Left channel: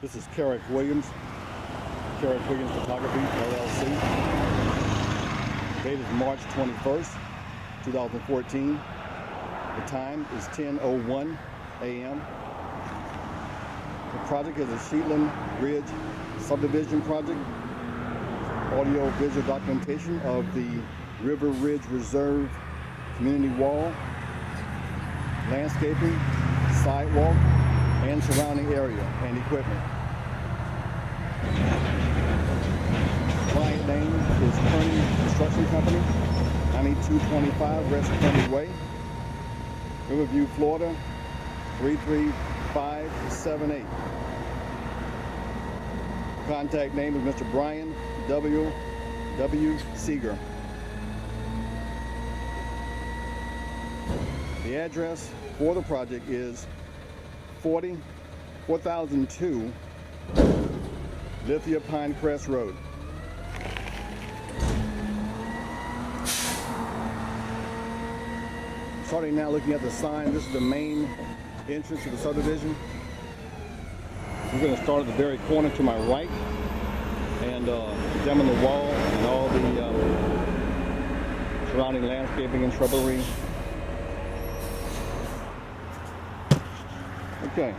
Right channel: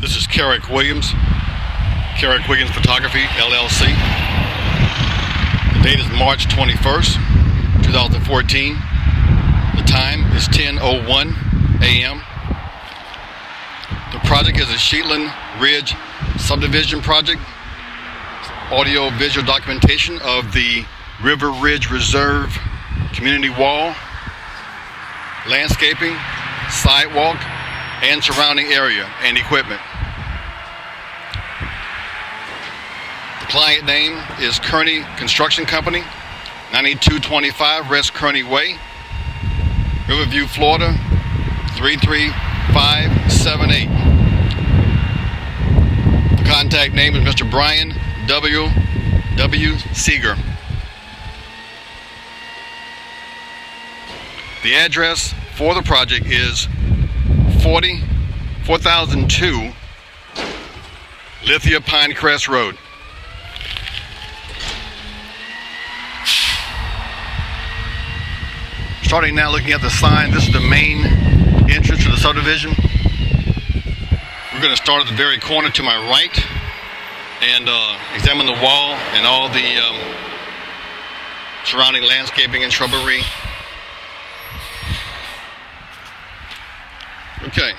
This is Carrick Williams Photography, LLC. The date is March 21st, 2014. The time is 10:01 a.m. The project is a ShetlandRidge subdivision project. Audio visual documentation of the RIVERVIEW Reserve community wall, landscaping, sidewalk, and surrounding area and equipment. The client name is Kerney Construction Company, 9225 West Kerney Way, Riverview, Florida, 33578. The contact name is Mr. Brian W. Seeger. The address for the project is 4002 Lithia Pinecrest Road. Starting now looking at the sign, this is the main entrance to the subdivision. We're going to start at the very corner to my right and examine the wall and all the surrounding landscaping and shrubbery. Okay.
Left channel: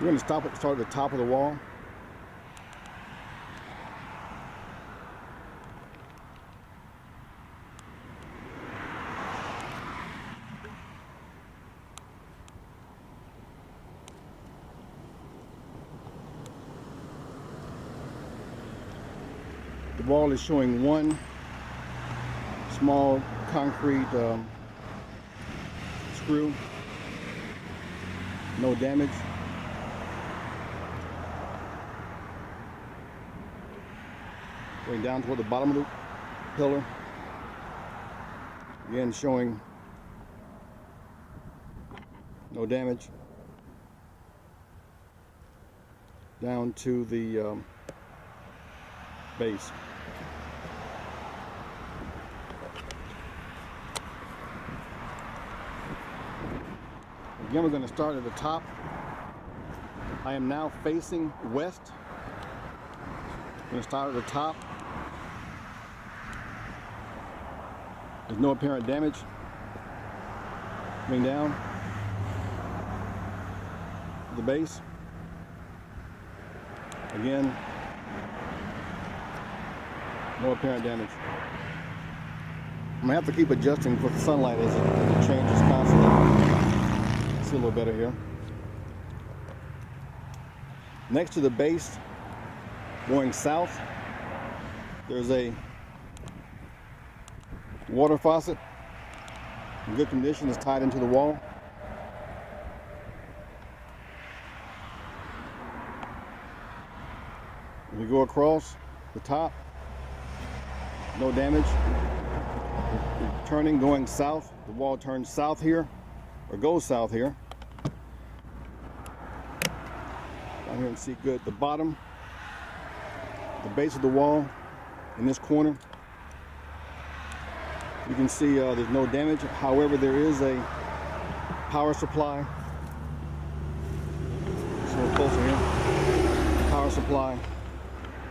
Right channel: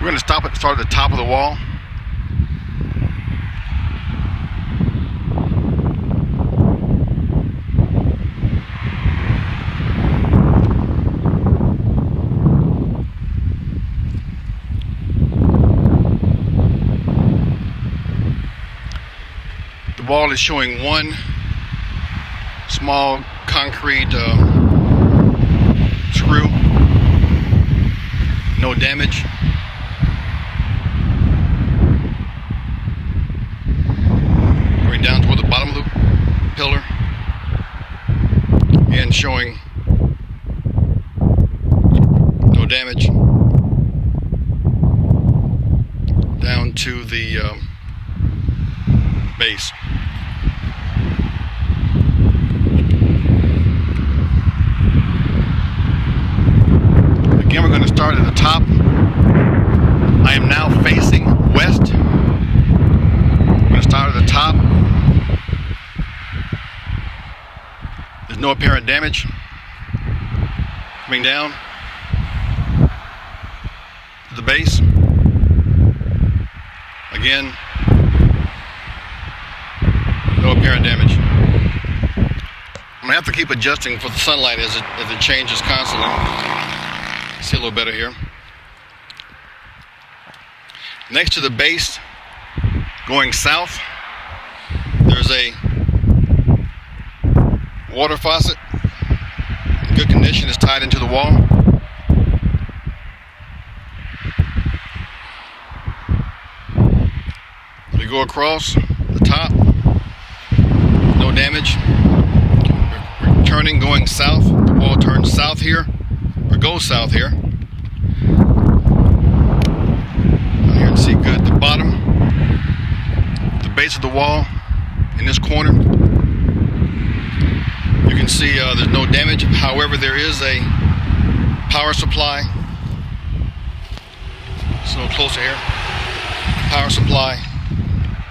We're going to start at the top of the wall. The wall is showing one small concrete screw, no damage. Going down toward the bottom of the pillar and showing no damage down to the base. Again, we're going to start at the top. I am now facing west. We're going to start at the top. There's no apparent damage. Coming down to the base. Again, no apparent damage. I'm going to have to keep adjusting for the sunlight as it changes constantly. See a little better here. Next to the base, going south, there's a water faucet in good condition. It's tied into the wall. We go across the top, no damage. We're turning, going south. The wall turns south here, or goes south here. Out here and see good. The bottom, the base of the wall in this corner, you can see there's no damage. However, there is a power supply. Just a little closer here. Power supply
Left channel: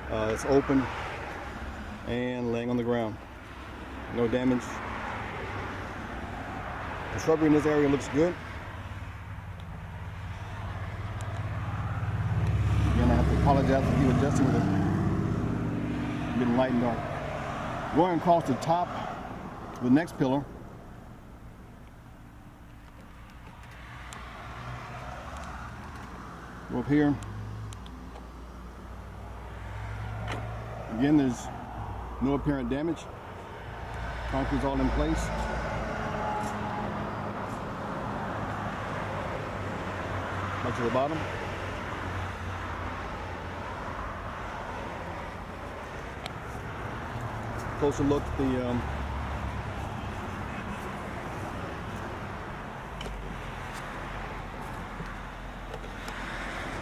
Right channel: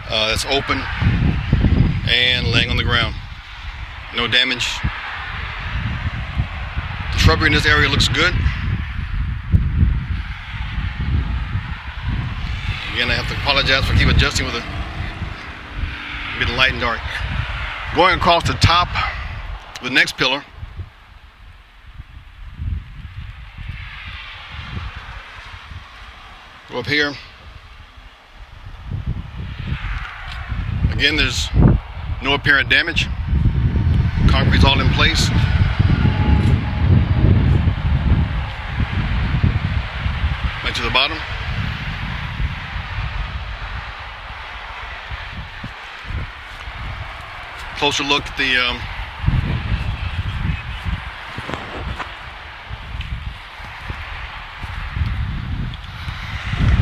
that's open and laying on the ground. No damage. The shrubbery in this area looks good. Again, I have to apologize for keep adjusting with the mid light and dark. Going across the top of the next pillar, go up here. Again, there's no apparent damage. Concrete's all in place. Back to the bottom. Closer look at the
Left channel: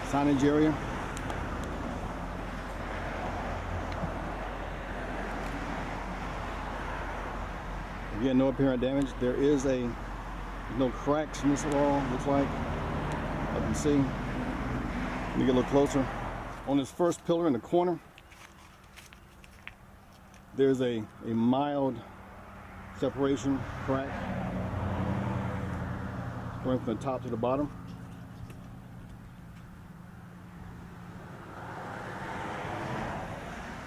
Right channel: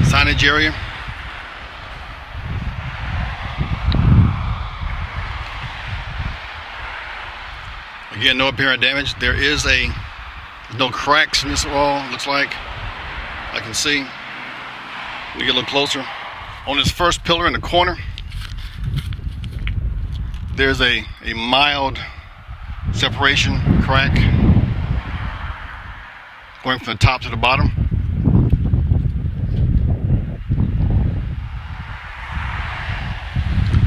signage area. Again, no apparent damage. There's no cracks in this wall, looks like. I can see. Let me get a little closer. On this first pillar in the corner, there's a mild separation crack going from the top to the bottom.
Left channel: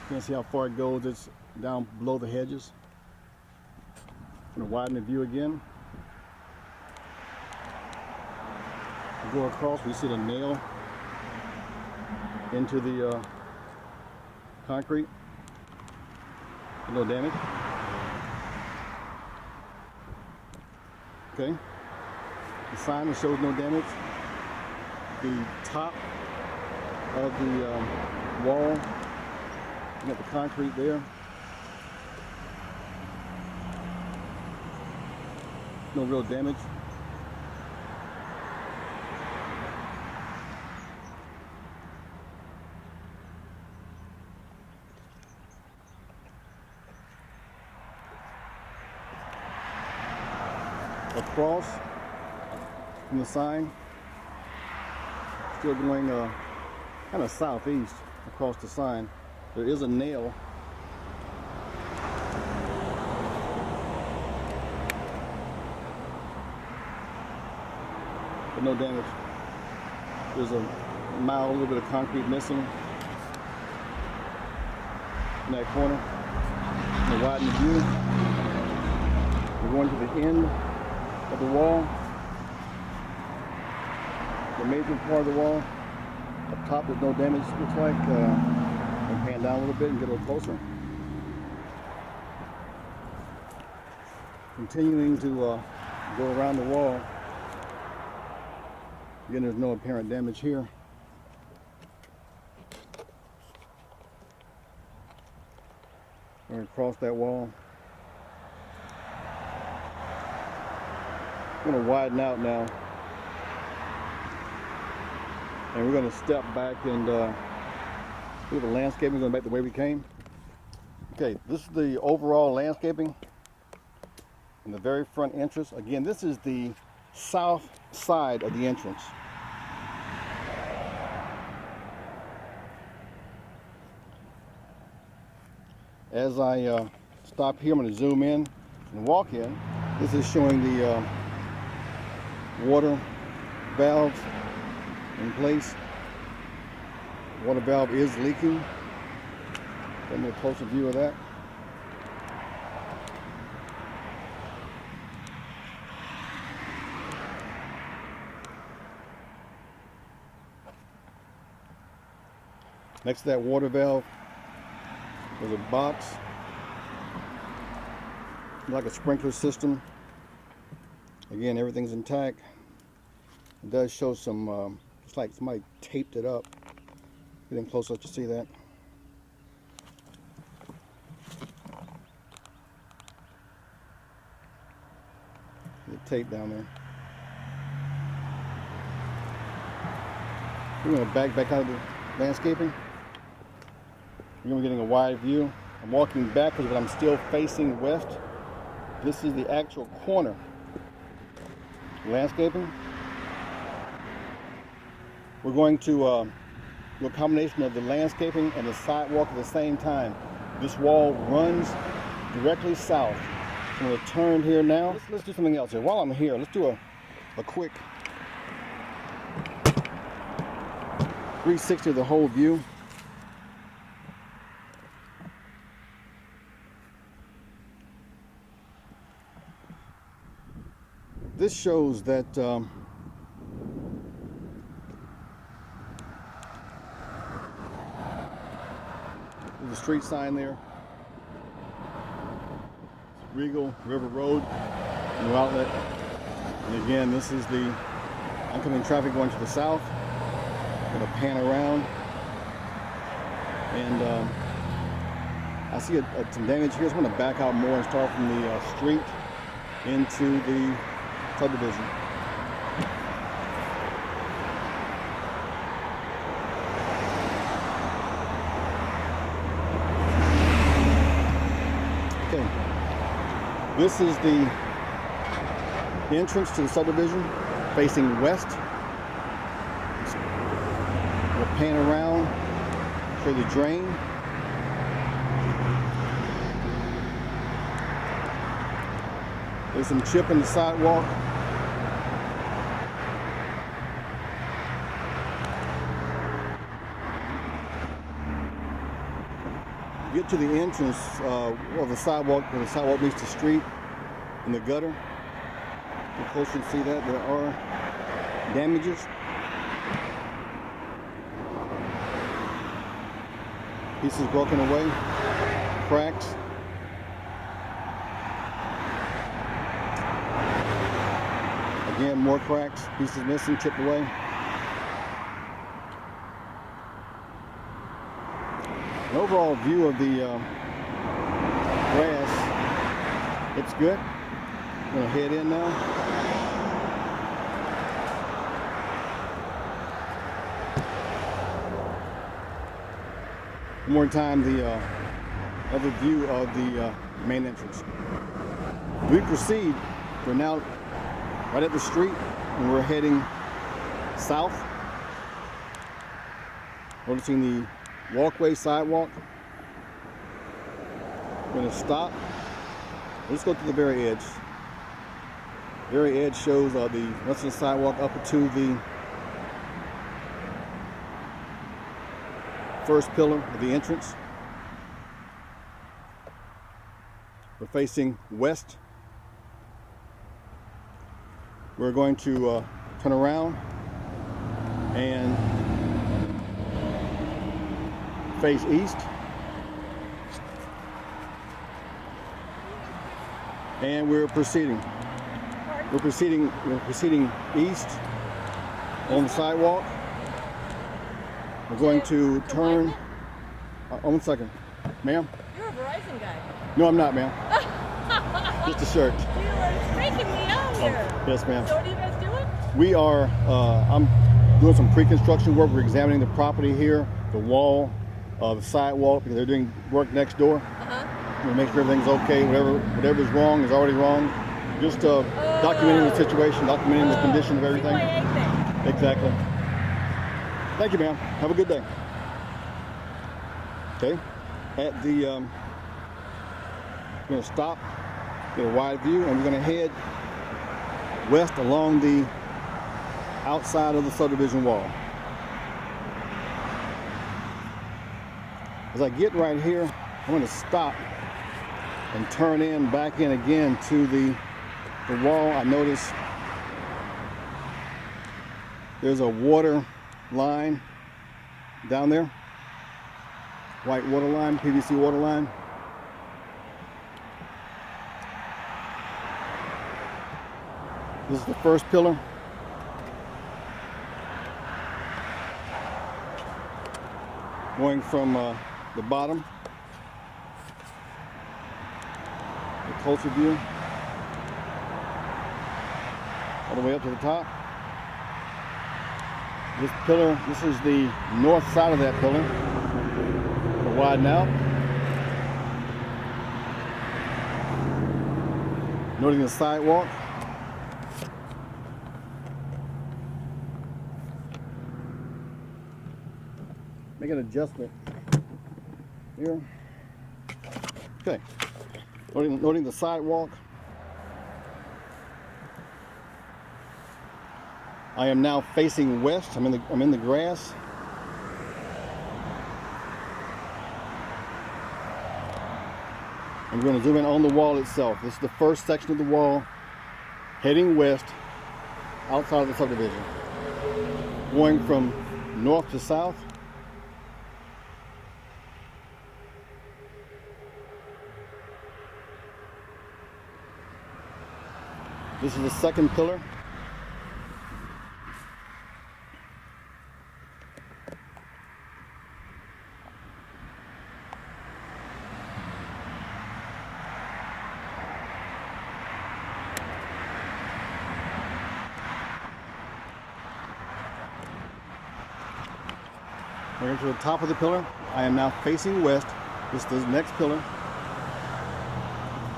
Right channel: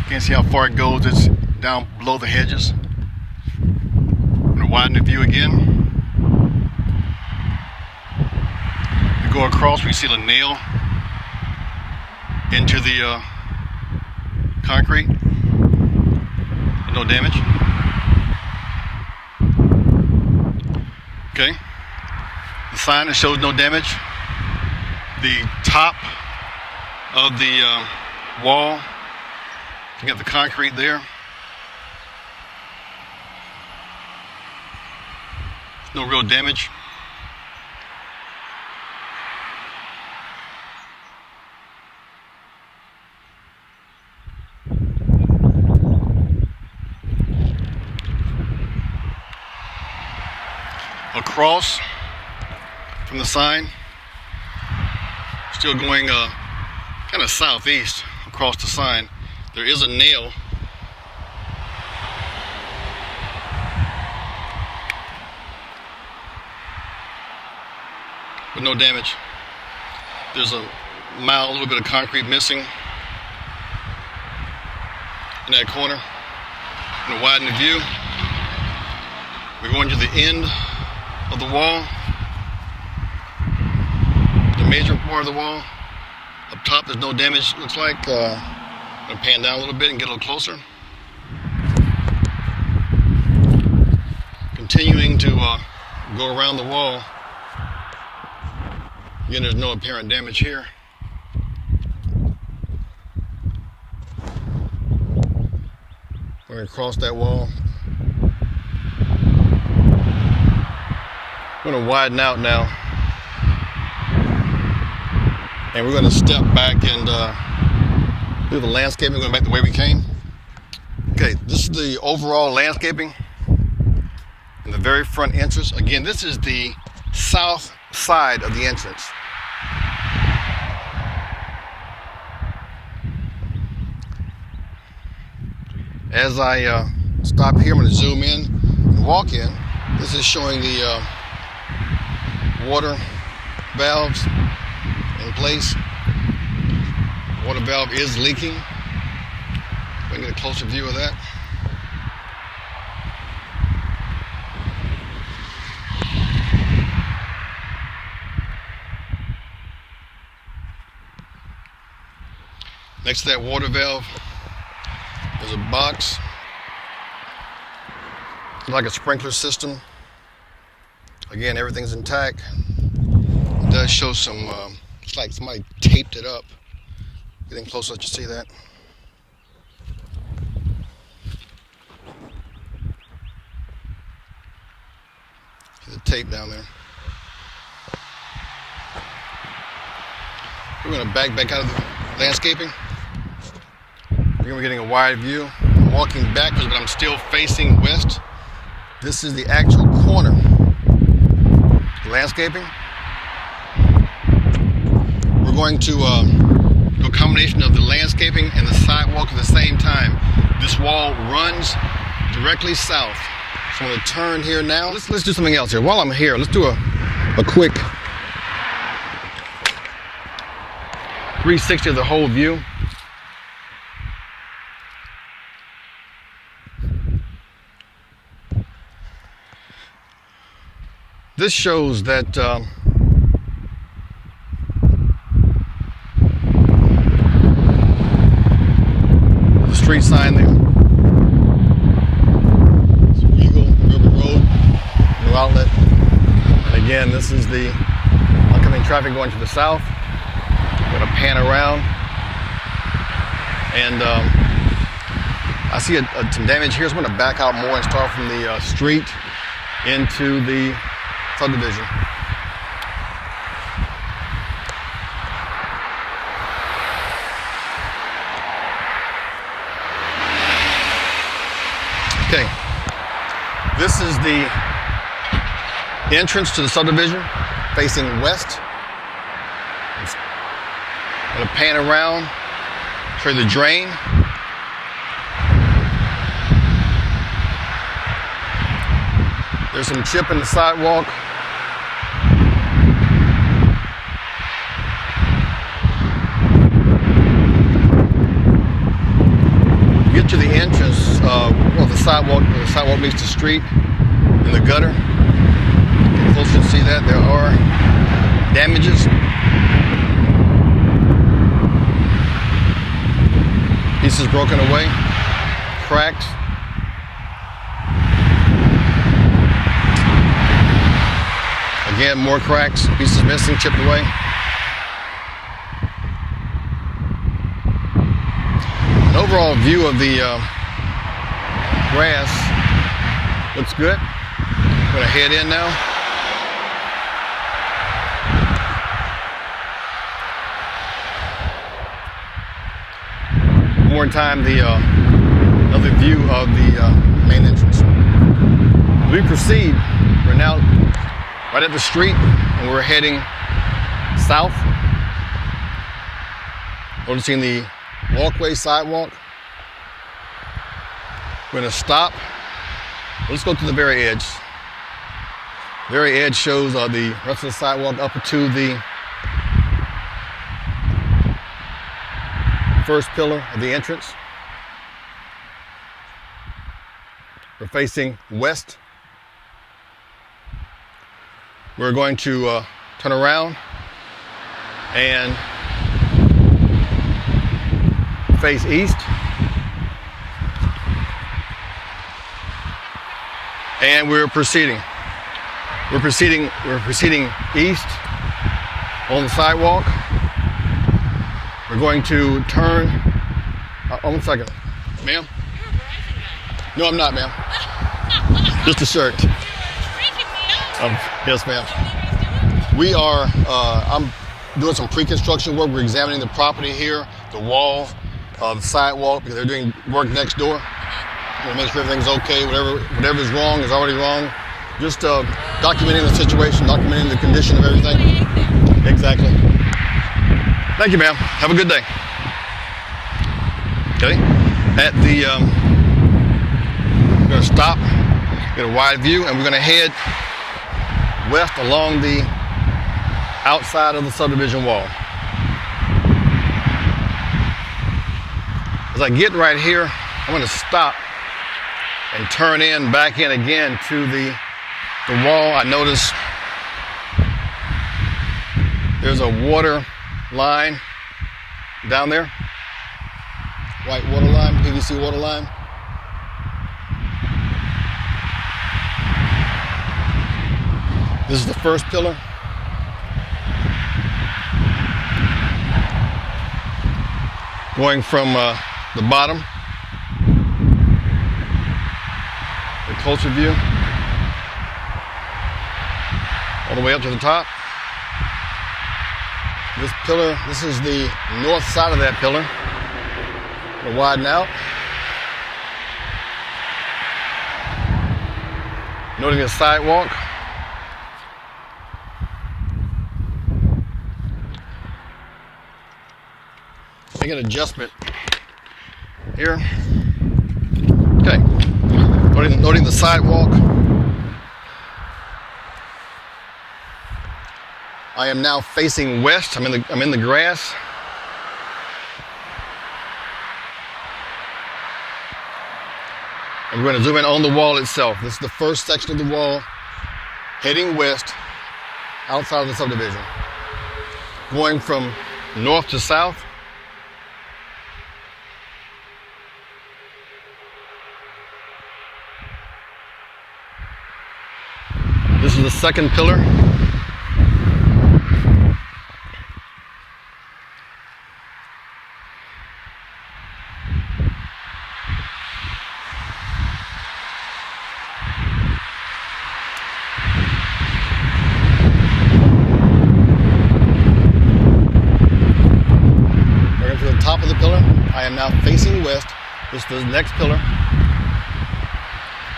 Can't see how far it goes. It's down below the hedges. I'm going to widen the view again. We go across, we see a nail into the concrete. No damage. Okay. The sign that shows no damage. The top of the wall. You got the concrete there. No real damage. Across from the sign, still going kind of southeast across the sign, there is a nail but no damage. There's a little bit of concrete missing in that corner. I'm going to widen the view. We're going to the end of the wall, the major part of the wall. Up top there's no damage, looks like. I'm going to pan down a little bit and get a little closer. Continuing to go around the wall. Again, there's no apparent damage here. We're going to cross that wall. We're going to widen out now. And we're going to step back and do the landscaping, going back the way we came. Okay, this is the overall landscaping in the very front entrance. Again, this is the south side of the entrance. As I stop here, I'm going to zoom in and walk in. This is showing the water valves in place. Water valve is leaking. If I can get a closer view of that. Next to that water valve, there's a box. It's like a sprinkler system. Again, everything's intact. It does show some, it's like somebody taped it up. Getting closer, let you see that. See the tape down there. We're going to back out of the landscaping. We're getting a wide view. I'm walking backwards, but I'm still facing west. This is the actual corner. Landscaping. We're going to do a combination of the landscaping and the sidewalk at the same time. This wall runs directly south. So I'm going to turn here now. Let's do something else here. While I'm here, let's do a quick 360 of the whole view. This shows that the street sign there. It's Regal River Road, New Outlet. And again, this is the oncoming traffic going to the south. I'm going to pan around. And I see some damage here, so I'm going to back out more and start from the street into the subdivision. Okay. This is the entrance to the subdivision facing west. I'm gonna pan around, show you the drain. There's some chip in the sidewalk. Get to the entrance of the sidewalk meets the street in the gutter. Get closer to see that there are damages. Pieces broken away, cracked. Again, more cracks, pieces missing, chipped away. An overall view of the grass looks good. I'm gonna head in now. More time, another view of the main entrance. We proceed. We're now right at the street, and we're heading south. Noticing the walkway, sidewalk. We're gonna stop. Let's go to the very edge. The very edge shows the rest of the sidewalk up to the first pillar of the entrance. We're facing west. We're going to turn around and face east. And we're proceeding. We're proceeding east on the sidewalk. We're going to turn. One second. Ma'am? You're a Verizon guy. No, I'm not, ma'am. Just a shirt. You were freaking me out. Yes, ma'am. So what are you guys doing? We are, I'm doing some pre-construction work. We're examining the property here, the wall, the sidewalk, because they're doing work next door. We'll make sure everything's okay. Whatever's wrong is already wrong. Just documenting the situation, documenting the condition of everything. Exactly. Thank you, ma'am. Have a good day. Okay. At the, we're gonna stop, get a wide view, and we're gonna head west along the outside of the subdivision wall. As I get right here, I'm gonna stop and turn back in again to the wall. I notice there's a water line down there, white water line, PVC water line. This is the first pillar. Going from the bottom, the closer view, all the way up to the top. This pillar, this is the north side of that pillar. We'll widen out. Noting the sidewalk. Make an adjustment here. Okay. Noting the sidewalk. I am now facing west. I'm in the grass. And we're going to zoom in on the wall itself. This is the first section of the wall heading west outside of the subdivision. Going from north to south. This is the second pillar. Top of the pillar. I am now facing west. This is the next pillar.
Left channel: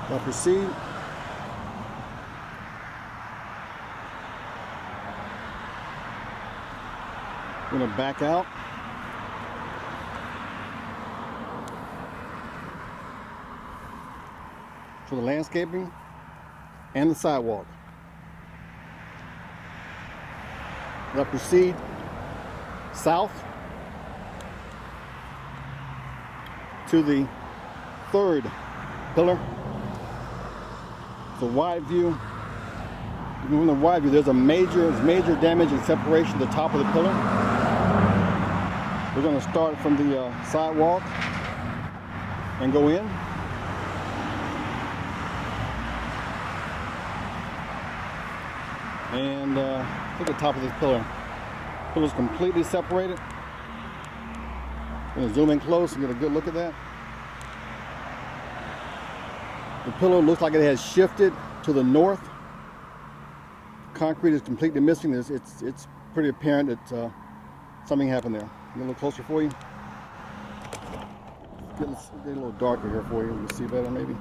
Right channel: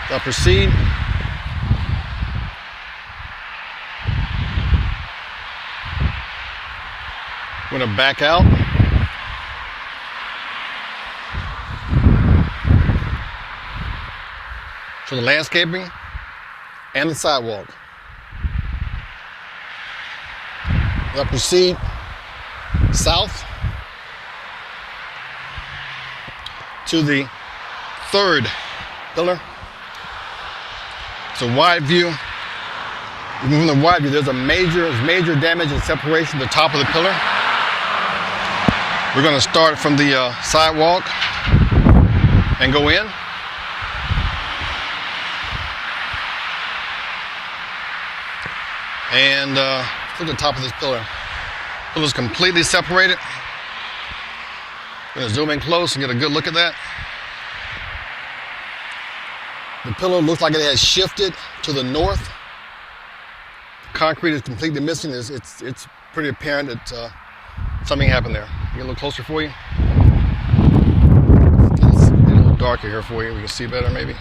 I'll proceed gonna back out. For the landscaping and the sidewalk. We'll proceed south to the third pillar. It's a wide view. Even from the wide view, there's major damage and separation at the top of the pillar. We're going to start from the sidewalk and go in. And look at the top of this pillar. The pillar's completely separated. I'm going to zoom in close and get a good look at that. The pillar looks like it has shifted to the north. Concrete is completely missing. It's pretty apparent that something happened there. Get a little closer for you. It's a little darker here for you. We can see better maybe.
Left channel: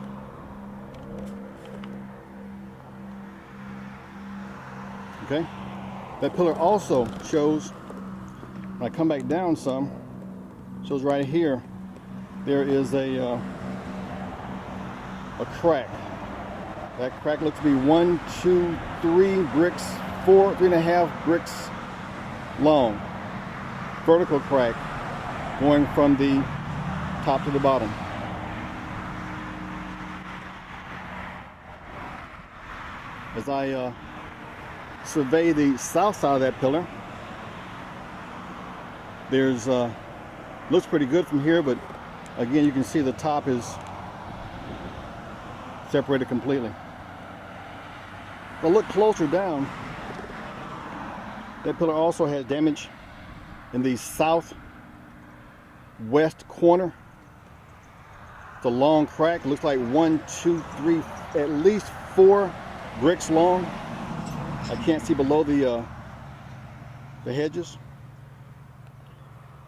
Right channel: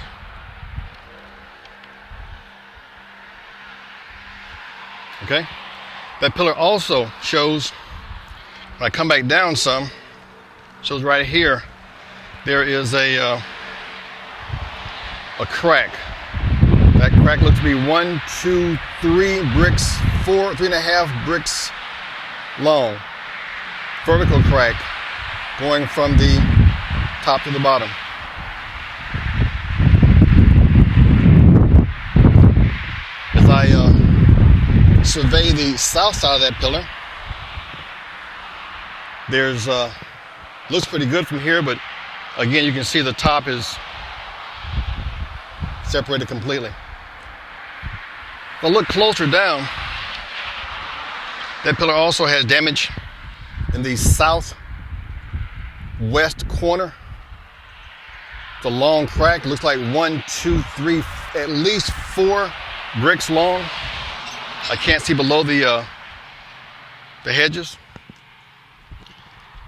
Okay. That pillar also shows, when I come back down some, shows right here, there is a crack. That crack looks to be 1, 2, 3 bricks, 4, 3.5 bricks long. Vertical crack going from the top to the bottom. As I survey the south side of that pillar, there's looks pretty good from here, but again you can see the top is separated completely. If I look closer down, that pillar also has damage in the southwest corner. It's a long crack. It looks like 1, 2, 3, at least 4 bricks long. I can't see below the hedges.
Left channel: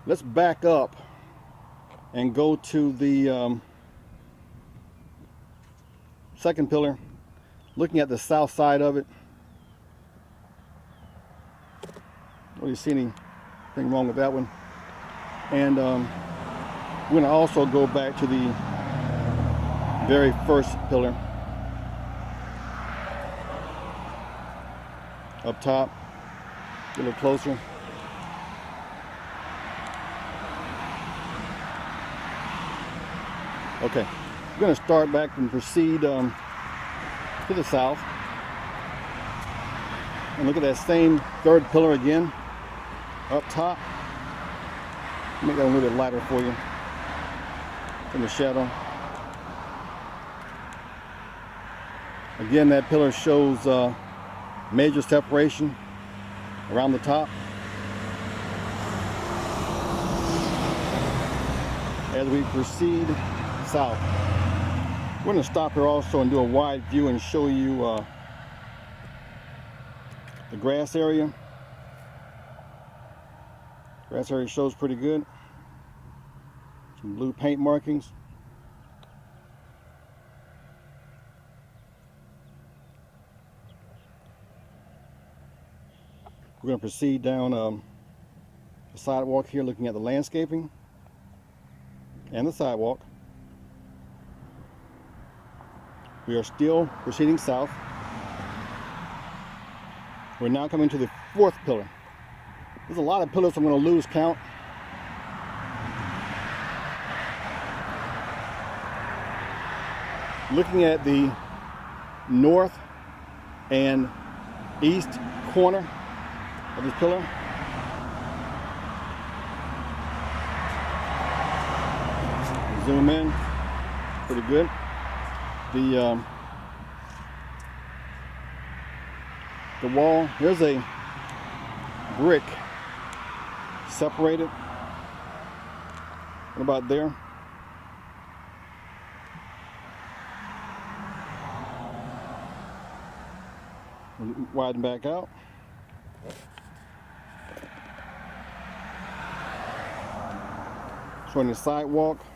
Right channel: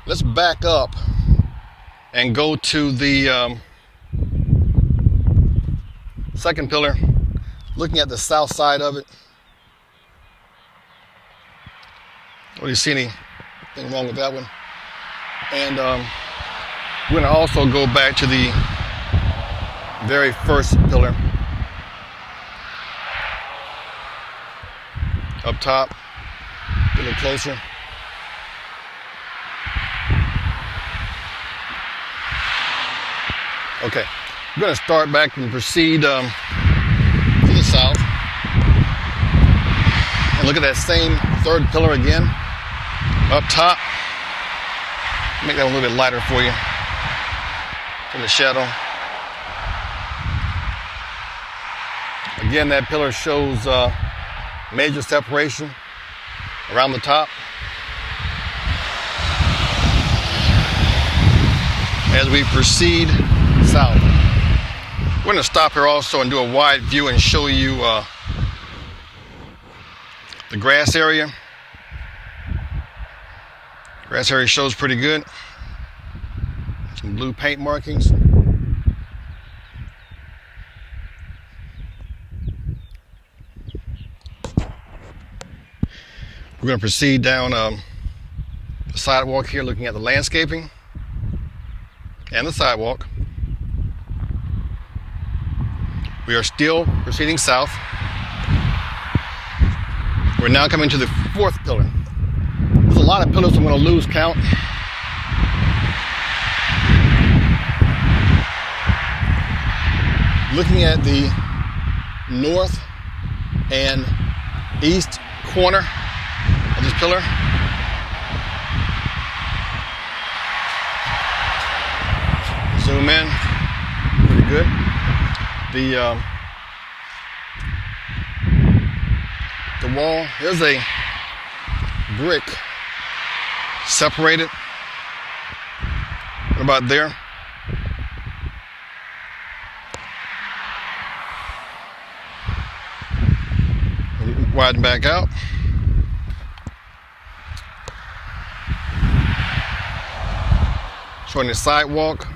Let's back up and go to the second pillar, looking at the south side of it. What do you see anything wrong with that one? And we're going to also go back to the very first pillar up top, a little closer. Okay, we're going to start back and proceed to the south. And look at that same third pillar again, up top. Make that a little bit lighter for you in the shadow. Again, that pillar shows major separation around the top. As we proceed south, we're going to stop here also and do a wide view and show you the grass area. Grass area shows pretty good. Some blue paint markings. We're going to proceed down the sidewalk here, looking at the landscaping and the sidewalk. We are still proceeding south. We're now coming to the fourth pillar. There's a lot of pillars, so I'm going to lose count. Looking at the north and east corner of this pillar. Zoom in, pretty good. The wall, there's a brick separated. What about there? Widen back out. Showing the sidewalk.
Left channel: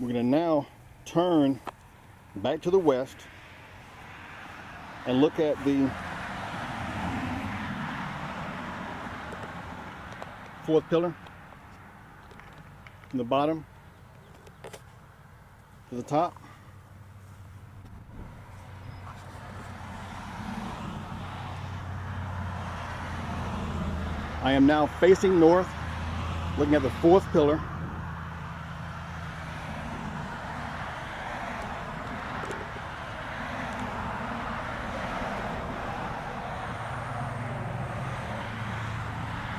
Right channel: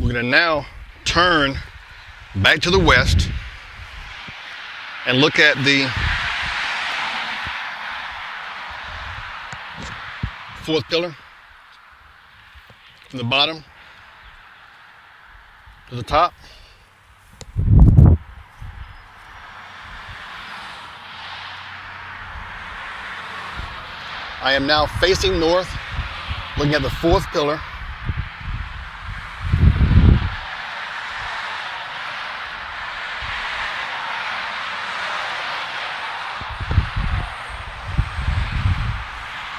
We're going to now turn back to the west and look at the fourth pillar, from the bottom to the top. I am now facing north, looking at the fourth pillar.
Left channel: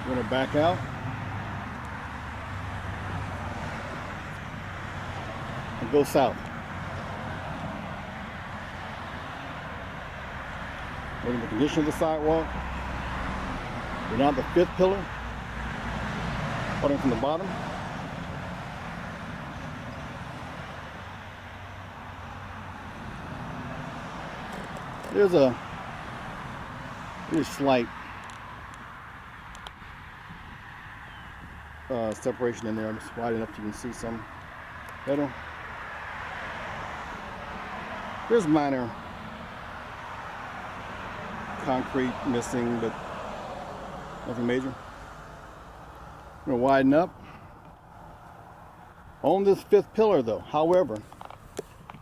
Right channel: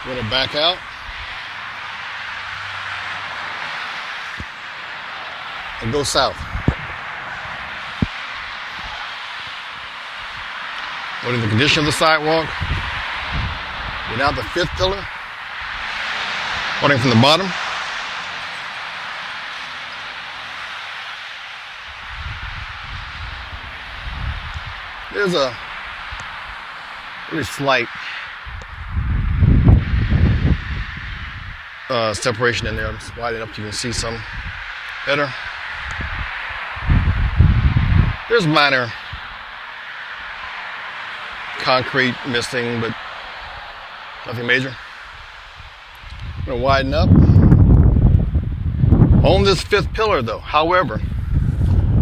Going to back out. And go south. Noting the condition of the sidewalk. We're now at the fifth pillar. Starting from the bottom. There's a very slight separation in there. I'm just widening up so you can see some better. There's minor concrete missing, but nothing major. I'm going to widen up. On this fifth pillar though, however,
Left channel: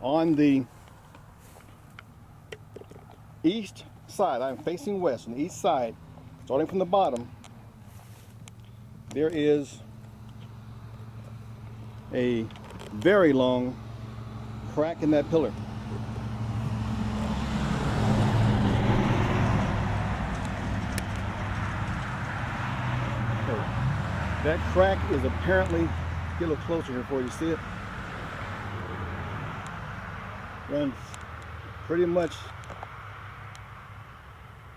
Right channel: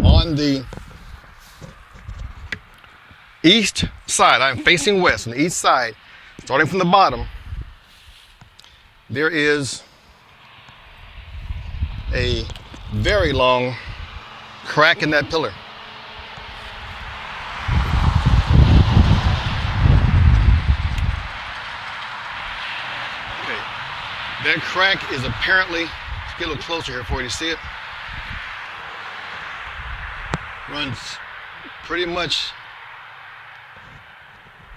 on the east side, I'm facing west, on the east side, starting from the bottom, there is a very long crack in that pillar. Okay, that crack is apparently, let's get a little closer here for you to see it, runs pretty much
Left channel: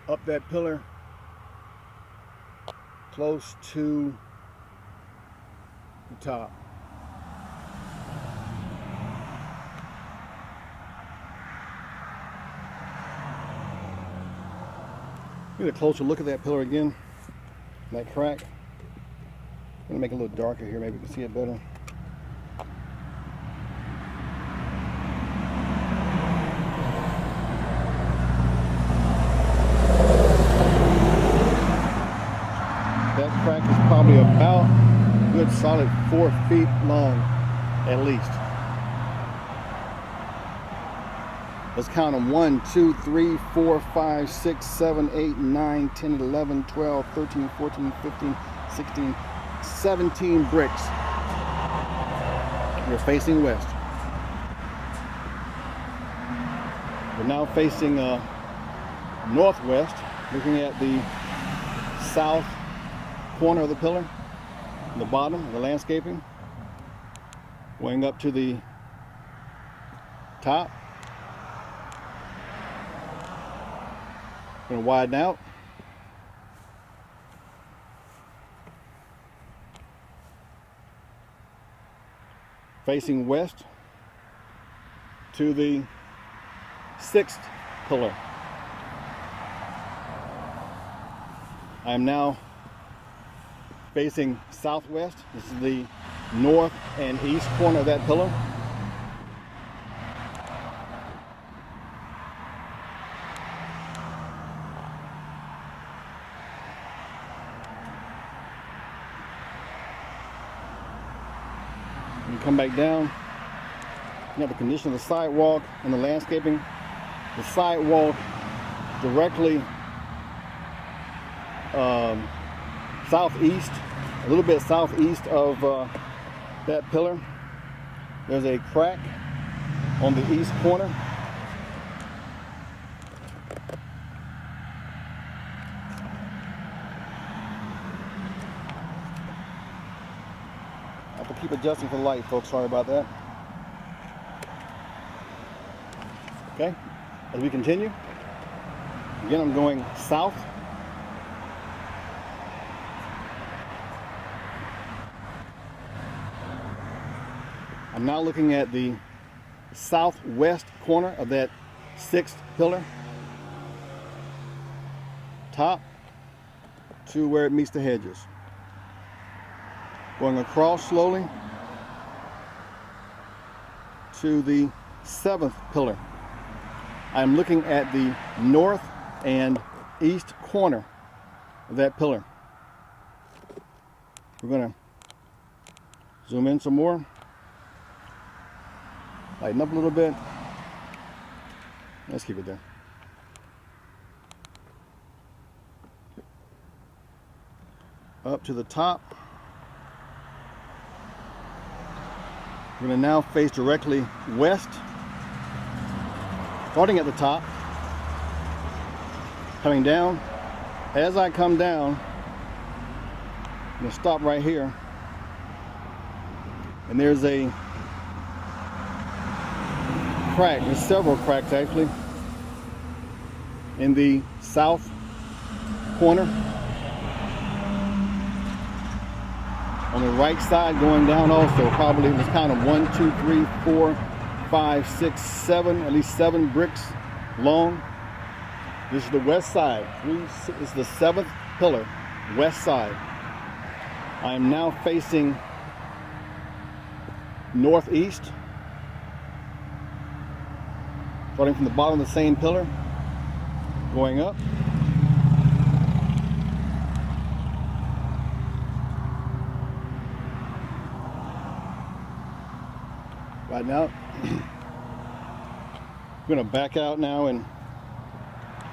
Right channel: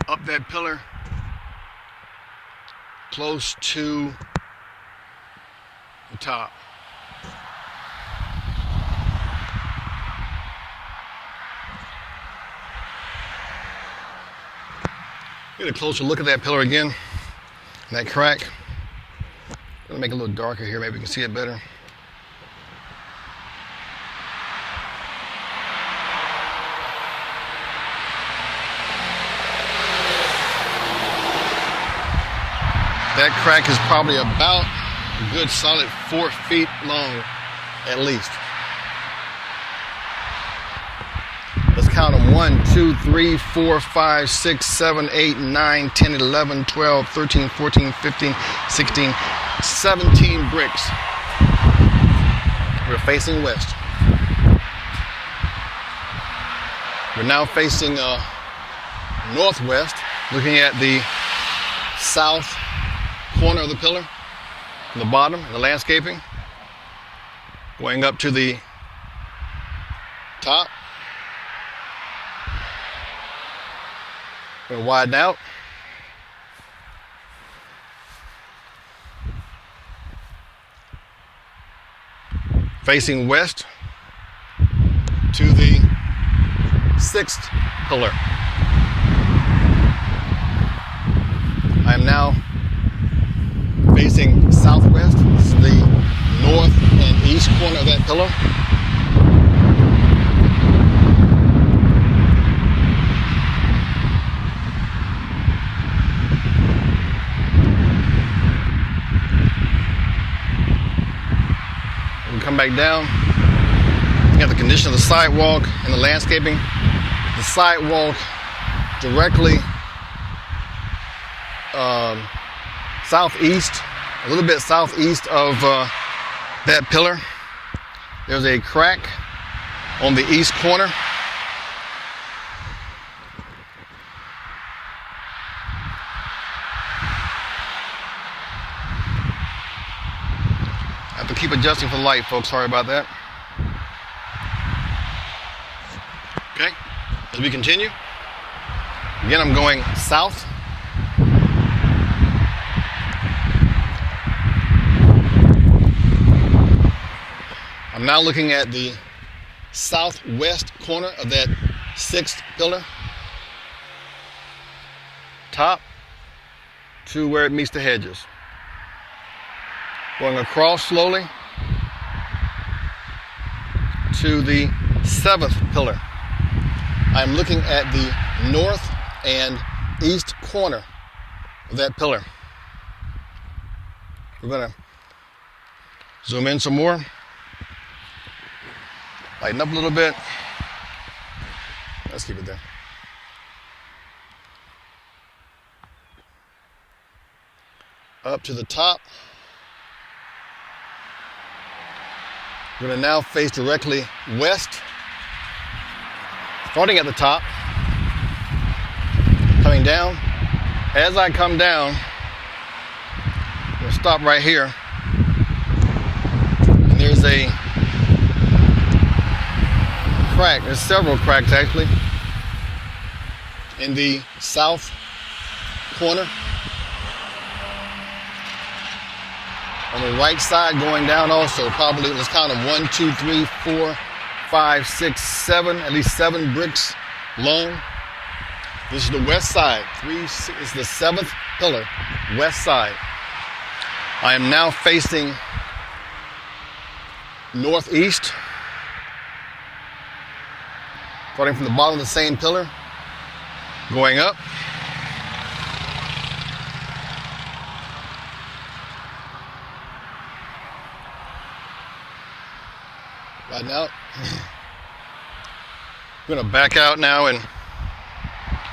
up that pillar close to the top. Get a closer look at that pillar again, that crack. I'm gonna make it a little darker here, maybe you can see it better. That crack is probably about a good solid 4 feet long, at least. Let's count them. 1, 2, 3, 4, 5, 6, 7, 8, 9, 10, 11, 12, 13, 14, 15, 16, 17 bricks. We're facing west. We're now facing northwest, looking at the south corner of the pillar, the bottom, and the landscaping, going up to the top. Going to widen out. Facing west to the sixth pillar. I am now facing southwest. This is the north and east corner of that pillar. Come back down. You have the condition of the sidewalk and the landscaping. The sidewalk directly southeast, a little bit southeast of that pillar. There's a crack on the east corner. I have to keep adjusting for the light, folks. Sorry about that. Okay, as we continue, again, I'm going south. I'm now looking at the southwest corner of that sixth pillar, top to where it meets the hedges. Going across slowly to the seventh pillar. I'm looking at the north and east corner of that pillar. We're gonna zoom in some more. Lighten up a little bit. Let's keep it there. Up to the top. We're going to now face directly west, starting at the top, coming down. As I come down, I'm going to stop right here, and there's a crack. There's several cracks actually in the south corner. On the right side going down also, probably, let's count them, 1, 2, 3, 4, 5, 6, 7, at least 7 bricks long. This is the west side. This is the 7th pillar, west side. I am now facing northeast, starting from the bottom of the same pillar, going up. Right now, I'm going to back out now and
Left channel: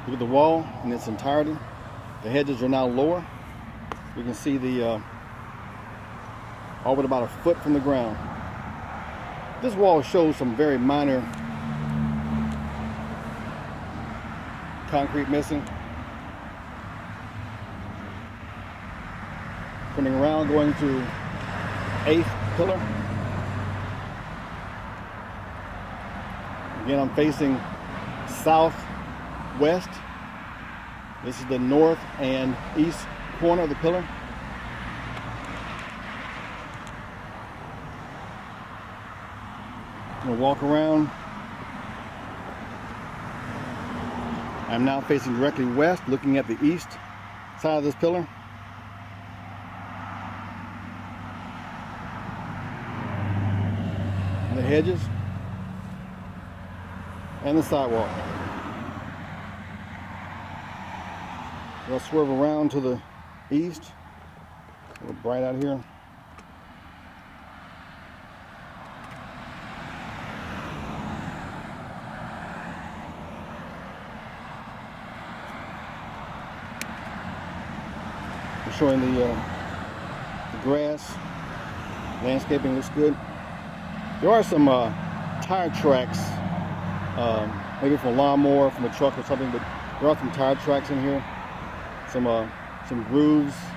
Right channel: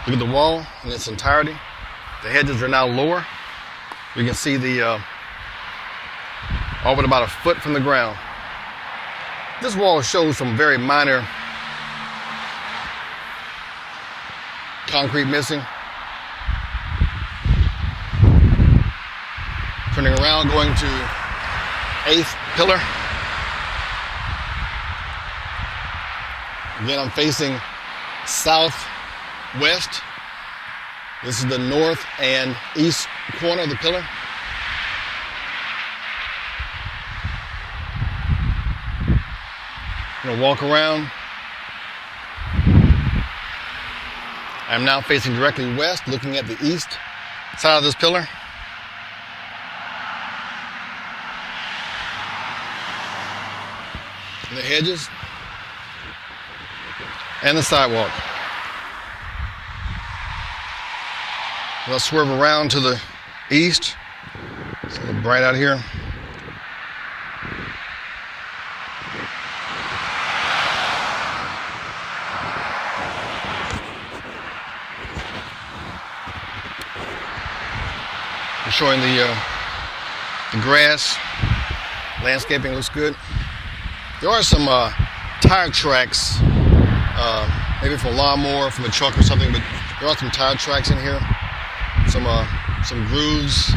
look at the wall in its entirety. The hedges are now lower. We can see the all but about a foot from the ground. This wall shows some very minor concrete missing. Turning around, going to 8th pillar. Again, I'm facing southwest. This is the north and east corner of the pillar. I'm going to walk around. I'm now facing directly west, looking at the east side of this pillar. The hedges and the sidewalk. I'll swerve around to the east. It's a little bright out here. I'm showing the grass. Landscaping looks good. There are some tire tracks, maybe from a lawnmower, from a truck or something, but there are some tire tracks in here. Some grooves,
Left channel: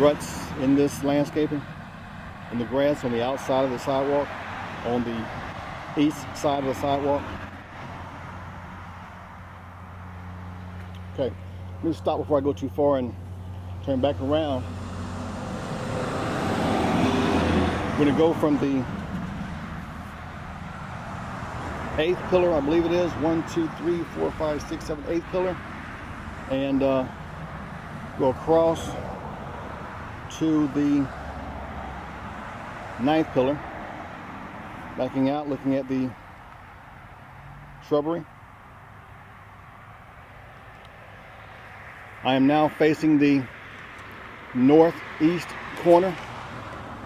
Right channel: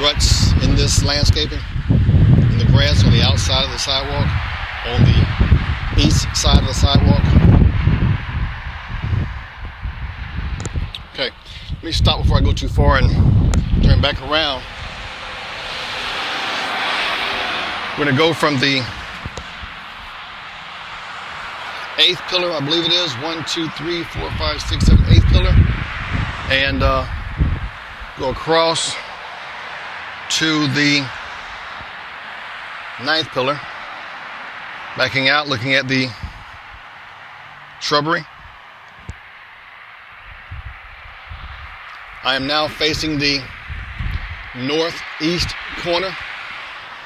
ruts in this landscaping, in the grass on the outside of the sidewalk, on the east side of the sidewalk. Okay, let me stop before I go too far and turn back around. We're going to go from the 8th pillar, I believe it is, 1, 2, 3, 4, 5, 6, 7, 8th pillar, and go across to the 9th pillar, backing out, looking at the shrubbery. I am now facing the northeast corner.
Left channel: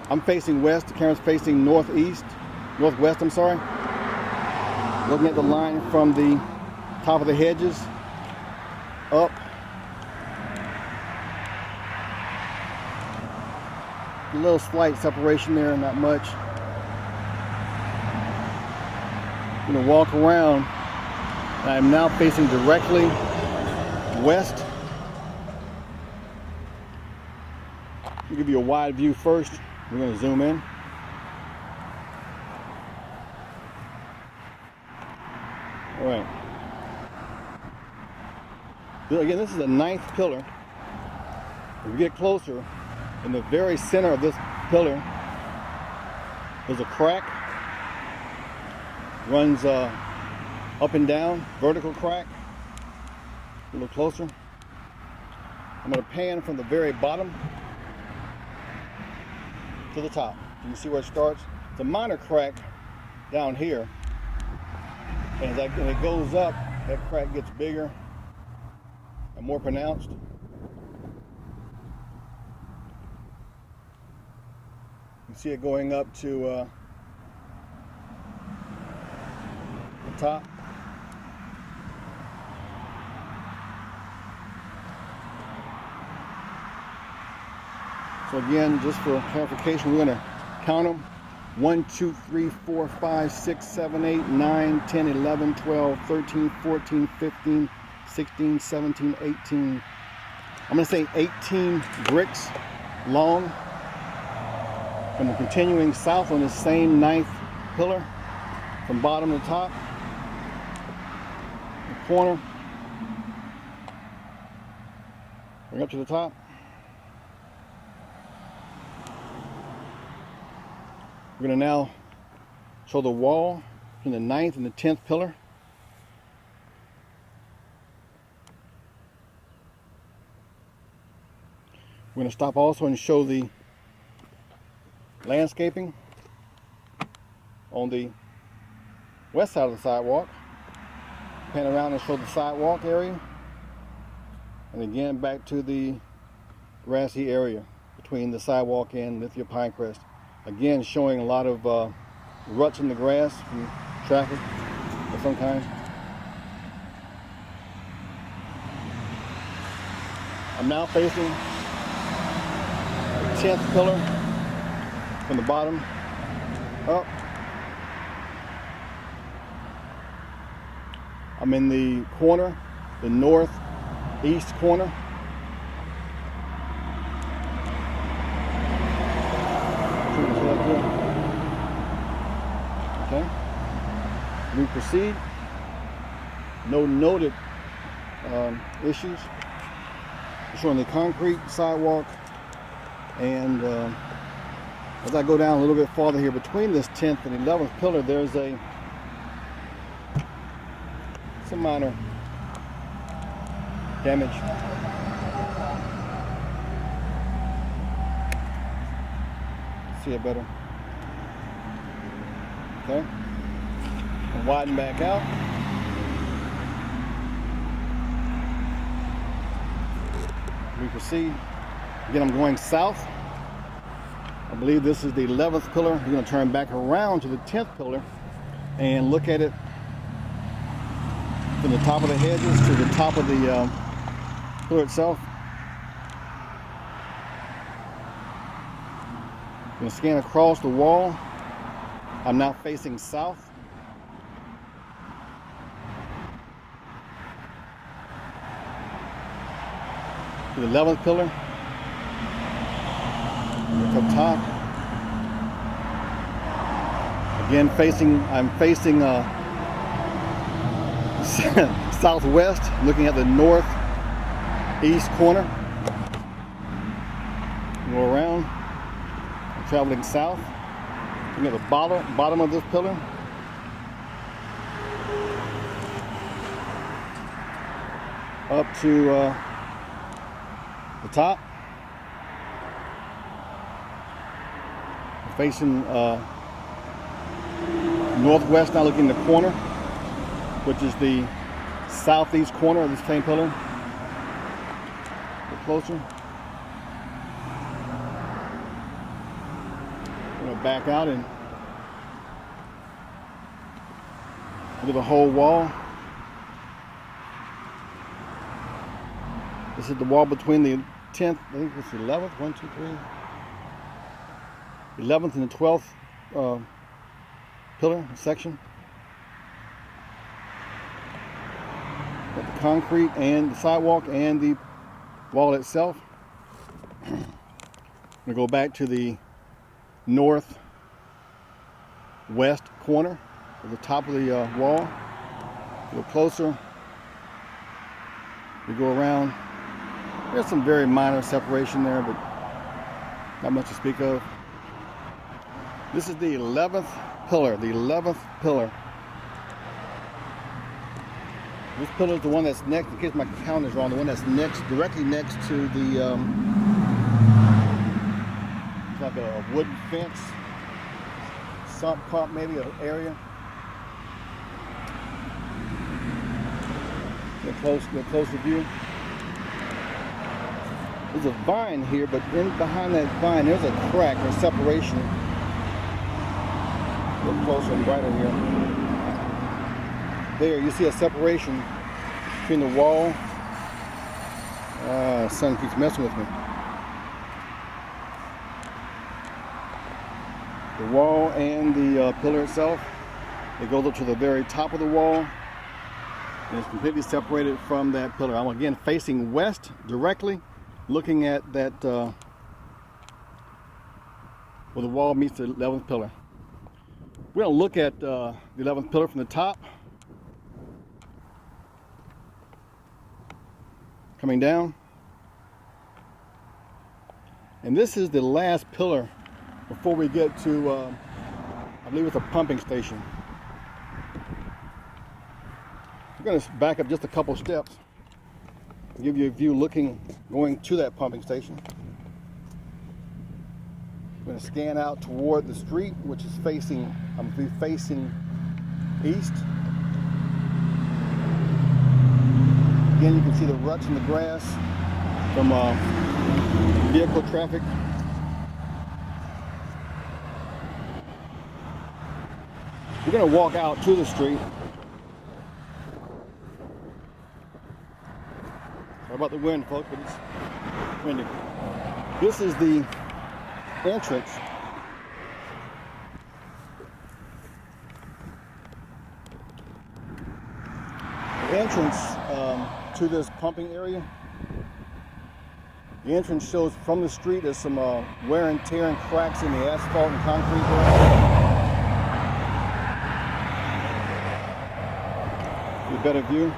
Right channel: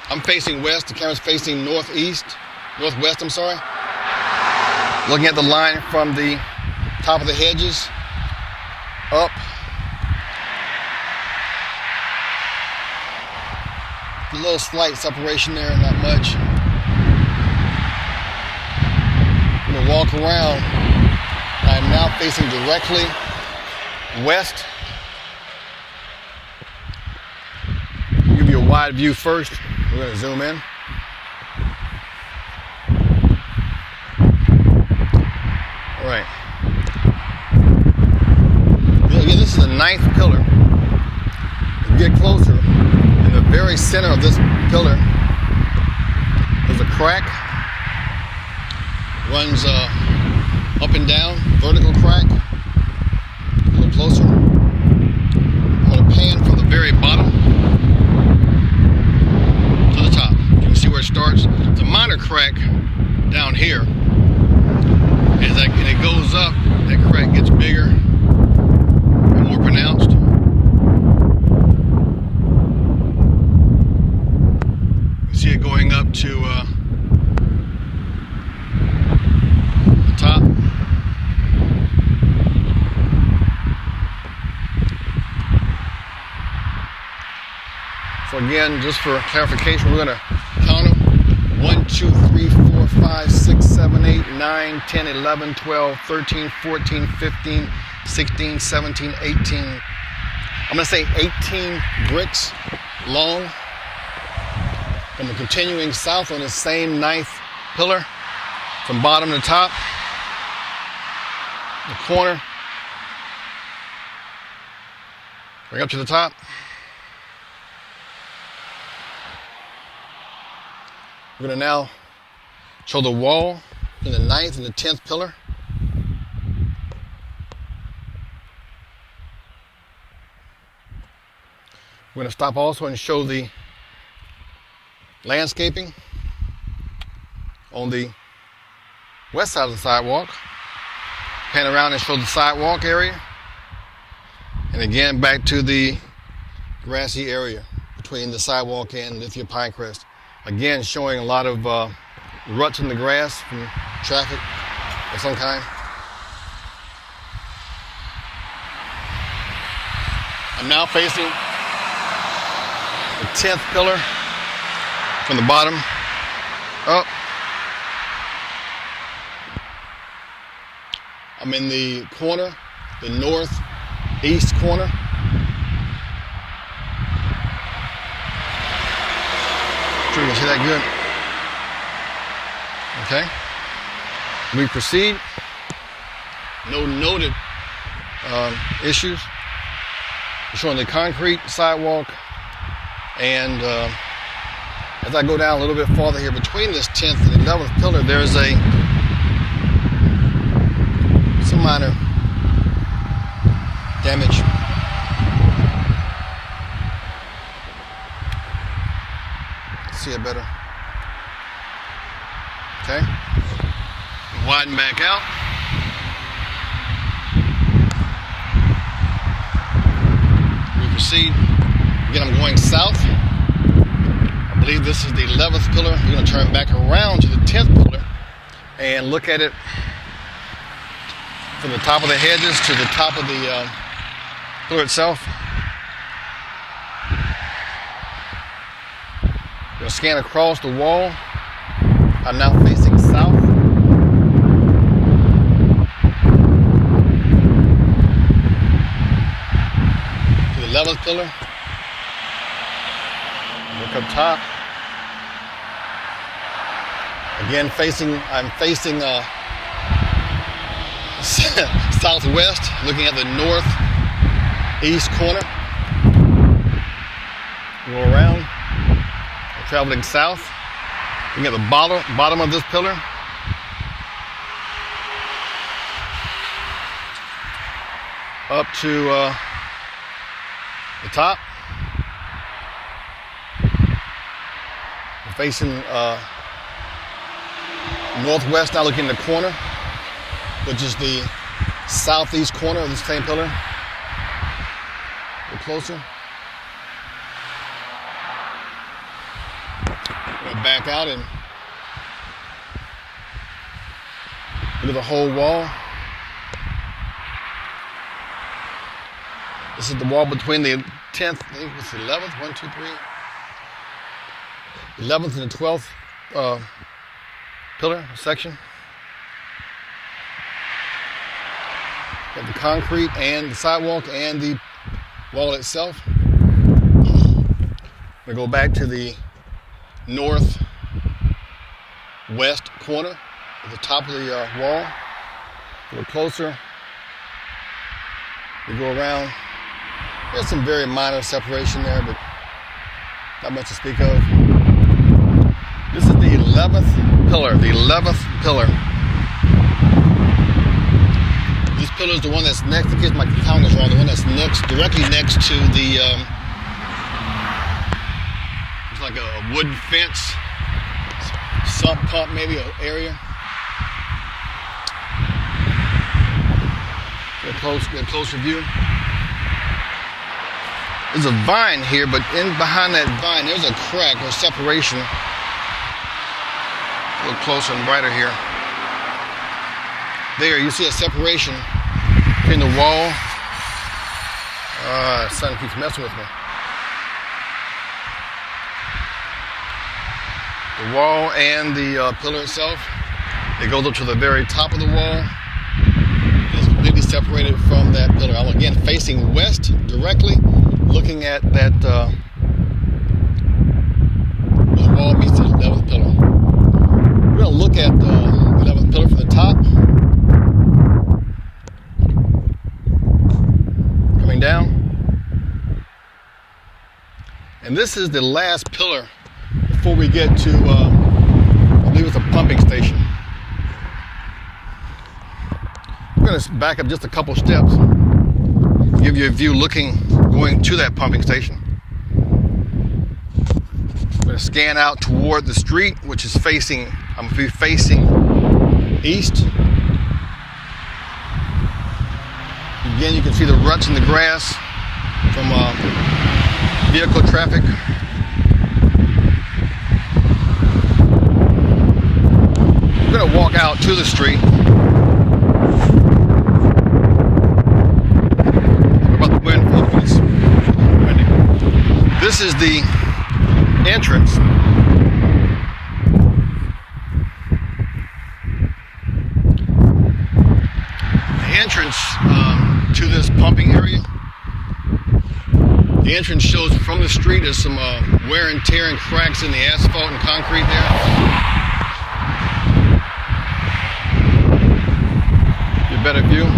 I'm facing west, the camera's facing northwest, I'm sorry. Looking at the line from the top of the hedges up. A little slight separation there, not much. I'm gonna walk around. I'm now facing directly west. I'll give you a wide view first. We're gonna zoom in. All right. Again, this is the 9th pillar. As we get closer, in the very center of this pillar, there's a crack. Runs up and down, vertical crack. A little closer. I'm going to pan from the very bottom to the top. You can see where it starts. It's a minor crack down here. As it goes up, that crack gets bigger and more pronounced. You see it going up to the top. So again, just for clarification, we're going to count them. 1, 2, 3, 4, 5, 6, 7, 8, 9, 10, 11, 12, 13, 14, 15, 16, 17, 18. I'm going to say 18 bricks long. And we're continuing south on the same 9th pillar from bottom to top. The corner. Bring up to the top. We're going to now show the wall in the 9th and the 10th pillar. We're going to stop also and show the landscaping on the west side of the sidewalk. Pan around and show the sidewalk area. And again, back to the grassy area between the sidewalk and Lithia Pinecrest. Again, showing a lot of ruts in the grass from traffic of some kind. I'm now facing the 10th pillar from the bottom up. I'm in the corner, the northeast corner. Sure you can see that good. Okay. We proceed. No noted issues. I'm showing the concrete sidewalk, and as I go down a little bit farther here between this 10th and 11th pillar, there's some minor damage. See it better. Okay. And widen back out. We proceed. Again, I'm going south. I believe this is the 11th pillar. You're going to turn back around to the 10th pillar and look at it from the top of the hedges to the top of the pillar itself. I'm going to scan across the wall. I'm now facing south. The 11th pillar. Look up top. Again, I'm facing southwest, looking at the northeast corner. Go around. I'm traveling south. Looking at the bottom of this pillar. Up to the top. I'm facing northwest, now looking in the corner, which is the southeast corner of the same pillar. A little closer. I'm going to back out and do the whole wall. This is the wall between the 10th, I think it's the 11th, 1, 2, 3. 11th and the 12th pillar section. Got the concrete and the sidewalk and the wall itself. I'm going to go back to the northwest corner at the top of the wall. A little closer. We go around. There's some very minor separation there, but not much to speak of. This is the 11th pillar. The 11th pillar. This pillar is the one that's next, in case my count is wrong, the one that's directly next to the, it's like a wood fence, sump pump maybe, an area. Get a closer view. There's a vine here, but in behind that vine, there's a crack or separation look closer and brighter here. There, you see a separation between the wall. The sun keeps messing with me. The wall and the pillar itself. It goes up to the very top of the wall. It's completely separated from that pillar. I'm again facing west directly, looking at that the wall meets the 11th pillar. We're going to look at the 11th pillar from the top. Coming down. And this is the last pillar before we get to, I believe it's a pumping station. I'm going to back up just a couple steps, give you a view going to that pumping station. I'm going to scan out toward the street, which is facing, I'm going to be facing east. Again, you can see the ruts in the grass from vehicle traffic. I'm going to walk out to the street. What about the wind? It's windy. This is the entrance. The entrance to this pumping area. The entrance shows from the street there's some wear and tear and cracks in the asphalt and concrete there. A better view.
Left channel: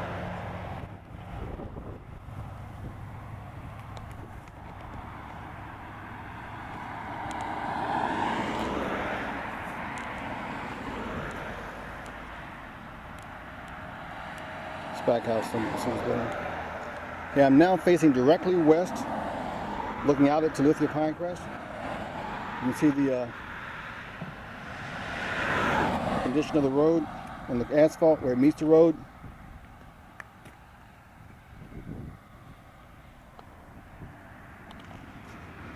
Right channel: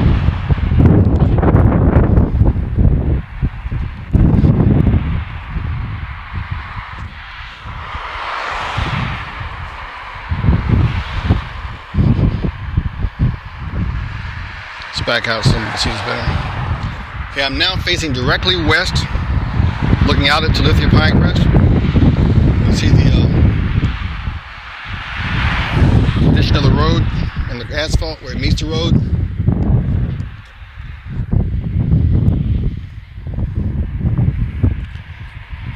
Let's back out so you can see this better. Okay, I'm now facing directly west, looking out at Talithia Pinecrest. You can see the condition of the road and the asphalt where it meets the road.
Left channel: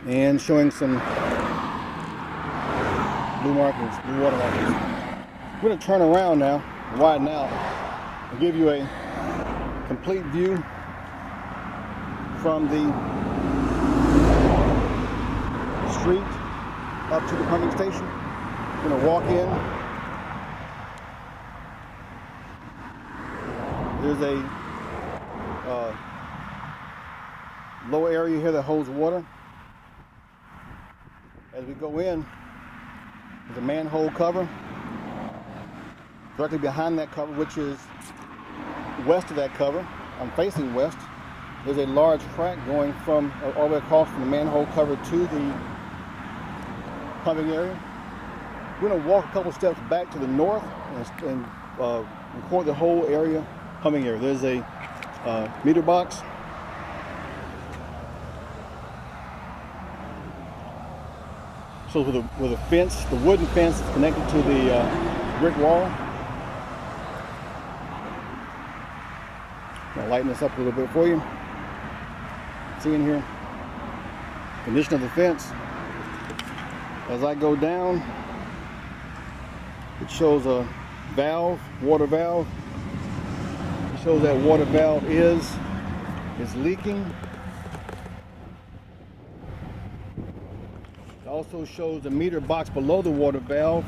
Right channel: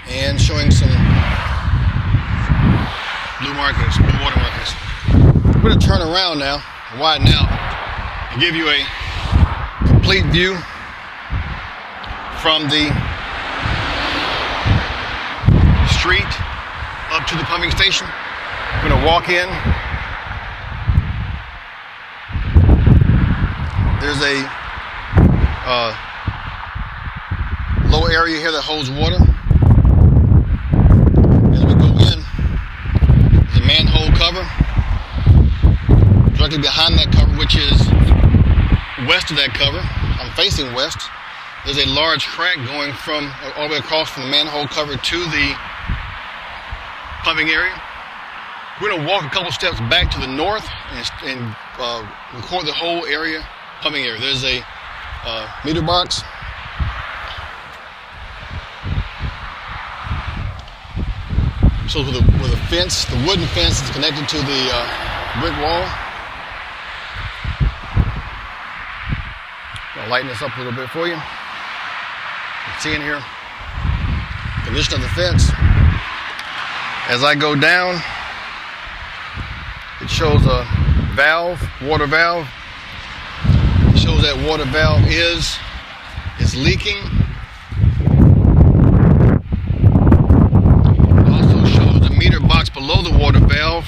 And showing some blue markings, blue water markings. I'm going to turn around now, widen out, and give you a complete view from the street up to the pumping station. I'm going to walk in. There's a low area here that holds water. As we go in, there's a manhole cover. Directly behind that cover, which is west of that cover, I'm facing west. There's a large crack going from all the way across from the manhole cover to the pumping area. We're going to walk a couple steps back to the north and record the whole area, pumping area. There's a meter box. So with a fence, the wooden fence is connected to the brick wall. I'll lighten this up a little bit for you. See in here, condition of the fence. As I go down, it shows a valve, water valve. It shows that water valve is leaking. It also shows the meter box below the water valve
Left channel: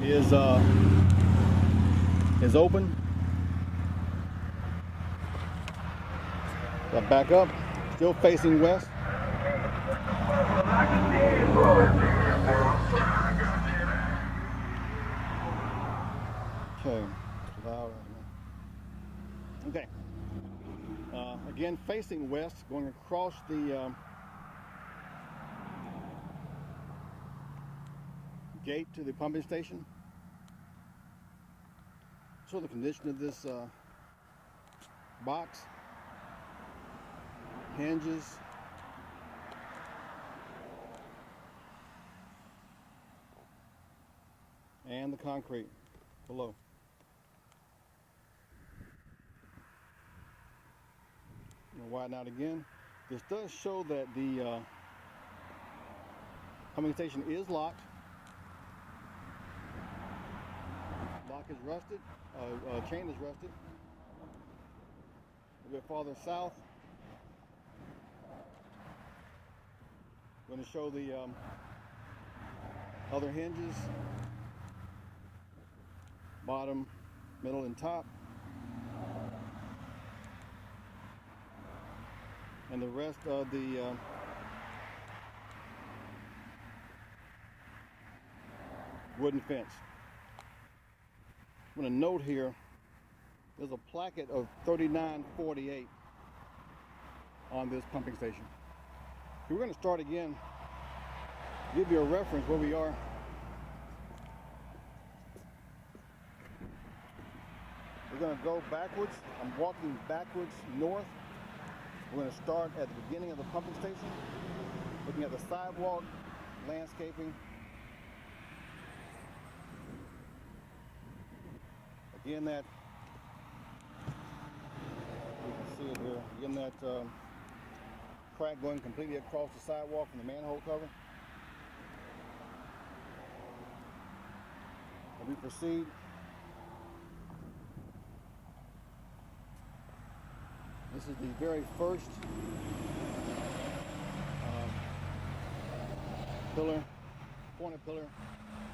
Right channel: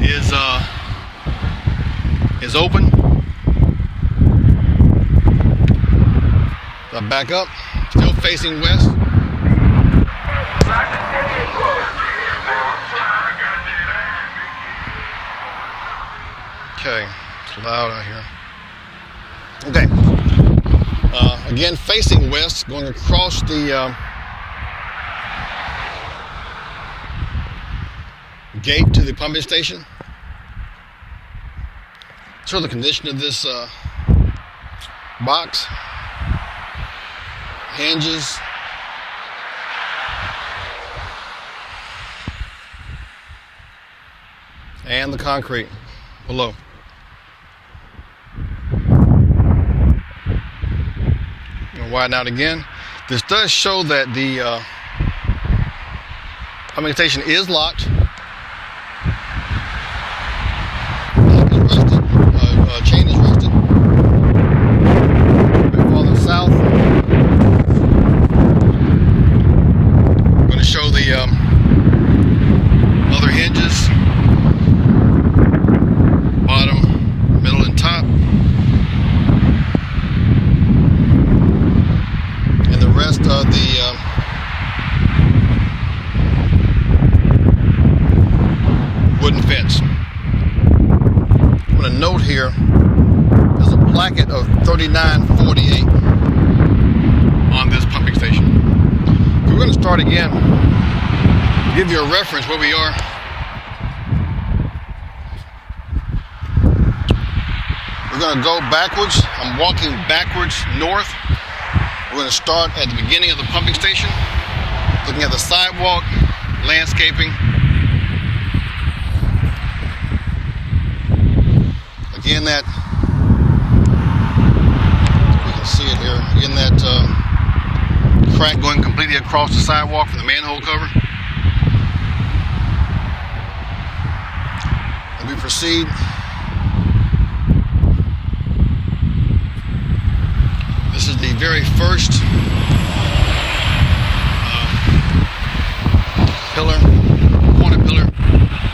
is open. So I back up, still facing west. Okay, it's loud out here. Okay, again facing west, going across the gate to the pumping station. Show the condition of this box. Hinges. And the concrete below. Widen out again. This does show that the pumping station is locked. wooden fence. I'm going to note here, there's a placket of 3948 on this pumping station. We're going to start again, give you a reference where we are. We're going to go backwards. I'm walking backwards north. We're going to start at the beginning of the pumping station, looking at the sidewalk, landscaping. Again, that, you can see it here, again, that crack going completely across the sidewalk from the manhole cover. And we proceed. This is the very first pillar, corner pillar,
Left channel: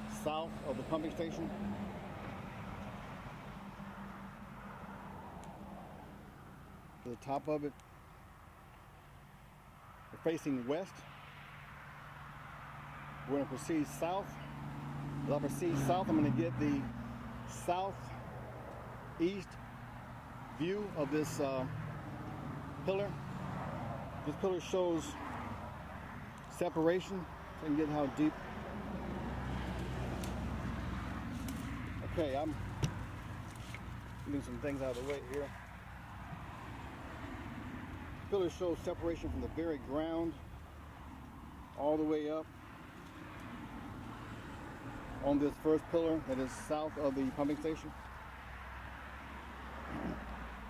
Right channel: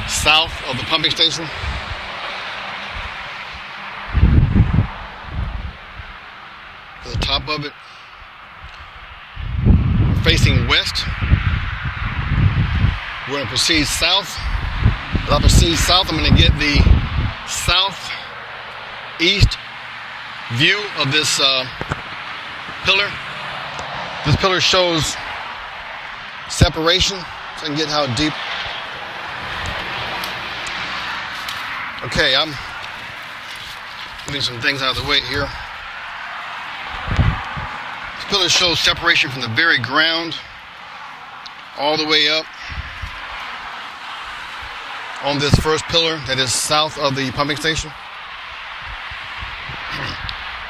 south of the pumping station. To the top of it, facing west. We're going to proceed south. As I proceed south, I'm going to get the southeast view of this pillar. This pillar shows separation, so I can get how deep. Okay, I'm getting some things out of the way here. This pillar shows separation from the very ground all the way up on this first pillar that is south of the pumping station.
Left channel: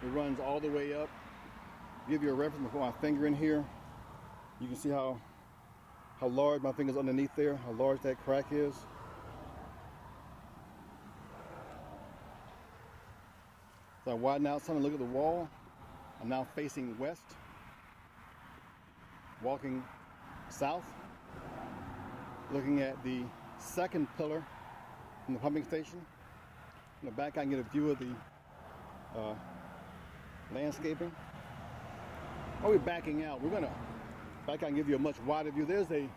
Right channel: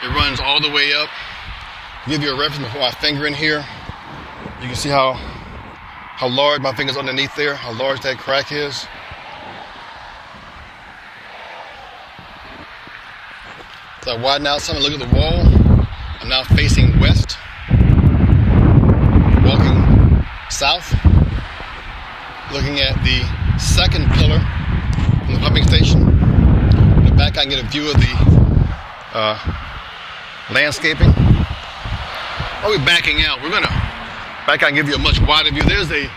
It runs all the way up. Give you a reference before I finger in here. You can see how large my finger's underneath there, how large that crack is. So I widen out some and look at the wall. I'm now facing west, walking south, looking at the second pillar from the pumping station. In the back I can get a view of the landscaping. While we're backing out, we're going to back out and give you a much wider view. There's a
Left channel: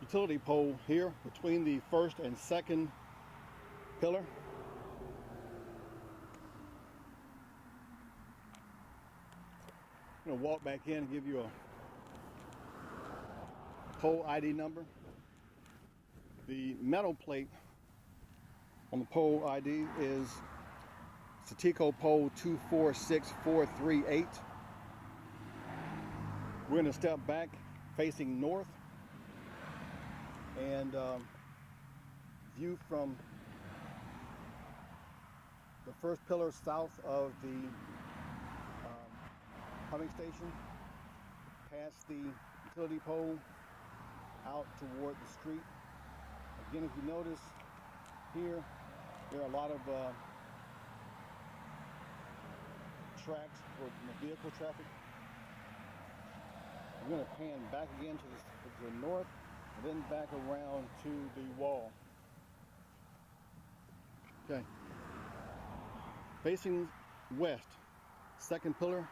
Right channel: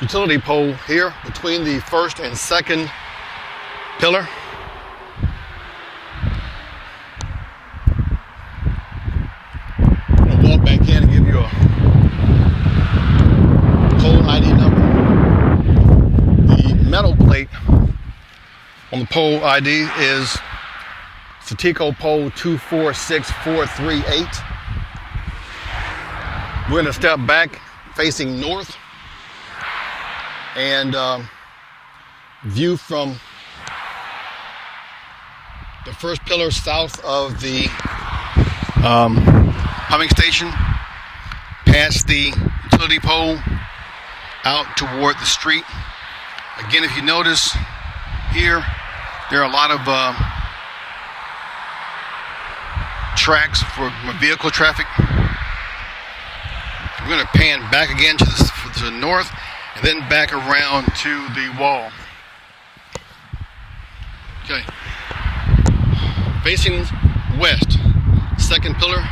utility pole here between the first and second pillar. I'm going to walk back in and give you a pole ID number. The metal plate on the pole ID is Statico pole 246438. We're going to step back facing north and view from the first pillar south of the pumping station, past the utility pole, out toward the street. Again, if you notice here, there are a lot of tracks for vehicle traffic. We're going to pan back again to the north and then back around to the wall. Okay. Facing west, second pillar,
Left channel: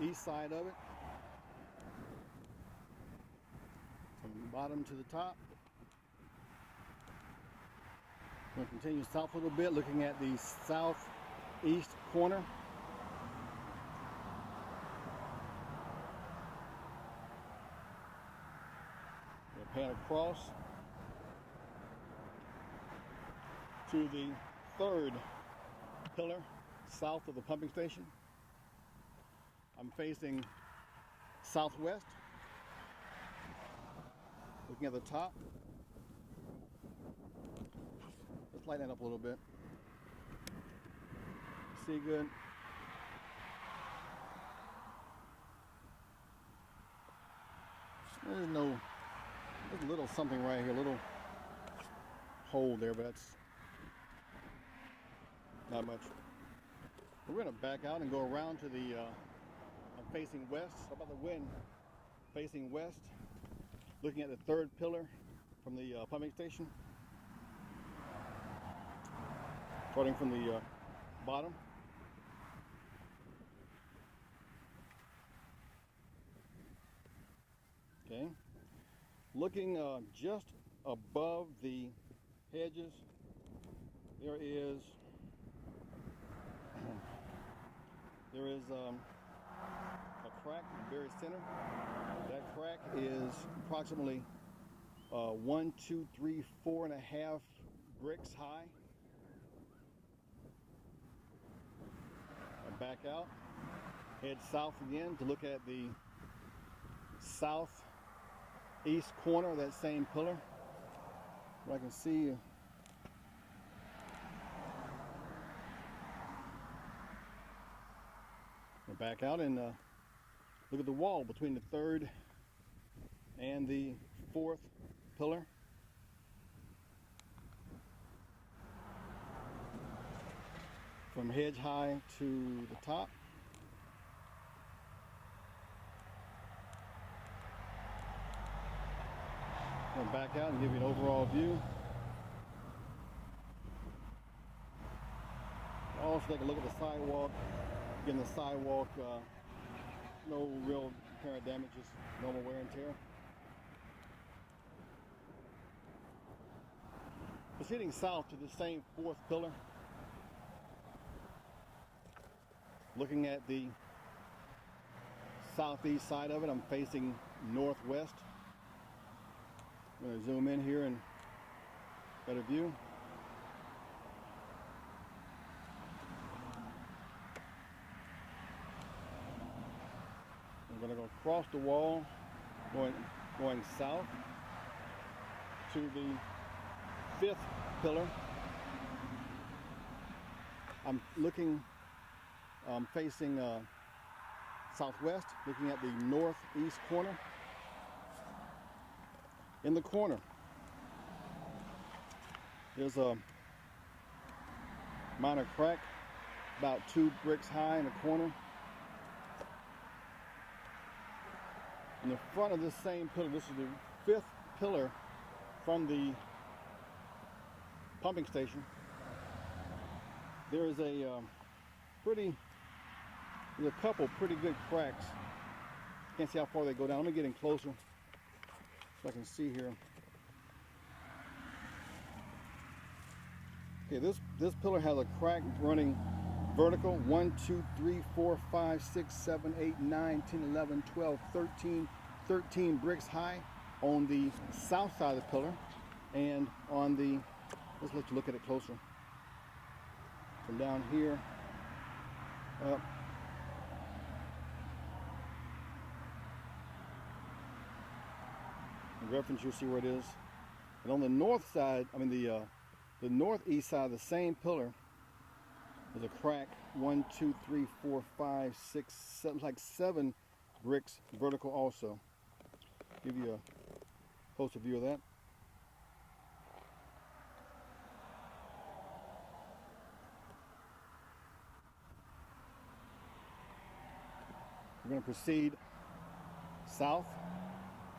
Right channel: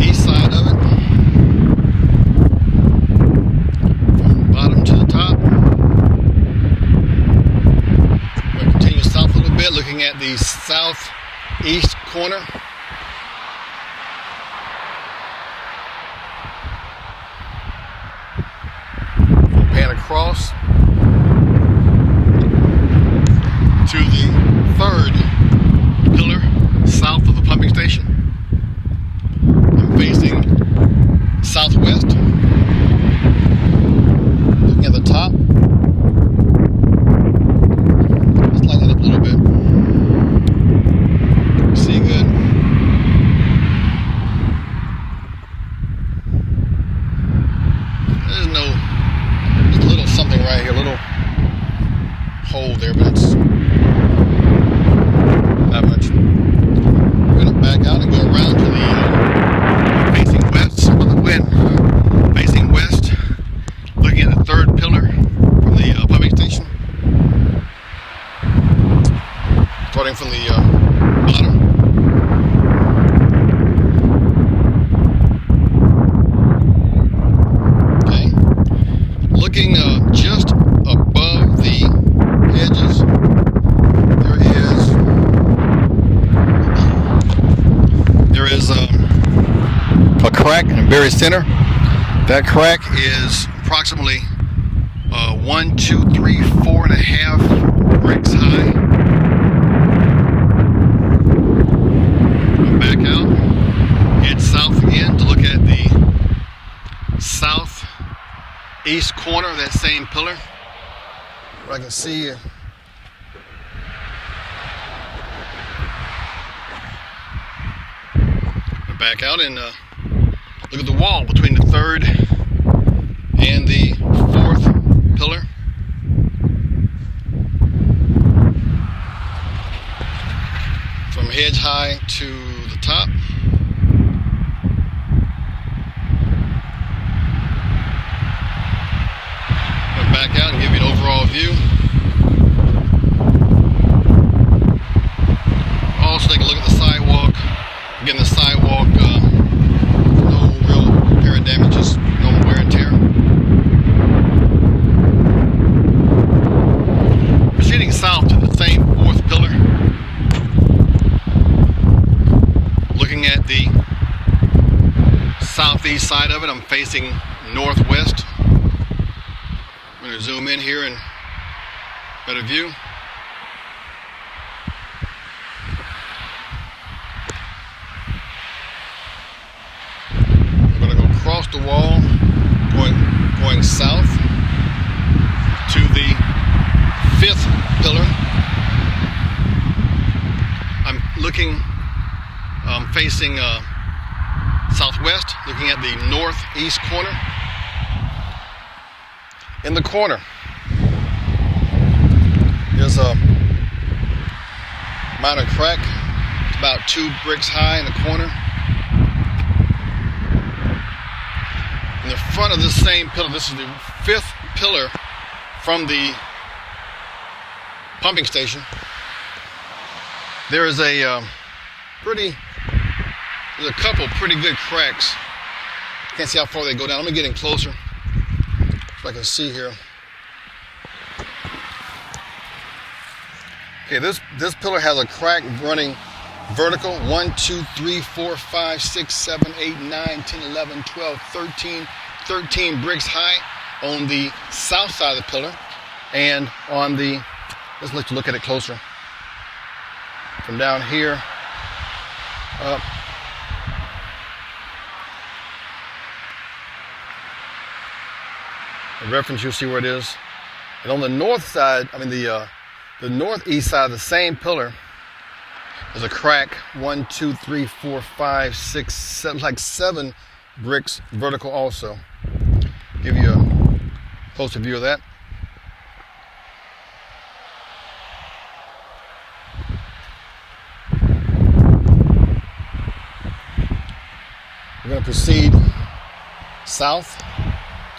east side of it. From bottom to the top. We're going to continue south a little bit, looking at the southeast corner. Pan across to the third pillar south of the pumping station. I'm facing southwest, looking at the top. Let's lighten it up a little bit. See good. There's no little something right here, little hole there, but it's not much. We're going to back out and go around to the facing west with the wind. Facing west, looking at the third pillar from the pumping station. Starting from the bottom. Looking just above the edge very center. That crack is approximately 1, 2, 3, 4.5 bricks high. Back out, head south again to look at the southeast corner of that same pillar. Where I can see back out and look at the wall between the third and the fourth pillar. From hedge high to the top. I'll back out and give you an overall view. Also take a look at the sidewalk. Again, the sidewalk, no real apparent damage, just normal wear and tear. Proceeding south to the same fourth pillar. Looking at the southeast side of it, I'm facing northwest. I'm going to zoom in here and better view. Across the wall, going south to the fifth pillar. I'm looking, facing southwest, looking at the northeast corner. In the corner, there's a minor crack. It's about 2 bricks high in the corner. In the front of this same pillar, this is the fifth pillar from the pumping station. There is there's a couple pretty good cracks. Can't see how far they go down. Let me get in closer so I can see here. Okay, this pillar has a crack running vertical. 1, 2, 3, 4, 5, 6, 7, 8, 9, 10, 11, 12, 13 bricks high on the south side of the pillar. And on the, let's let you look at it closer. From down here up. The reference, you'll see where it is. And on the north side, the northeast side of the same pillar, there's a crack. 1, 2, 3, 4, 5, 6, 7, like 7 bricks vertical also. Give you a closer view of that. We're going to proceed south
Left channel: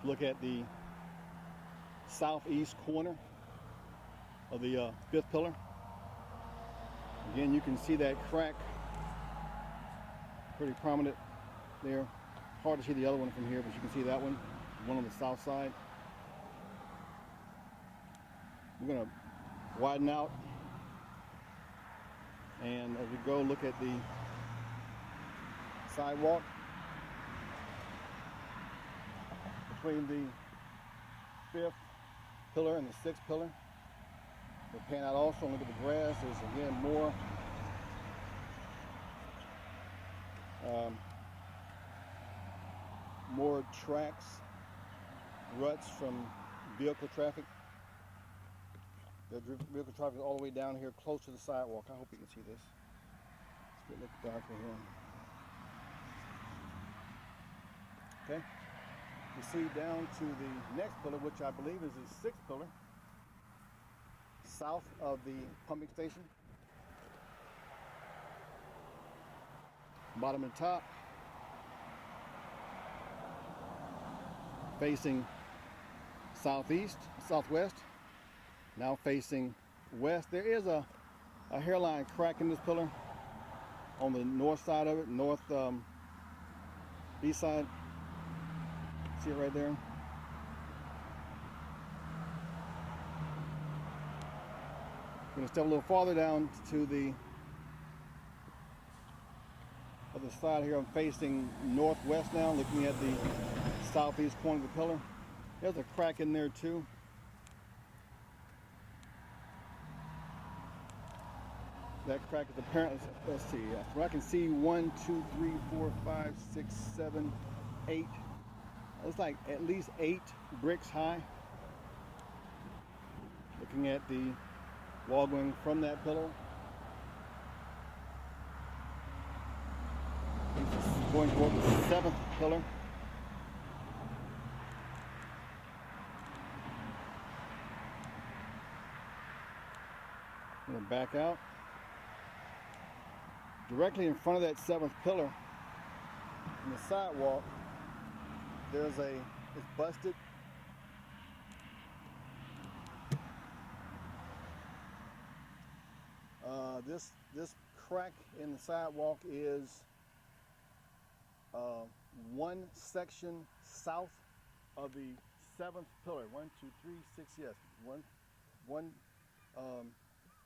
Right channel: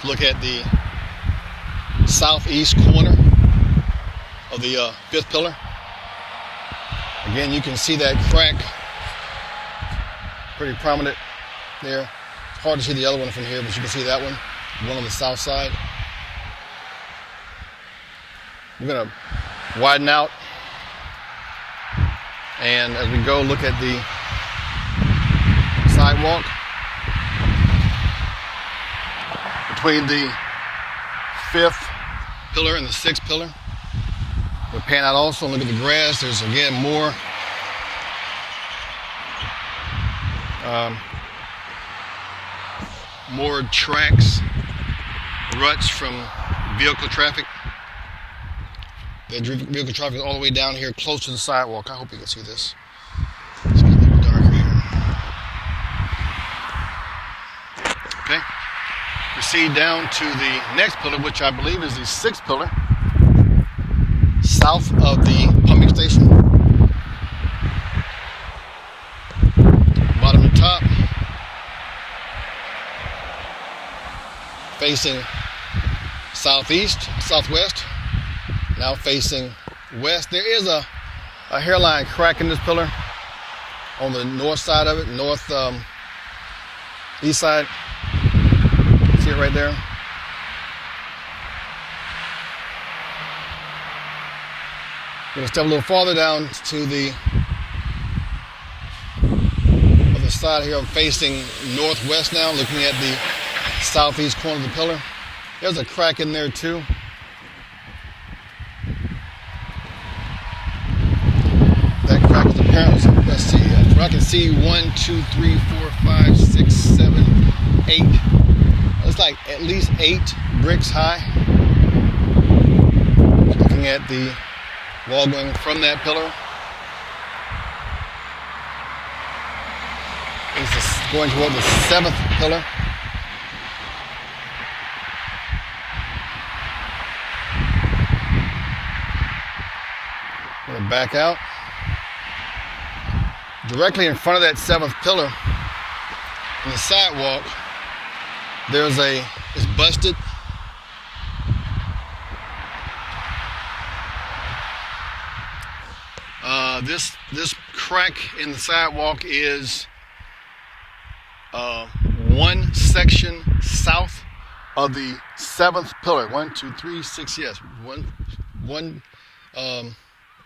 to look at the southeast corner of the fifth pillar. Again, you can see that crack pretty prominent there. It's hard to see the other one from here, but you can see that one on the south side. We're going to widen out, and as we go, look at the sidewalk between the fifth pillar and the sixth pillar. We'll pan out also and look at the grass. There's again more tracks, ruts from vehicle traffic. That vehicle traffic is all the way down here close to the sidewalk. I hope you can see this. It's getting a little darker here. Okay. Proceed down to the next pillar, which I believe is the sixth pillar, south of the pumping station. Bottom to top. Facing southwest, now facing west. There is a hairline crack in this pillar on the north side of it, east side. See it right there? We're going to step a little farther down to the other side. side here. I'm facing northwest now, looking at the southeast corner of the pillar. There's a crack in there too. That crack is apparent. Let's see. I can see 1, 2, 3, 4, 5, 6, 7, 8. It's like at least 8 bricks high. Looking at the wall going from that pillar. It's going toward the 7th pillar. I'm going to back out. Directly in front of that 7th pillar, in the sidewalk, it's busted. This crack in the sidewalk is one section south of the 7th pillar. 1, 2, 3, 6, yes. One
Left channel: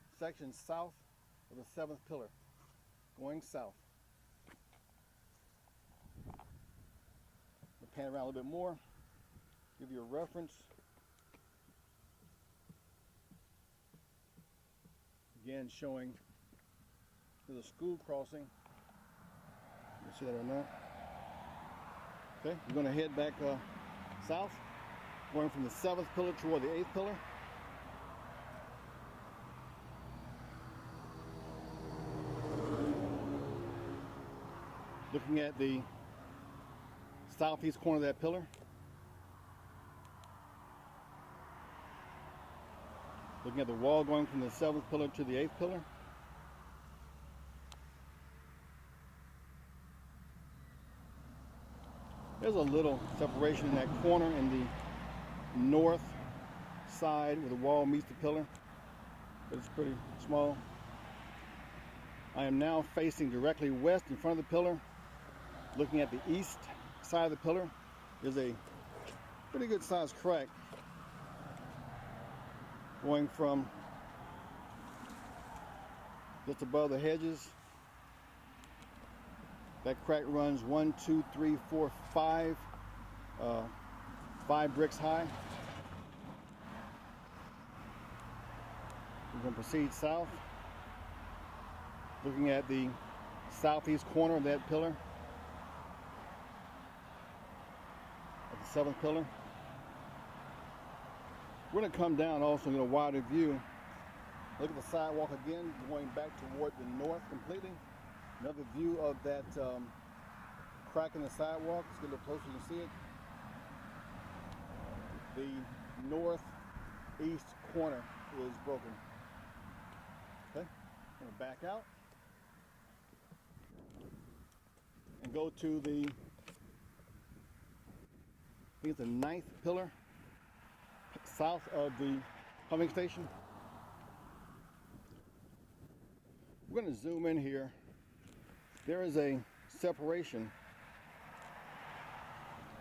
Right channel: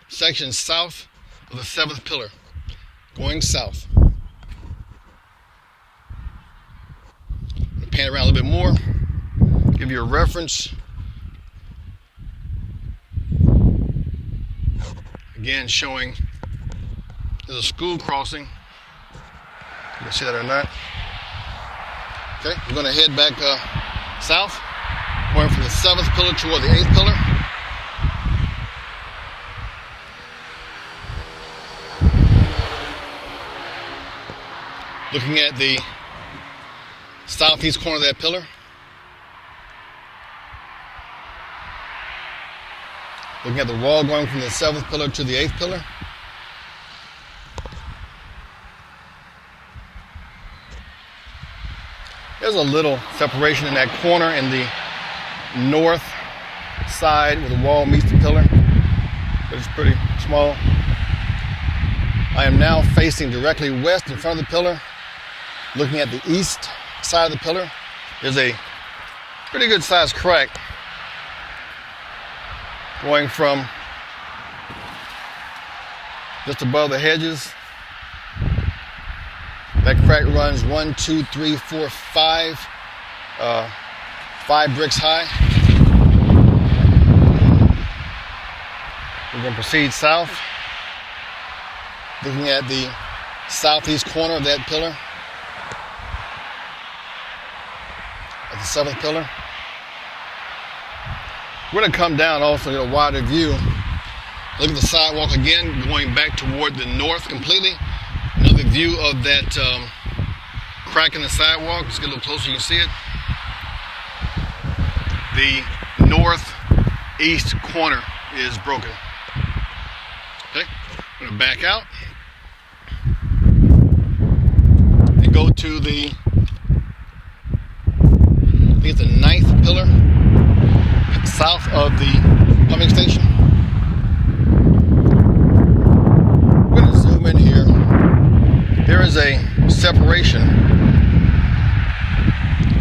section south of the 7th pillar, going south. Pan around a little bit more, give you a reference. Again, showing there's a school crossing. You can see that or not. Okay, we're going to head back south, going from the 7th pillar toward the 8th pillar. Looking at the southeast corner of that pillar. Looking at the wall going from the 7th pillar to the 8th pillar. There's a little separation in that corner in the north side where the wall meets the pillar, but it's pretty small. I am now facing directly west in front of the pillar, looking at the east side of the pillar. There's a pretty good sized crack going from just above the hedges. That crack runs 1, 2, 3, 4, 5 bricks high. We're going to proceed south, looking at the southeast corner of that pillar, at the 7th pillar. We're going to come down also to a wider view. Look at the sidewalk again, going back toward the north completely. Another view of that crack in the sidewalk. Let's get a little closer, you can see it. The northeast corner is broken. Okay, I'm going to back out and go to the, I think it's the 9th pillar, south of the pumping station. We're going to zoom in here. There is a separation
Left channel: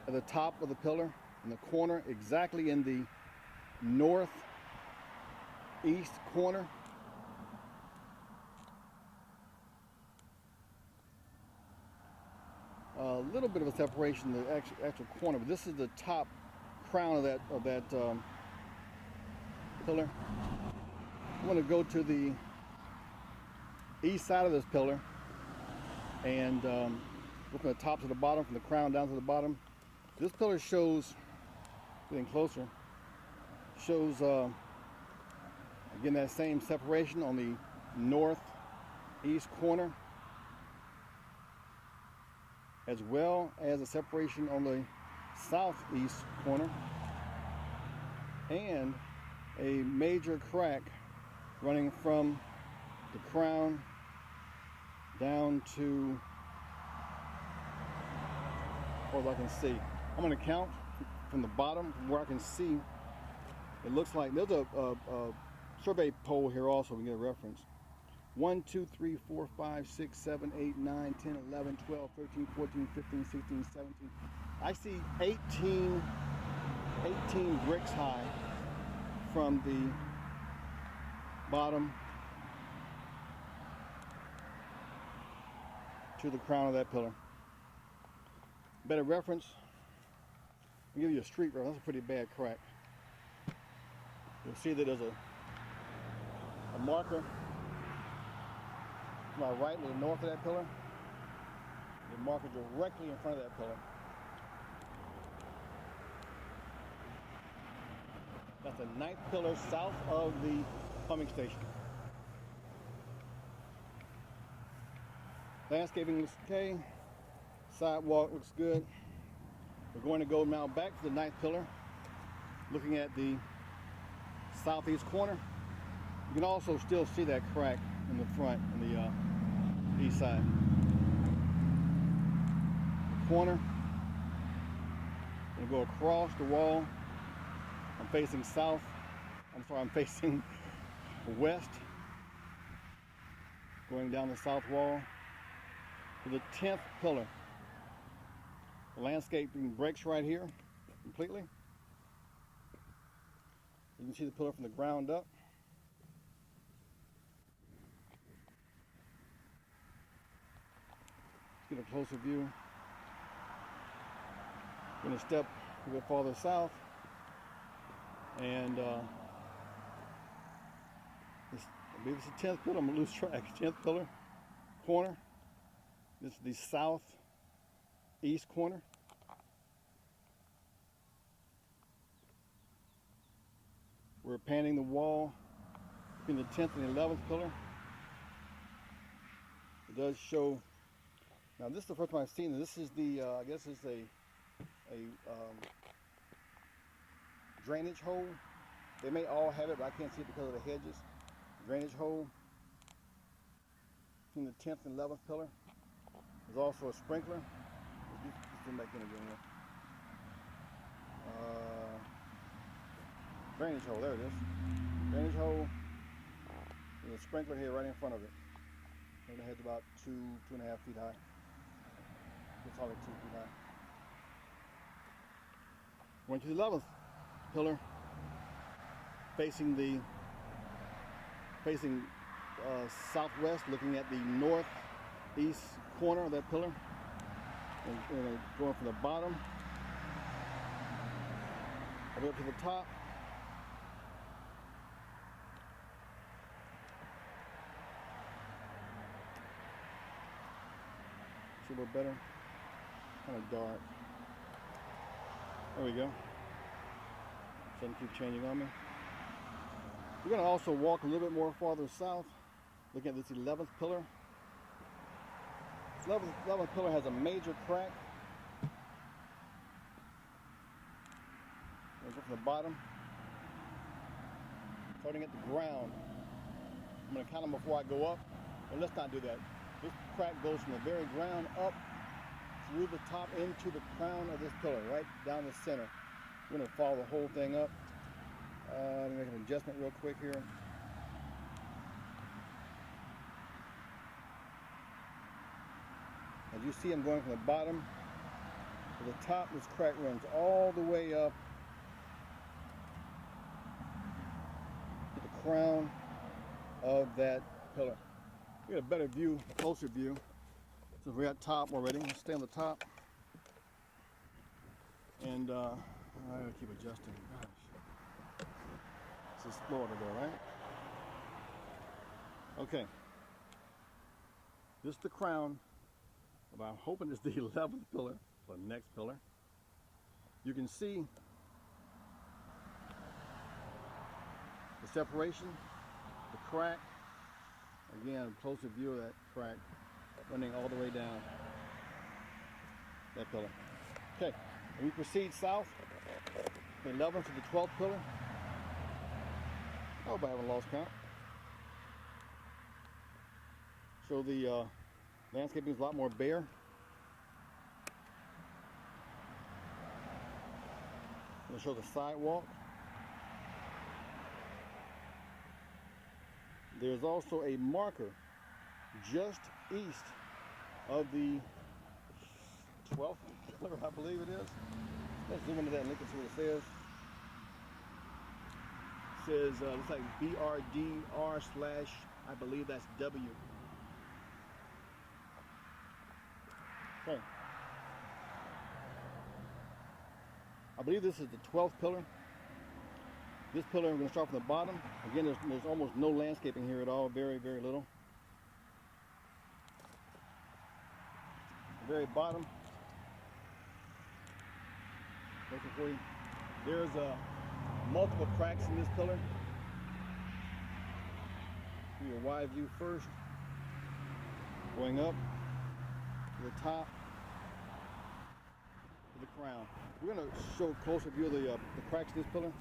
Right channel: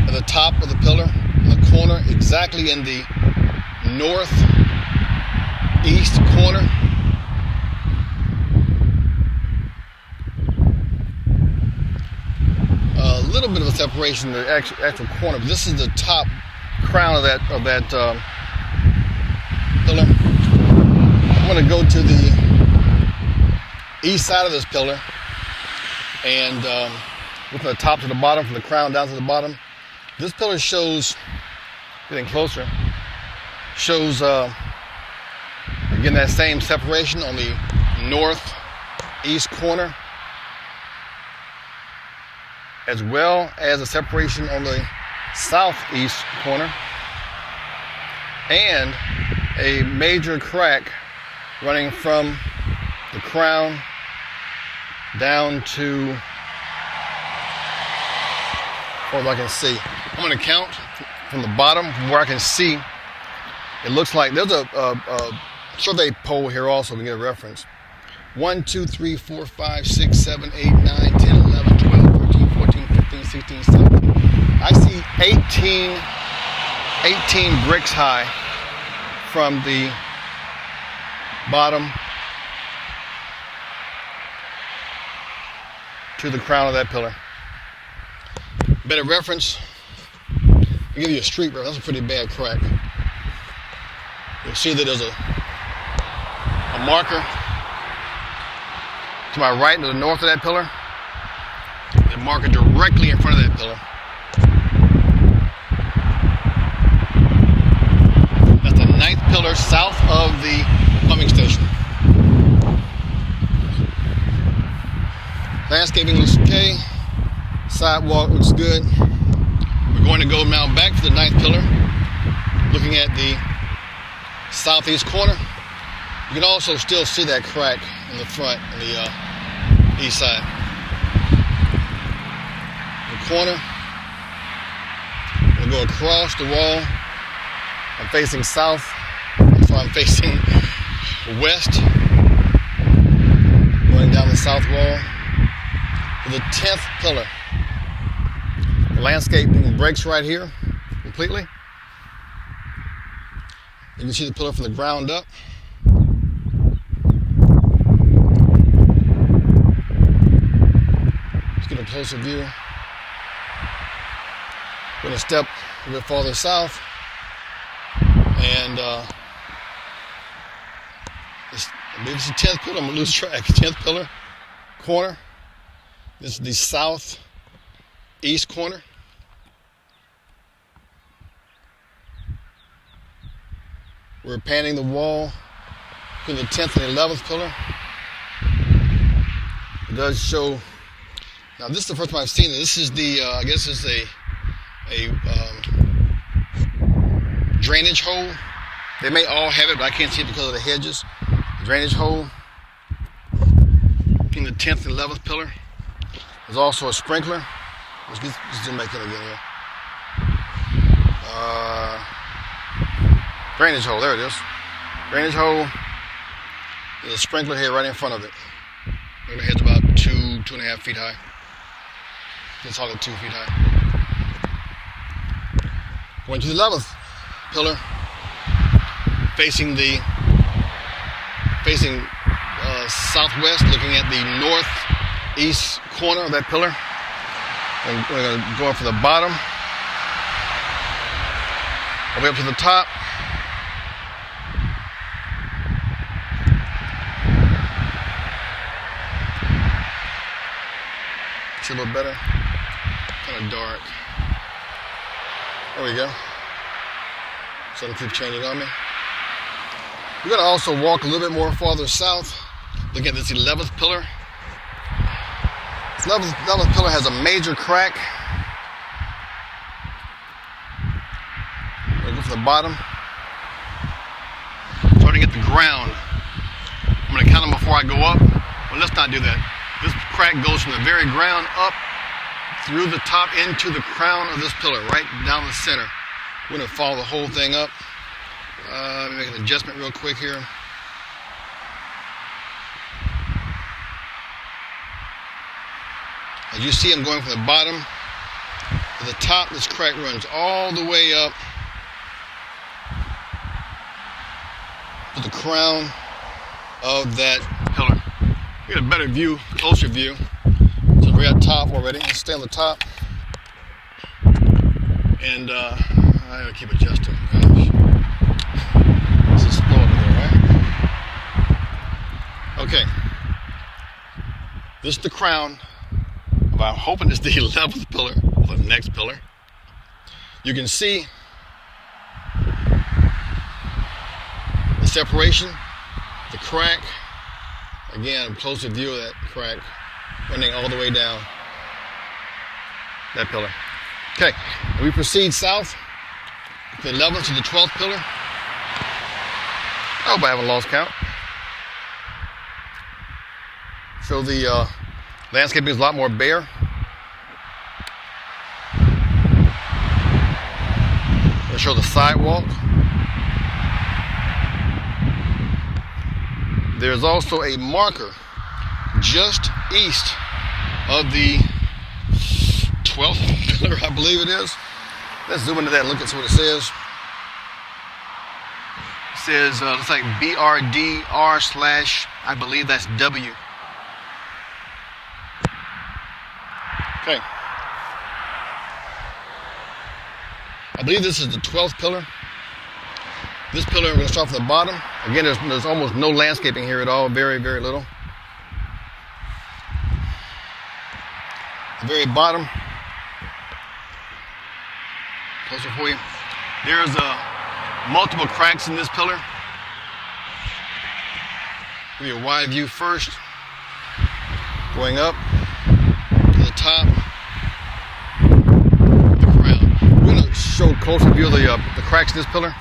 at the top of the pillar, in the corner, exactly in the northeast corner. A little bit of a separation in the actual corner, but this is the top crown of that pillar. I'm going to go to the east side of this pillar and look from the top to the bottom, from the crown down to the bottom. This pillar shows, getting closer, shows again that same separation on the northeast corner, as well as a separation on the southeast corner, and a major crack running from the crown down to, as far as I can see. I'm going to count from the bottom, from where I can see. It looks like there's a survey pole here also, we get a reference. 1, 2, 3, 4, 5, 6, 7, 8, 9, 10, 11, 12, 13, 14, 15, 16, 17. I see 18 bricks high from the bottom to the crown of that pillar. Better reference, I'll give you a street reference. That's a pretty bad crack. You'll see that there's a marker to my right, to the north of that pillar. A marker directly in front of that pillar. That's the 9th pillar south of the pumping station. Landscaping looks okay. Sidewalk looks good. We're going to go now back to the 9th pillar, looking at the southeast corner. You can also still see that crack in the front, on the east side. The corner. We'll go across the wall. I'm facing south, so I'm facing west, going down the south wall to the 10th pillar. The landscaping breaks right here completely. You can see the pillar from the ground up. Let's get a closer view. We're going to step a bit farther south, and maybe it's the 10th pillar. I'm going to lose track. 10th pillar, corner. This is the southeast corner. We're panning the wall to the 10th and 11th pillar. It does show. Now this is the first time I've seen it. This is the I guess it's a drainage hole. They may all have it, but I can't see it because of the hedges. Drainage hole in the 10th and 11th pillar. There's also a sprinkler. Let's zoom back in again here. Drainage hole, there it is. Drainage hole. There's a sprinkler here right in front of it. The head's about 2.5 feet high. It's solid 2 feet high. Going to the 11th pillar, facing southwest, looking at the northeast corner of that pillar. And we're going to go from the bottom all the way up to the top. See a little better? Kind of dark. There we go. Something keeps changing on me. We're going to also walk a little bit more farther south, looking at this 11th pillar. This 11th pillar has a major crack. We're going to go from the bottom, starting at the ground. I'm going to count them before I go up. Well, let's not do that. This crack goes from the very ground up through the top into the crown of this pillar, right down the center. We're going to follow the whole thing up. Let me make an adjustment real quick here. As you see, I'm going from the bottom to the top. This crack runs all the way up to the crown of that pillar. We get a better view, closer view. So we're at top already. Let's stay on the top. And I gotta keep adjusting. Gosh. This is slow up there, right? Okay. This is the crown. I'm hoping it's the 11th pillar, or the next pillar. You can see the separation, the crack. Again, a closer view of that crack running all the way down that pillar. Okay, we proceed south, the 11th to the 12th pillar. I hope I haven't lost count. So the landscaping is a lot more bare. I'll show the sidewalk. There's also a marker just east of the 12th pillar, I believe it is. Let's zoom into that and look and see what it says. It says, looks like BRDR/ I believe that's W. Okay. I believe this is the 12th pillar. This pillar, we're going to start from the bottom. Again, there's almost no landscaping here at all, very, very little. The very bottom, closer for you. There's multiple cracks in this pillar. Give you a wide view first, going up to the top, the crown. We're going to show a closer view of the cracks in this pillar.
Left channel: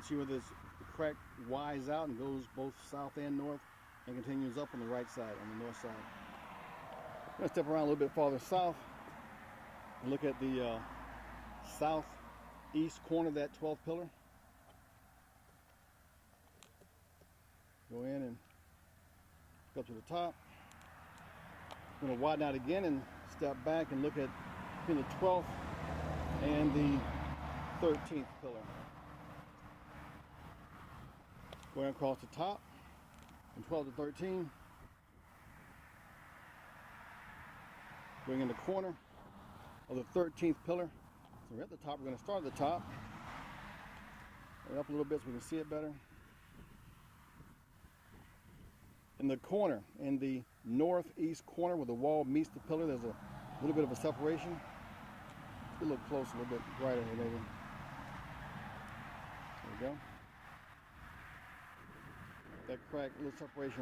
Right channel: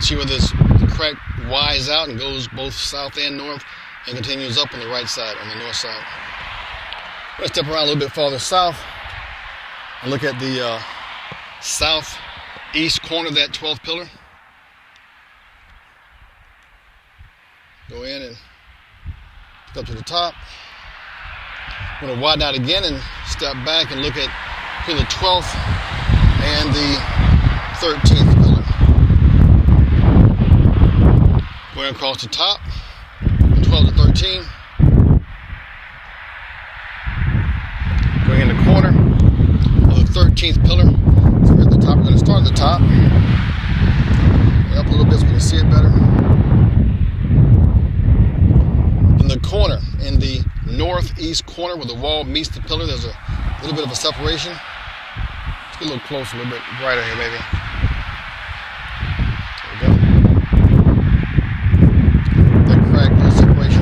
See where the crack wides out and goes both south and north and continues up on the right side, on the north side. I'm going to step around a little bit farther south and look at the southeast corner of that 12th pillar. Go in and up to the top. I'm going to widen out again and step back and look at between the 12th and the 13th pillar. Going across the top, 12 to 13. Going in the corner of the 13th pillar. So we're at the top. We're going to start at the top. Going up a little bit so we can see it better. In the corner, in the northeast corner where the wall meets the pillar, there's a little bit of a separation. Let's get a little closer, a little bit brighter here, maybe.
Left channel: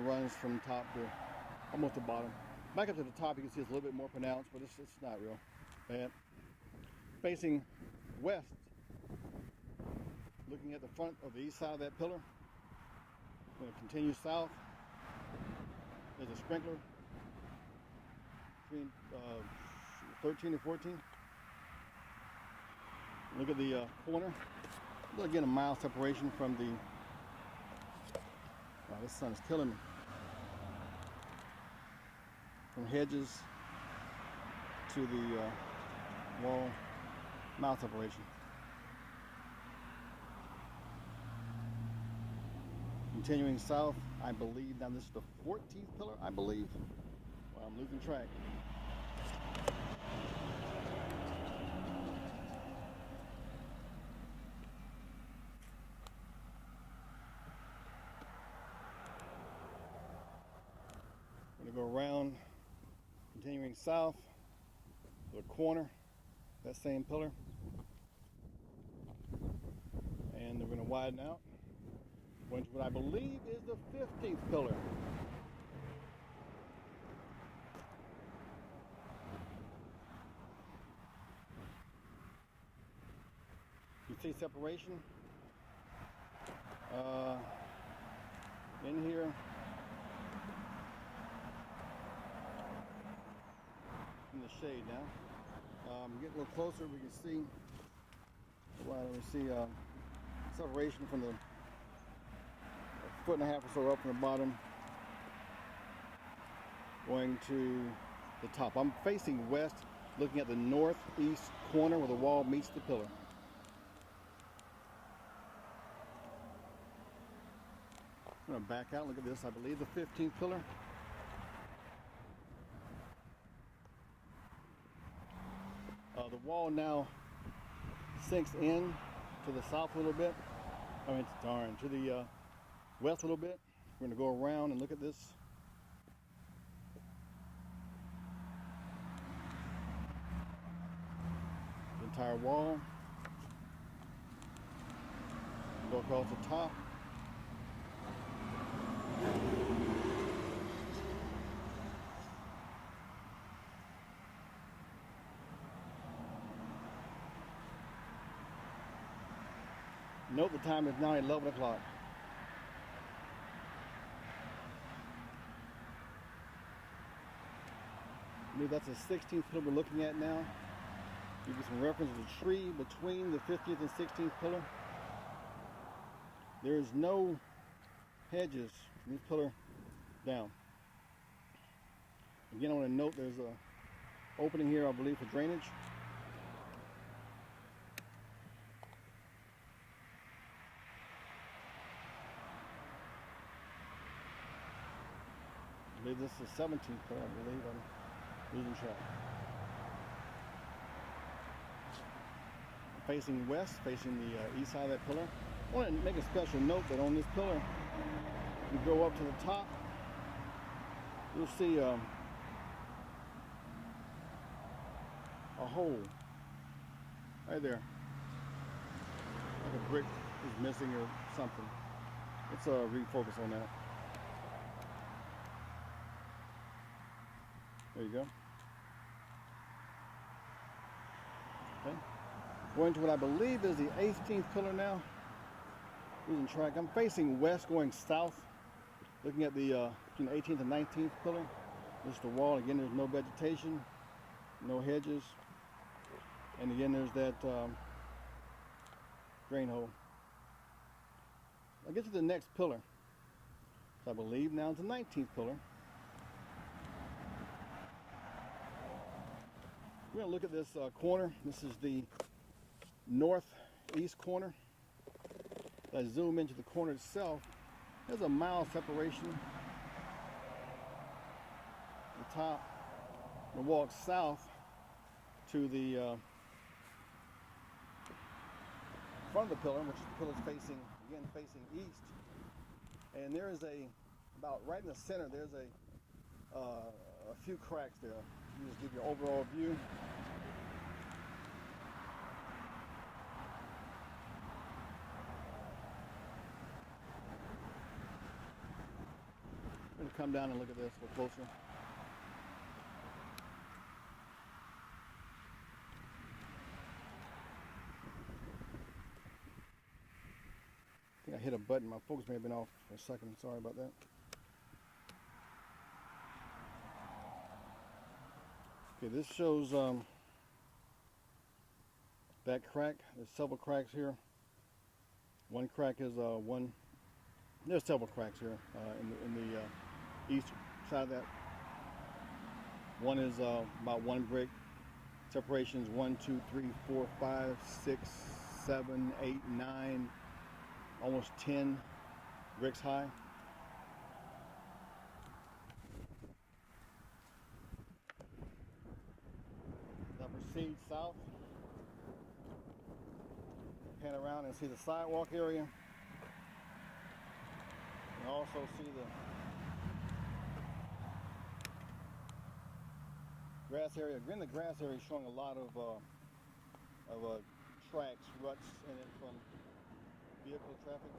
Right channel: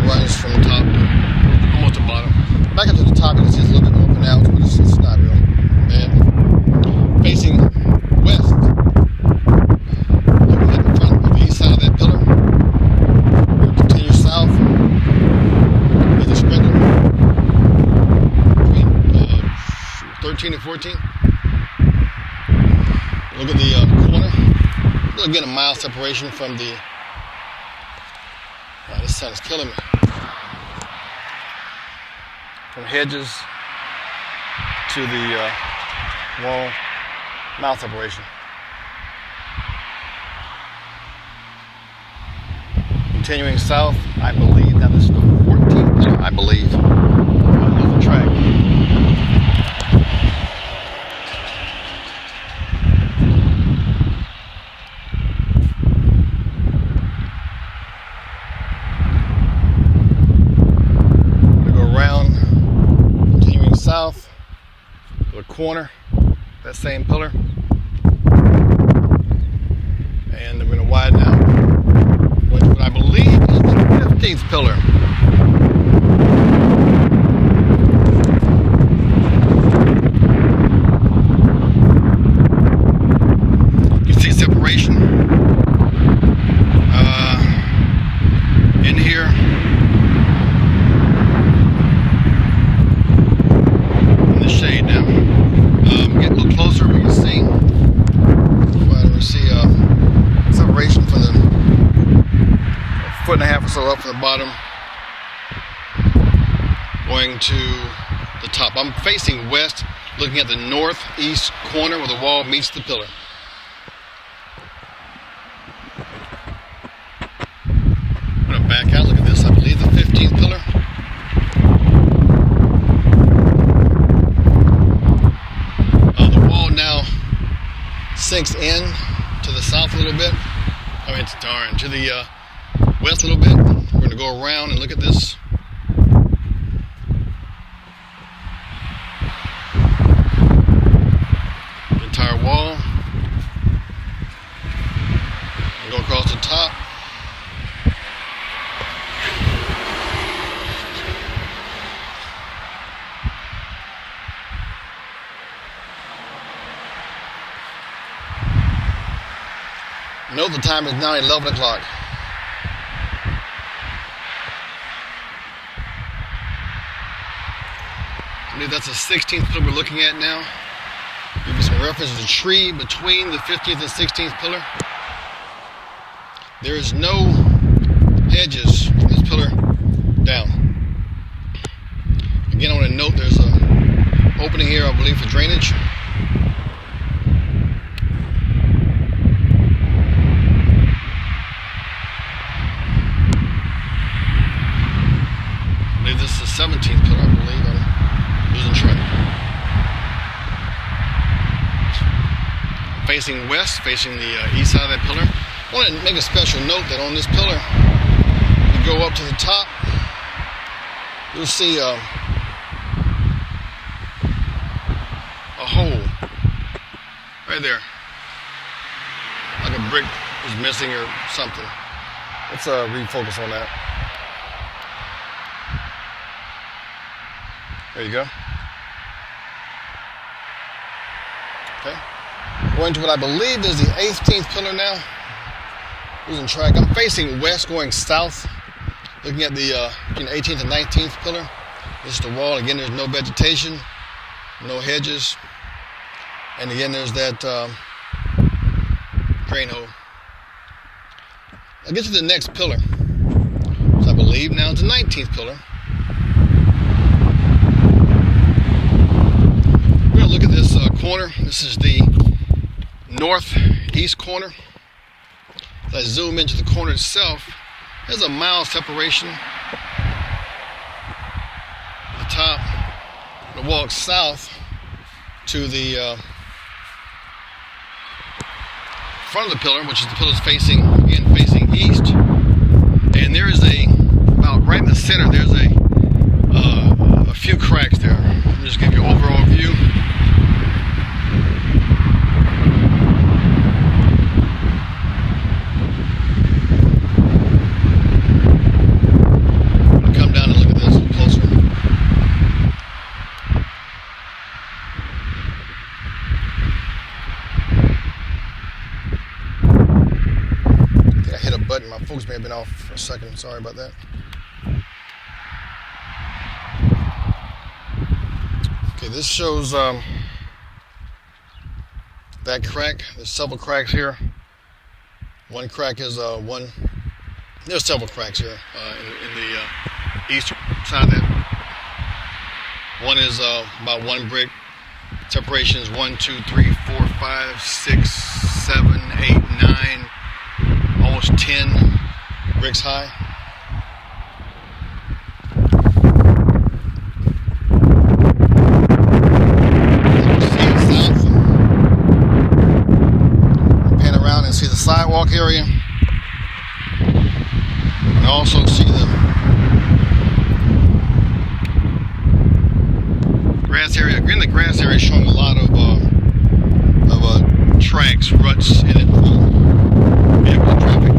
Runs from the top to almost the bottom. Back up to the top, you can see it's a little bit more pronounced, but it's not real bad. Facing west, looking at the front of the east side of that pillar. We'll continue south. There's a sprinkler between 13 and 14. Look at the corner. We'll get a mile separation from the. This sun is killing me. From hedges to the wall mouth separation. Continuing south, I believe, now this is the 14th pillar, I believe. There's the track. South, the corner, that same pillar, and we're going to widen out, which I believe is the 15th pillar. You see separation in here. Shade now. Get a little closer, we can see. We see separation from the foot and a half or so up from the bottom, going to the top. I'm facing west, looking at the northeast corner where the wall meets the pillar. I'm going to back out. Look at this. I believe the 15th pillar. Now sinks in to the south a little bit. I mean, to the west a little bit. We're going to go around and look at this. The entire wall. We'll go across the top. Note the time is now 11 o'clock. I believe that's the 16th pillar we're looking at now. Give you some reference to the tree between the 15th and 16th pillar. There is no hedges from this pillar down. Again, I want to note there's a opening here, I believe, for drainage. I believe this is the 17th pillar, I believe. I'm losing track. Facing west, facing the east side of that pillar. I want to make a special note that on this pillar, you go up to the top, you'll see a hole right there, like a brick is missing or something. Let's refocus on that. There you go. Okay. Going to what I believe is the 18th pillar now. Losing track. I'm facing west, going south, looking at the between 18th and 19th pillar. This is the wall. Again, there's no vegetation, no hedges, and again, there's that drain hole. I'll get to the next pillar. So I believe now it's the 19th pillar. We're gonna look at this corner. This is the northeast corner. As I zoom into the corner itself, there's a mile separation. The top, I'm gonna walk south to the front of the pillar, which is the pillars facing east. And there is about right in the center, there's a few cracks there. Let me just give you an overall view. Come down and look at this a little closer. I think I hit a button. My focus may have been off for a second. Sorry about that. Okay, this shows that crack. There's several cracks here. One crack is there's several cracks here in the eastern side of that. One is about one brick. Separation is 1, 2, 3, 4, 5, 6, 7, 8, 9, almost 10 bricks high. South. Pan around and see the sidewalk area. And also see the grass area. Again, the grass area is showing a lot of tracks, ruts in it from vehicle traffic.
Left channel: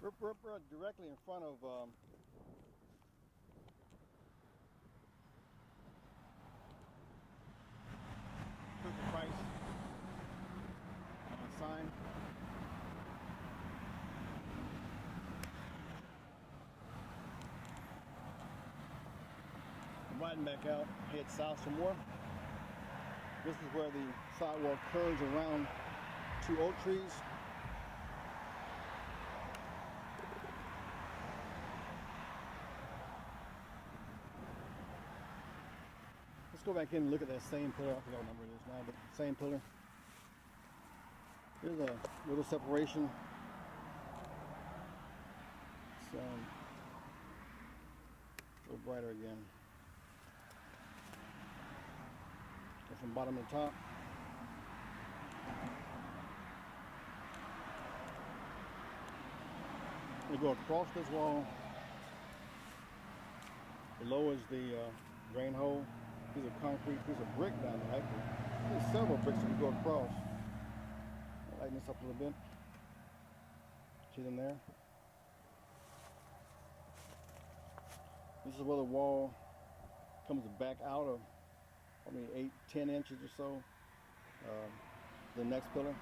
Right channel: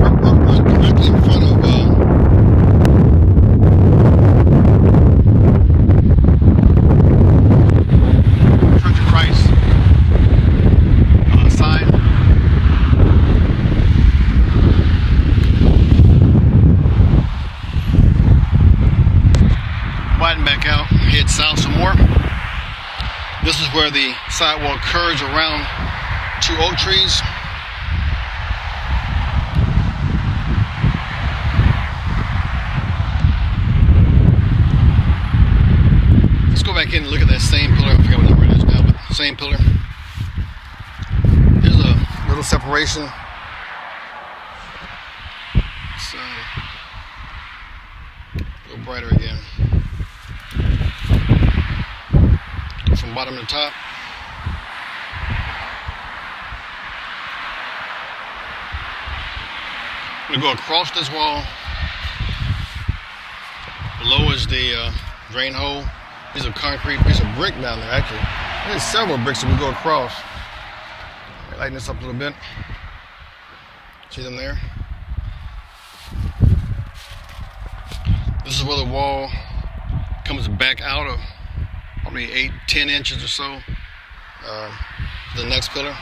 We're directly in front of Church of Christ sign. Widen back out, head south some more. This is where the sidewalk curves around two oak trees. Let's go back in and look at that same pillar. I forgot what number it is now, but same pillar. There's a little separation. So, a little brighter again. From bottom to top. I'm going to go across this wall. Below is the drain hole. Piece of concrete, piece of brick down there actually. There's several bricks that we go across. Lighten this up a little bit. See them there? This is where the wall comes back out of probably 8-10 inches or so. The next pillar,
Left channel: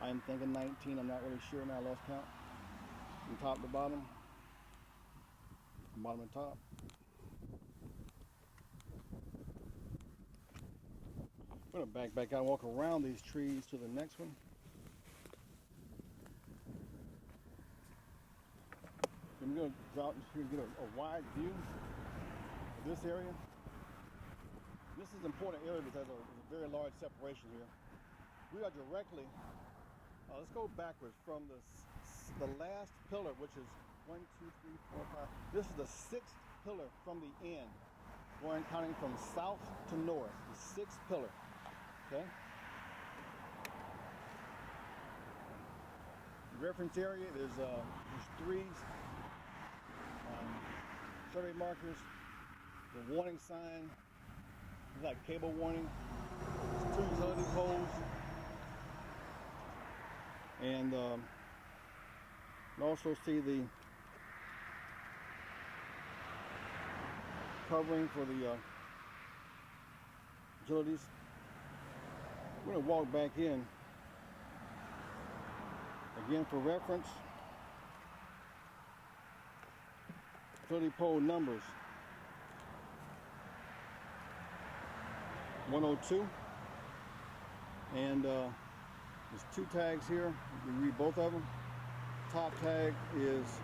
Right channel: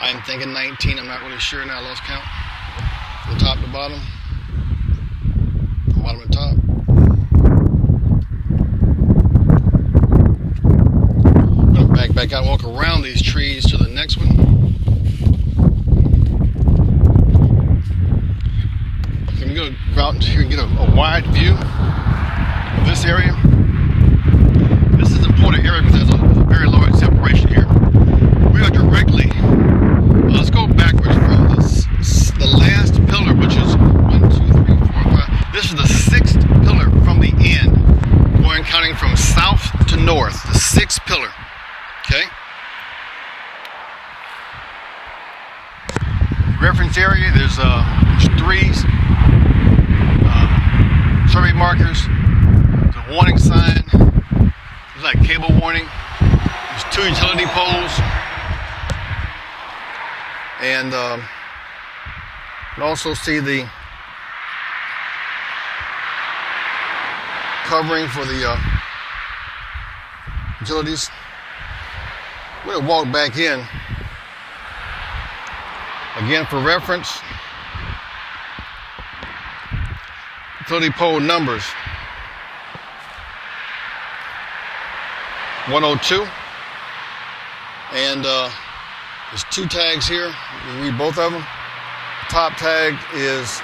I'm thinking 19. I'm not really sure now. I lost count. From top to bottom, from bottom to top. I'm gonna back out, walk around these trees to the next one. I'm gonna go out here and get a wide view. this area. This is an important area because there's a very large separation here. We are directly, let's go backwards from the last pillar, which is 1, 2, 3, 4, 5. This is the 6th pillar from the end, going counting from south to north, the 6th pillar, okay? Reference area, there's 3 survey markers, there's a warning sign, there's like cable warning, there's 2 utility poles, and you can also see the covering for the utilities. We're going to walk back in. Again, for reference, utility pole numbers 102, and there's 2 tags here. You read both of them. The top tag is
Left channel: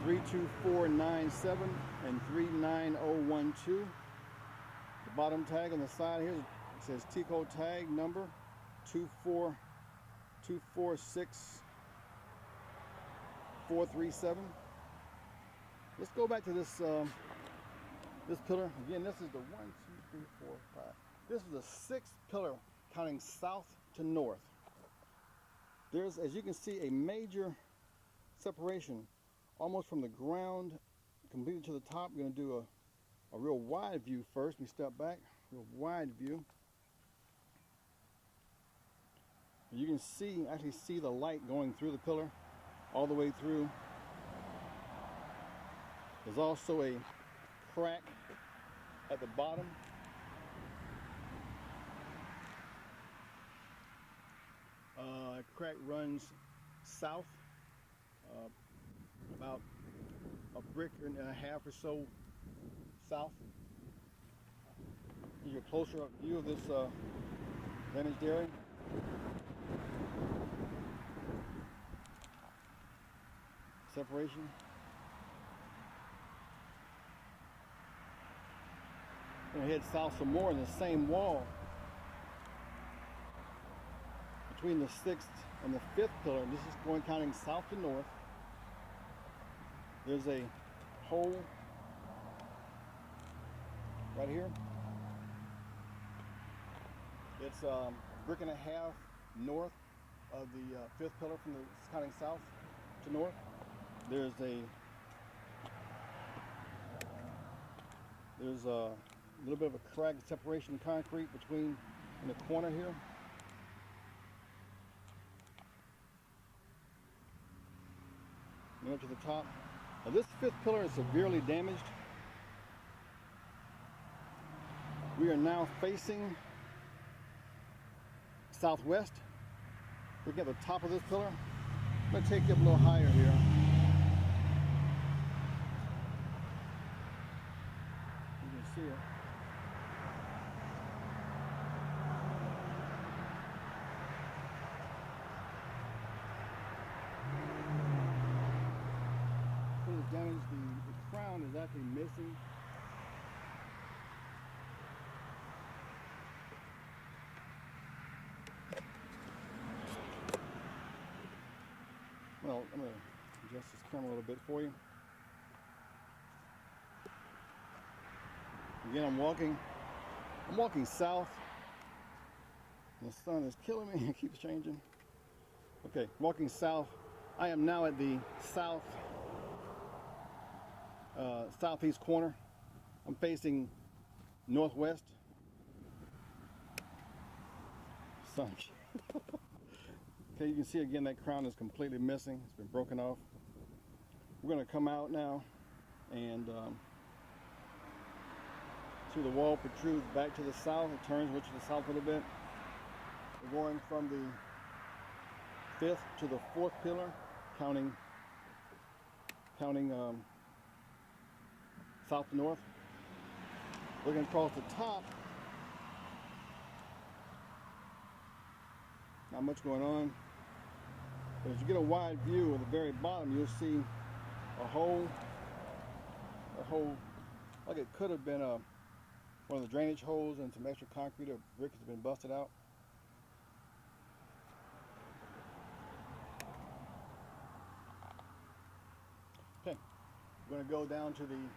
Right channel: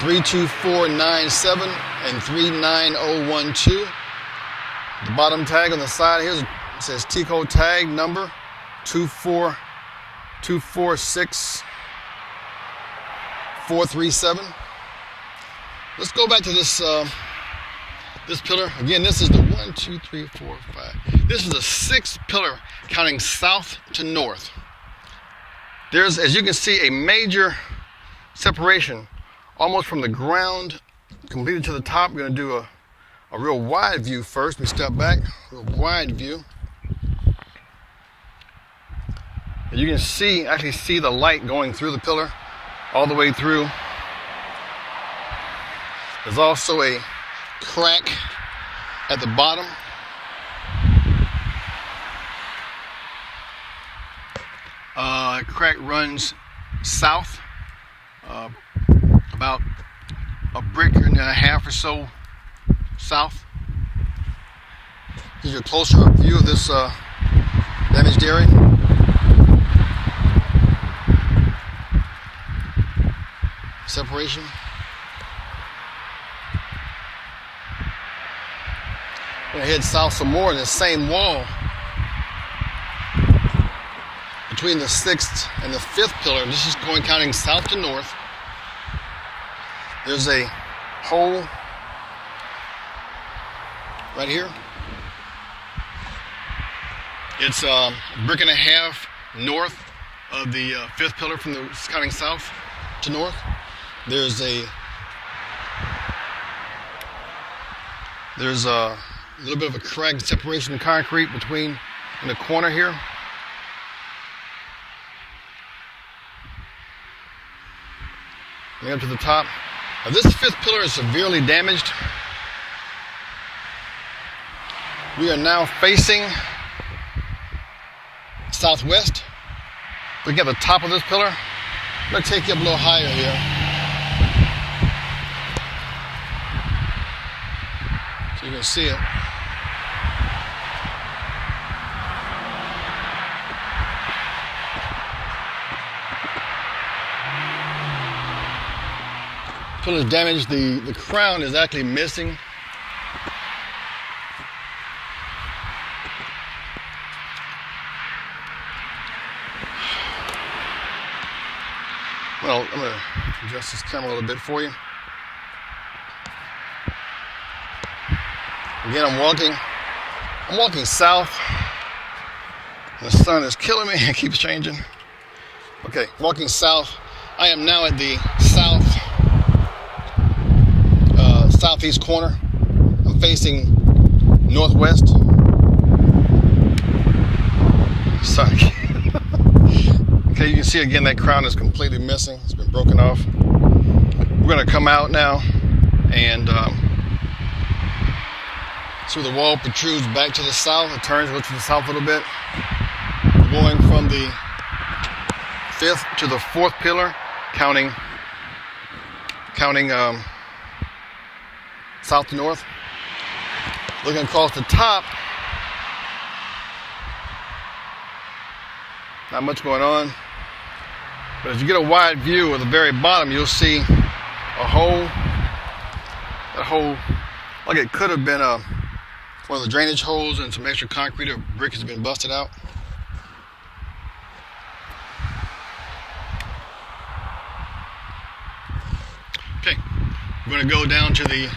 32497 and 39012. The bottom tag on the side here says T-code tag number 24647. Let's go back to this this pillar. Again, this is the 1, 2, 3, 4, 5. This is the 6th pillar, counting south to north. There's, as you can see, a major separation almost from the ground completed to the top. We're going to do a real wide view first. Let me step back. Real wide view. And you can see, actually see the light going through the pillar all the way through. There's also a crack at the bottom. Crack runs south, about a brick and a half or so south. Gives you a closer view of this damaged area. Separation. I'm going to head south some more in the same wall. Between the 6th and the 5th pillar, this is going counting south to north. There's a hole right here. It's a brick and a half north of the 5th pillar from the counting south to north. There's a little bit of a crack separation of concrete between in the corner here. And up to the top. Now this 5th pillar is severely damaged. We are now facing southwest. Looking at the top of this pillar. I'm going to take you up a little higher here. So you can see it. Pillar is damaged. The crown is actually missing. Well, I'm going to adjust this camera a little bit for you. Again, I'm walking south. The sun is killing me. It keeps changing. Okay, walking south. I am now at the southeast corner. I'm facing northwest. Sun. Okay, you can see again that crown is completely missing. It's been broken off. We're going to come out now and see the wall protrudes back to the south. It turns to the south a little bit. Going from the 5th to the 4th pillar, counting south to north. Looking across the top, not much going on. But as you get a wide view of the very bottom, you'll see a hole That hole, like it could have been one of the drainage holes, and some extra concrete or brick has been busted out. Okay, we're going to go down to the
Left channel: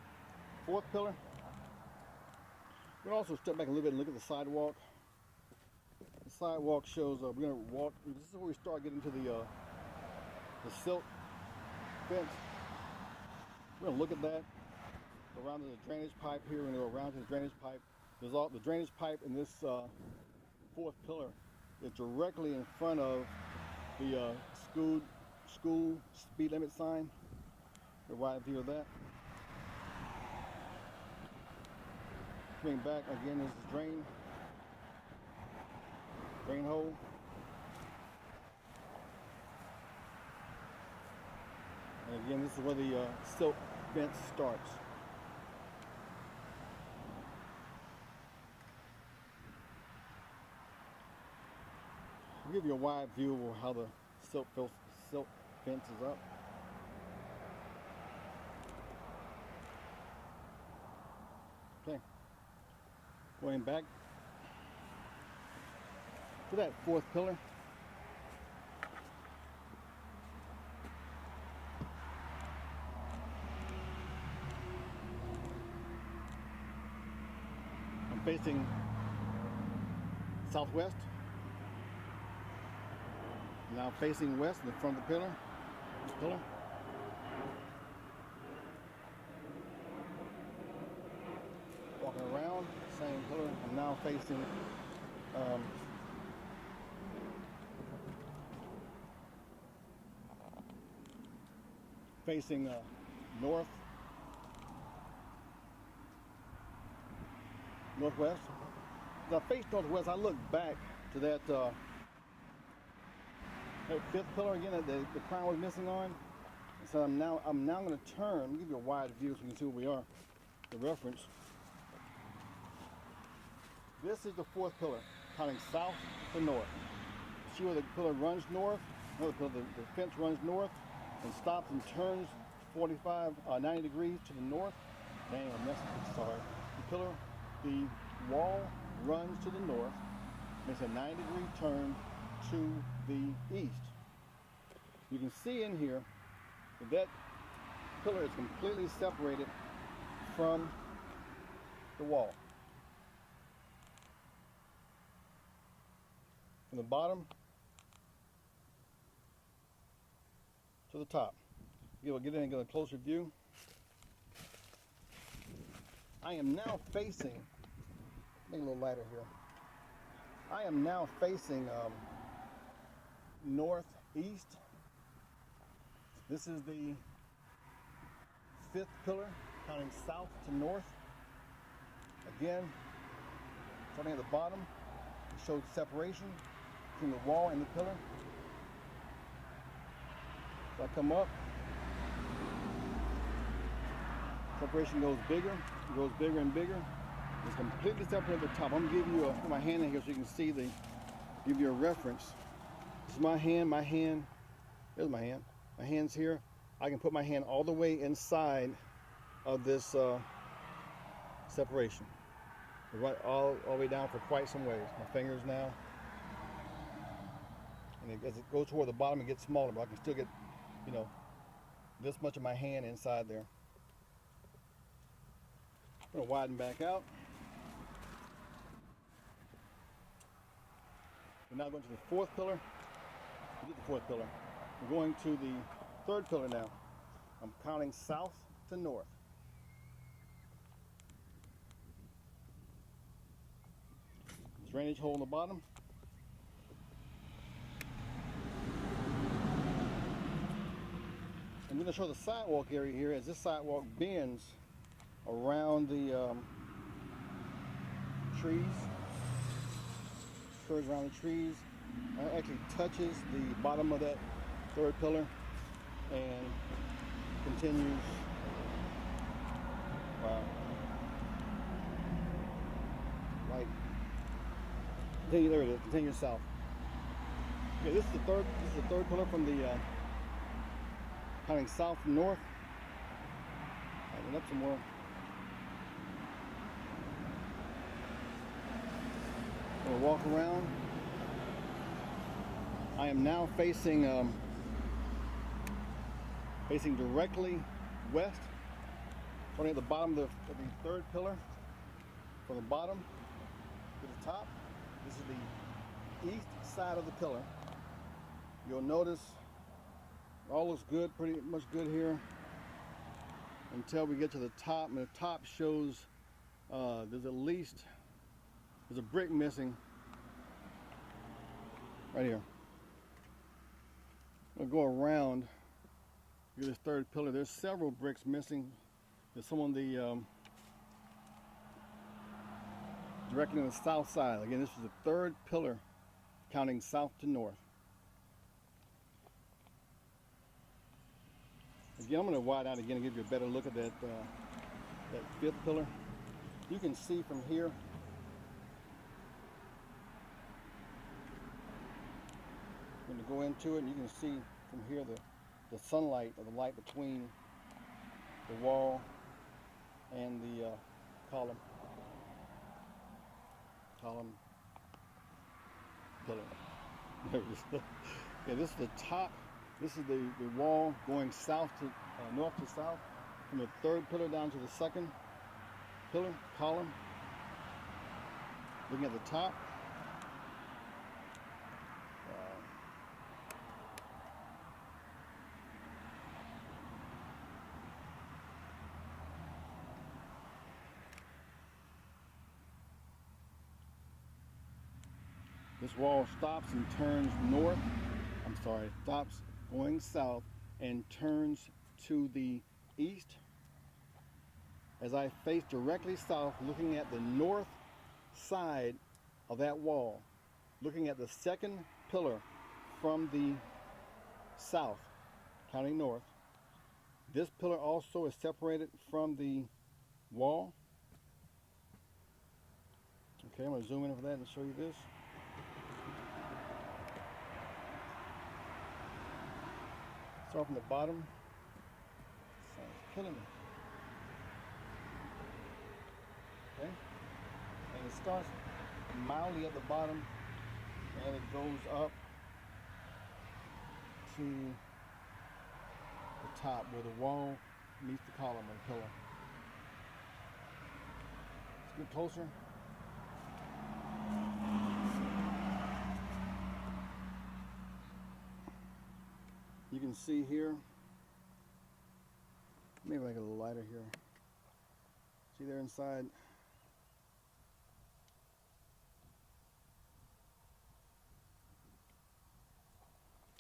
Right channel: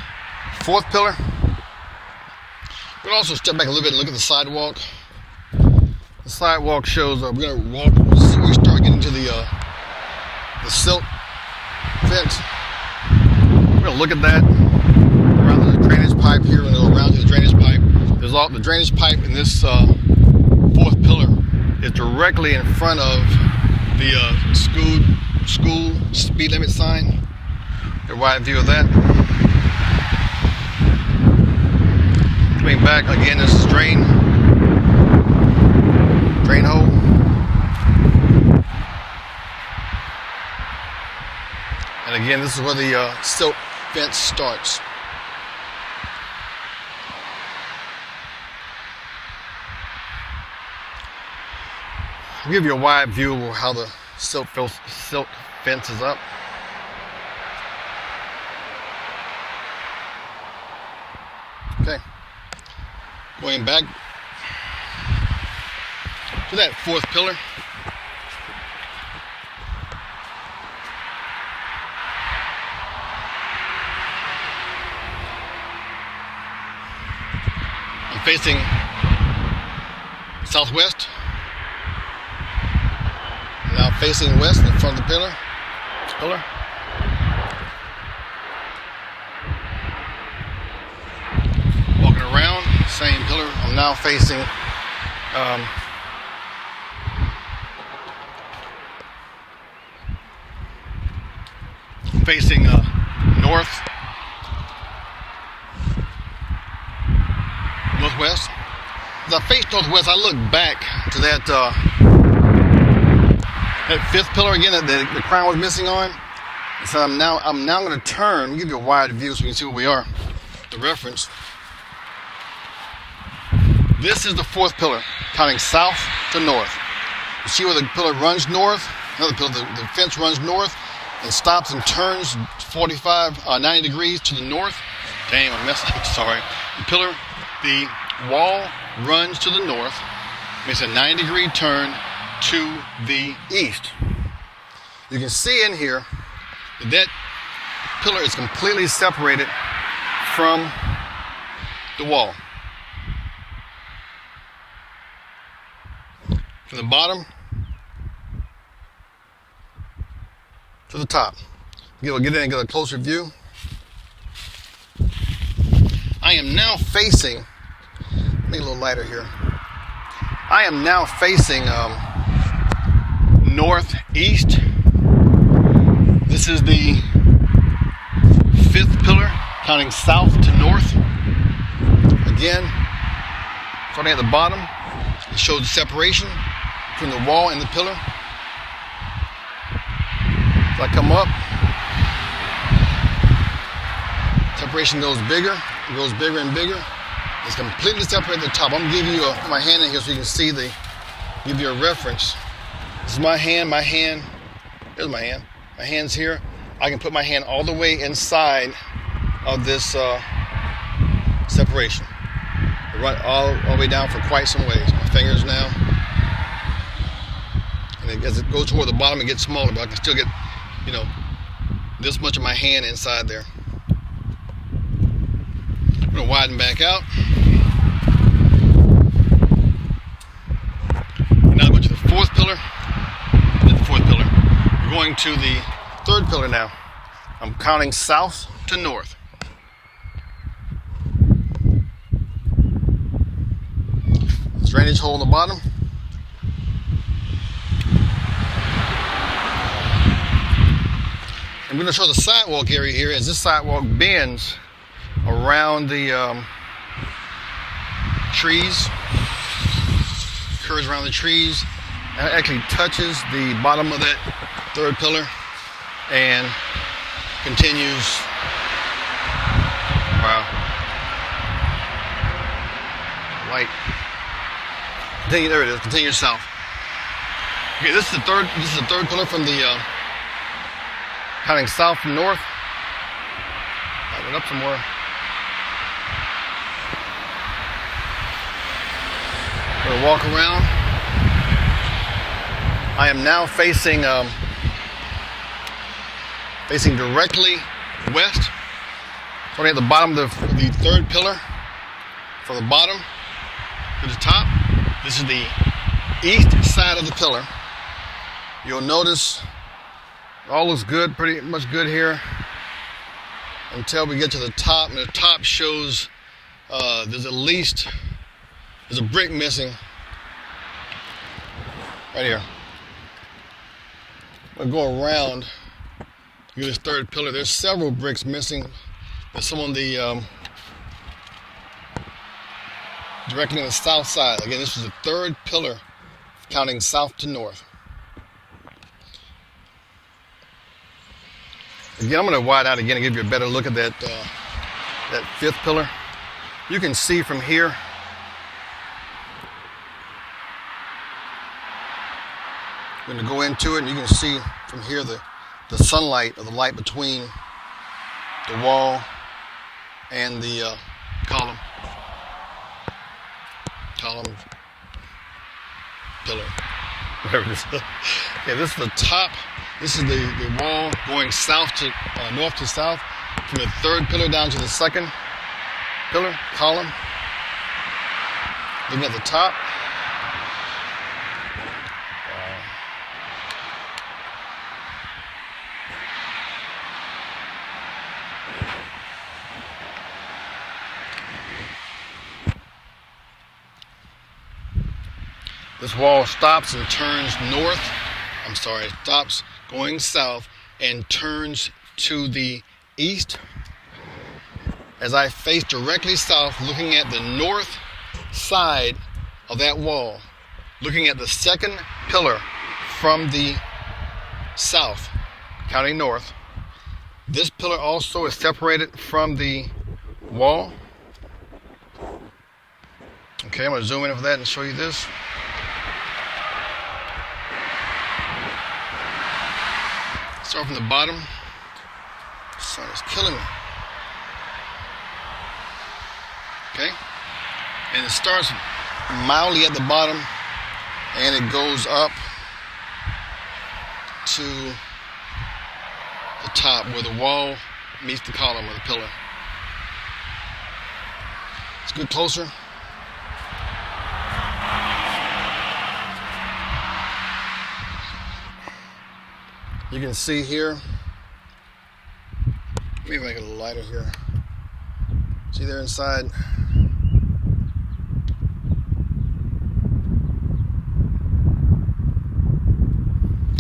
fourth pillar. We're going to also step back a little bit and look at the sidewalk. The sidewalk shows, we're going to walk, we start getting to the silt fence. We're going to look at that. Around the drainage pipe here, and go around to the drainage pipe. There's all the drainage pipe in this fourth pillar is directly in front of the school speed limit sign. A wide view of that. Coming back again, this is drain hole. And again, this is where the silt fence starts. I'll give you a wide view of how the silt fence is up. Okay, going back to that fourth pillar. I'm facing southwest. Now facing west in front of the pillar. Walking around, same pillar. I'm now facing northwest. As I face northwest, I look back to that fifth pillar again that the crown was missing on. And so I'm now going to turn, give you a wide view so you can see where we are. The reference. This is the fourth pillar, counting south to north. You see where the pillar runs north? Another pillar, the fence runs north and stops and turns 90 degrees to the north. Damn, I messed up, sorry. The wall runs to the north, makes a 90-degree turn to the east. You can see in here that pillar is completely separated from the wall. From the bottom to the top. We'll get in and get a closer view. I am now facing, make it a little lighter here. I am now facing northeast. This is the fifth pillar, counting south to north. Again, starting at the bottom, it shows the separation between the wall and the pillar. As I come up, separation goes bigger. It goes bigger and bigger. It's completely separated at the top. I'm gonna give you my hand in here so you can see give you a reference. This is my hand, here's my hand. My hand's here. I can put my hand all the way inside of this separation. Run all the way down for quite some ways. My fingers now. And as it goes toward the bottom, it gets smaller, but I can still get, this much of my hand inside there. I'm gonna widen back out. And now go to the fourth pillar. We're going to the third pillar now. I'm counting south to north. Drainage hole in the bottom. I'm going to show the sidewalk area here as this sidewalk bends around the trees, curves around the trees, and it actually touches the bottom of that third pillar and continues. Wow. Light. There it is. Continue south. Okay, this is the third pillar from the counting south from north. I went up some more. gonna walk around. I am now facing directly west. Starting at the bottom of the third pillar, from the bottom to the top. This is the east side of the pillar. You'll notice it all looks good, pretty much good here, until we get to the top. And the top shows there's a brick missing right here. I'm gonna go around this third pillar. There's several bricks missing. There's some on the directly on the south side. Again, this is the third pillar, counting south to north. Again, I'm going to wide out again and give you a better look at that fifth pillar. You can see from here. I'm going to go into it, and you can see from here the sunlight, or the light between the wall and the column, pillar, whatever it is. Okay, this is the top. This is the wall going south to north to south, from the third pillar down to the second pillar, column. Looking at the top. This wall stops and turns north. Stops going south and turns to the east. As I face directly south, looking at the north side of that wall, looking at the second pillar from the south, counting north. This pillar also is separated from the wall. Okay, I'm going to zoom in for that and show you this. Start from the bottom. The sun is killing me. Okay? And it starts mildly at the bottom, and it goes up to the top where the wall meets the column or the pillar. Let's get closer. You can see here, maybe make it a little lighter here. See there inside?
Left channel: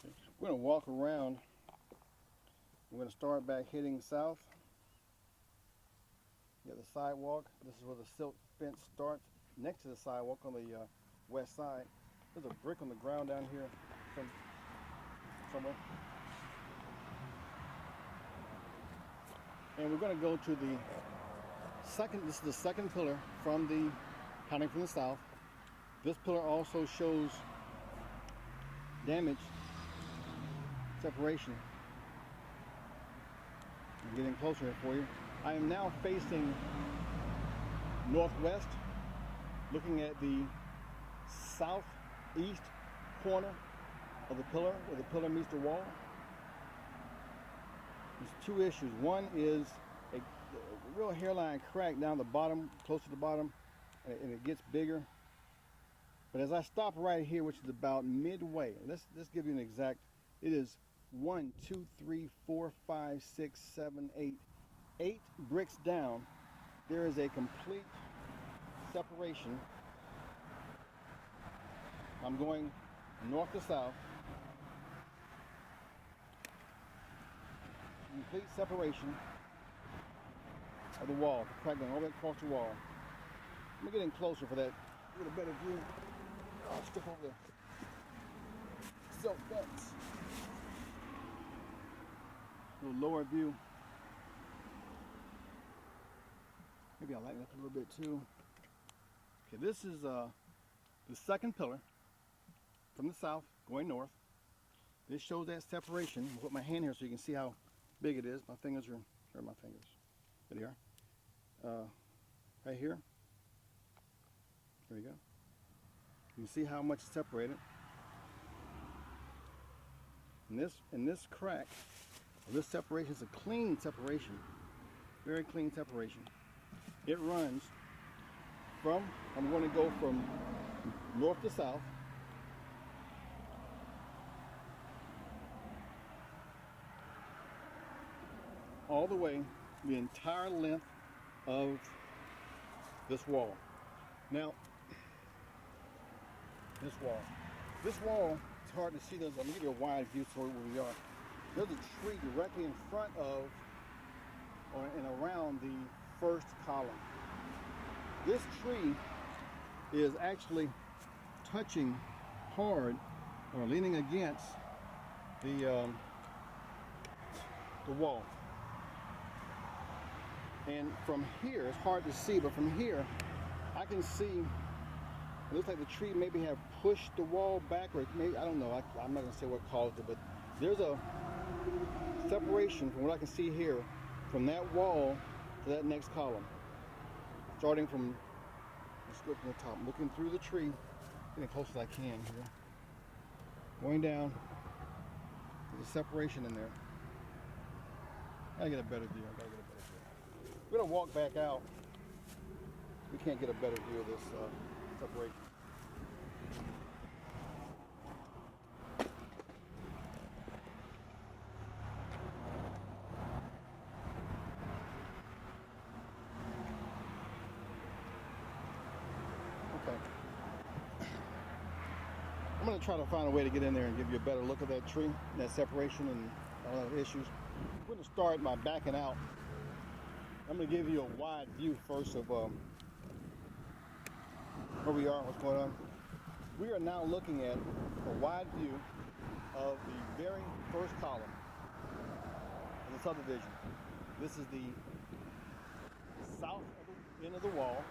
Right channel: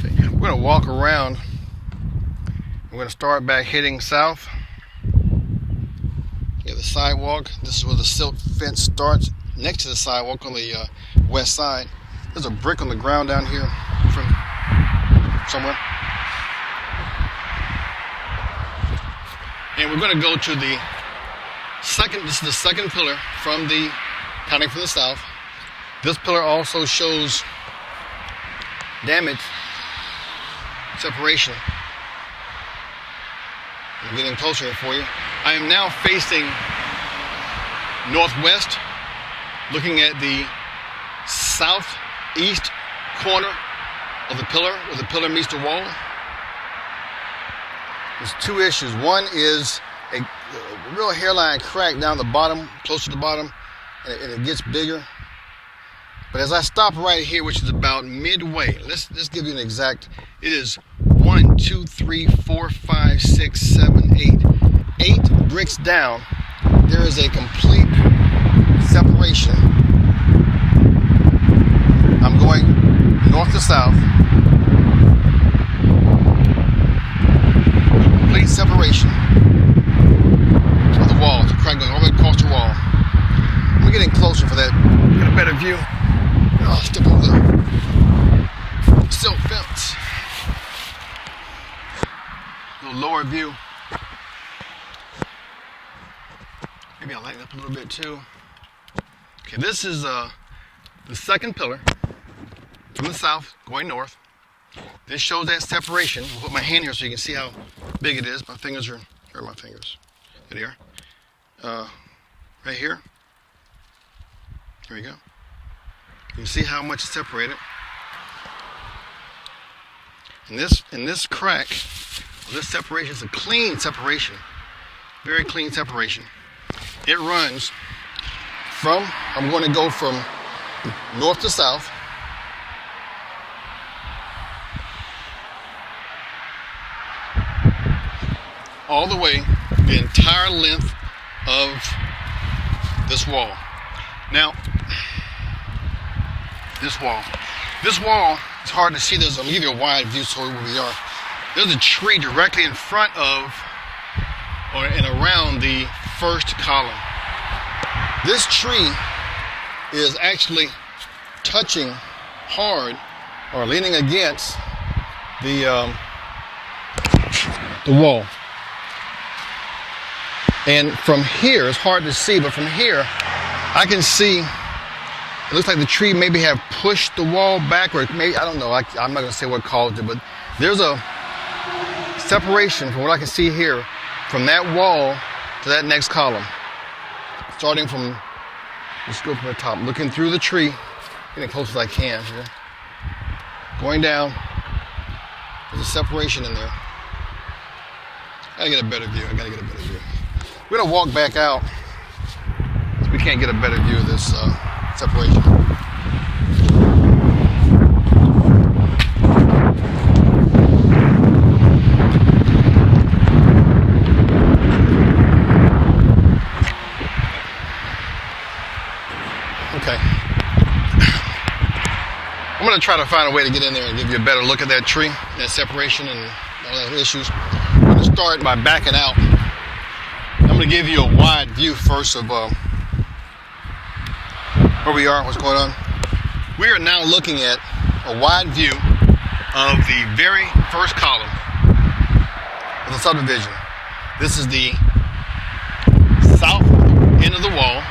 Okay, we're gonna walk around. We're gonna start back heading south. Yeah, the sidewalk. This is where the silk fence starts, next to the sidewalk on the west side. There's a brick on the ground down here from somewhere. And we're going to go to the second, this is the second pillar from the, counting from the south. This pillar also shows damage, separation. I'm getting closer here for you. I am now facing northwest, looking at the southeast corner of the pillar, where the pillar meets the wall. There's two issues. One is a real hairline crack down the bottom, close to the bottom, and it gets bigger. But as I stop right here, which is about midway, let's give you an exact. It is 1, 2, 3, 4, 5, 6, 7, 8 bricks down. There is a complete separation. I'm going north to south. Complete separation of the wall. The crack going all the way across the wall. We're getting closer for that. Get a better view. I'll step over the silk fence. A little lower view. Maybe I'll lighten up a little bit too. Okay, this is the second pillar from the south going north. This shows that separation. I'll put my hand here so you can see how big it is. My fingers are, here are my fingers. Good here. Right here. There you go. You see how much is separated? And this crack, this separation is a clean separation, very clean separation. It runs from, I'm going to go from north to south. All the way, the entire length of this wall. Now, this wall it's hard to see. I'm gonna give you a wide view so where we are. There's a tree directly in front of and around the first column. This tree is actually touching hard or leaning against the wall. And from here, it's hard to see, but from here, I can see, it looks like the tree maybe have pushed the wall backward. Maybe, I don't know, I'm not gonna say what caused it, but there's a separation from what I can see here, from that wall to that next column. Starting from, let's go from the top, looking through the tree, getting as close as I can here. Going down, there's a separation in there. I gotta get a better view, We're gonna walk back out so we can't get a better view of this separation. Okay. I'm gonna try to find a way to get in there and give you a better look at that tree, that separation and all those issues. I'm gonna start by backing out. I'm going to give you a wide view first of where we are, what's going on. We are now looking at a wide view of the very first column of the subdivision. This is the south end of the wall.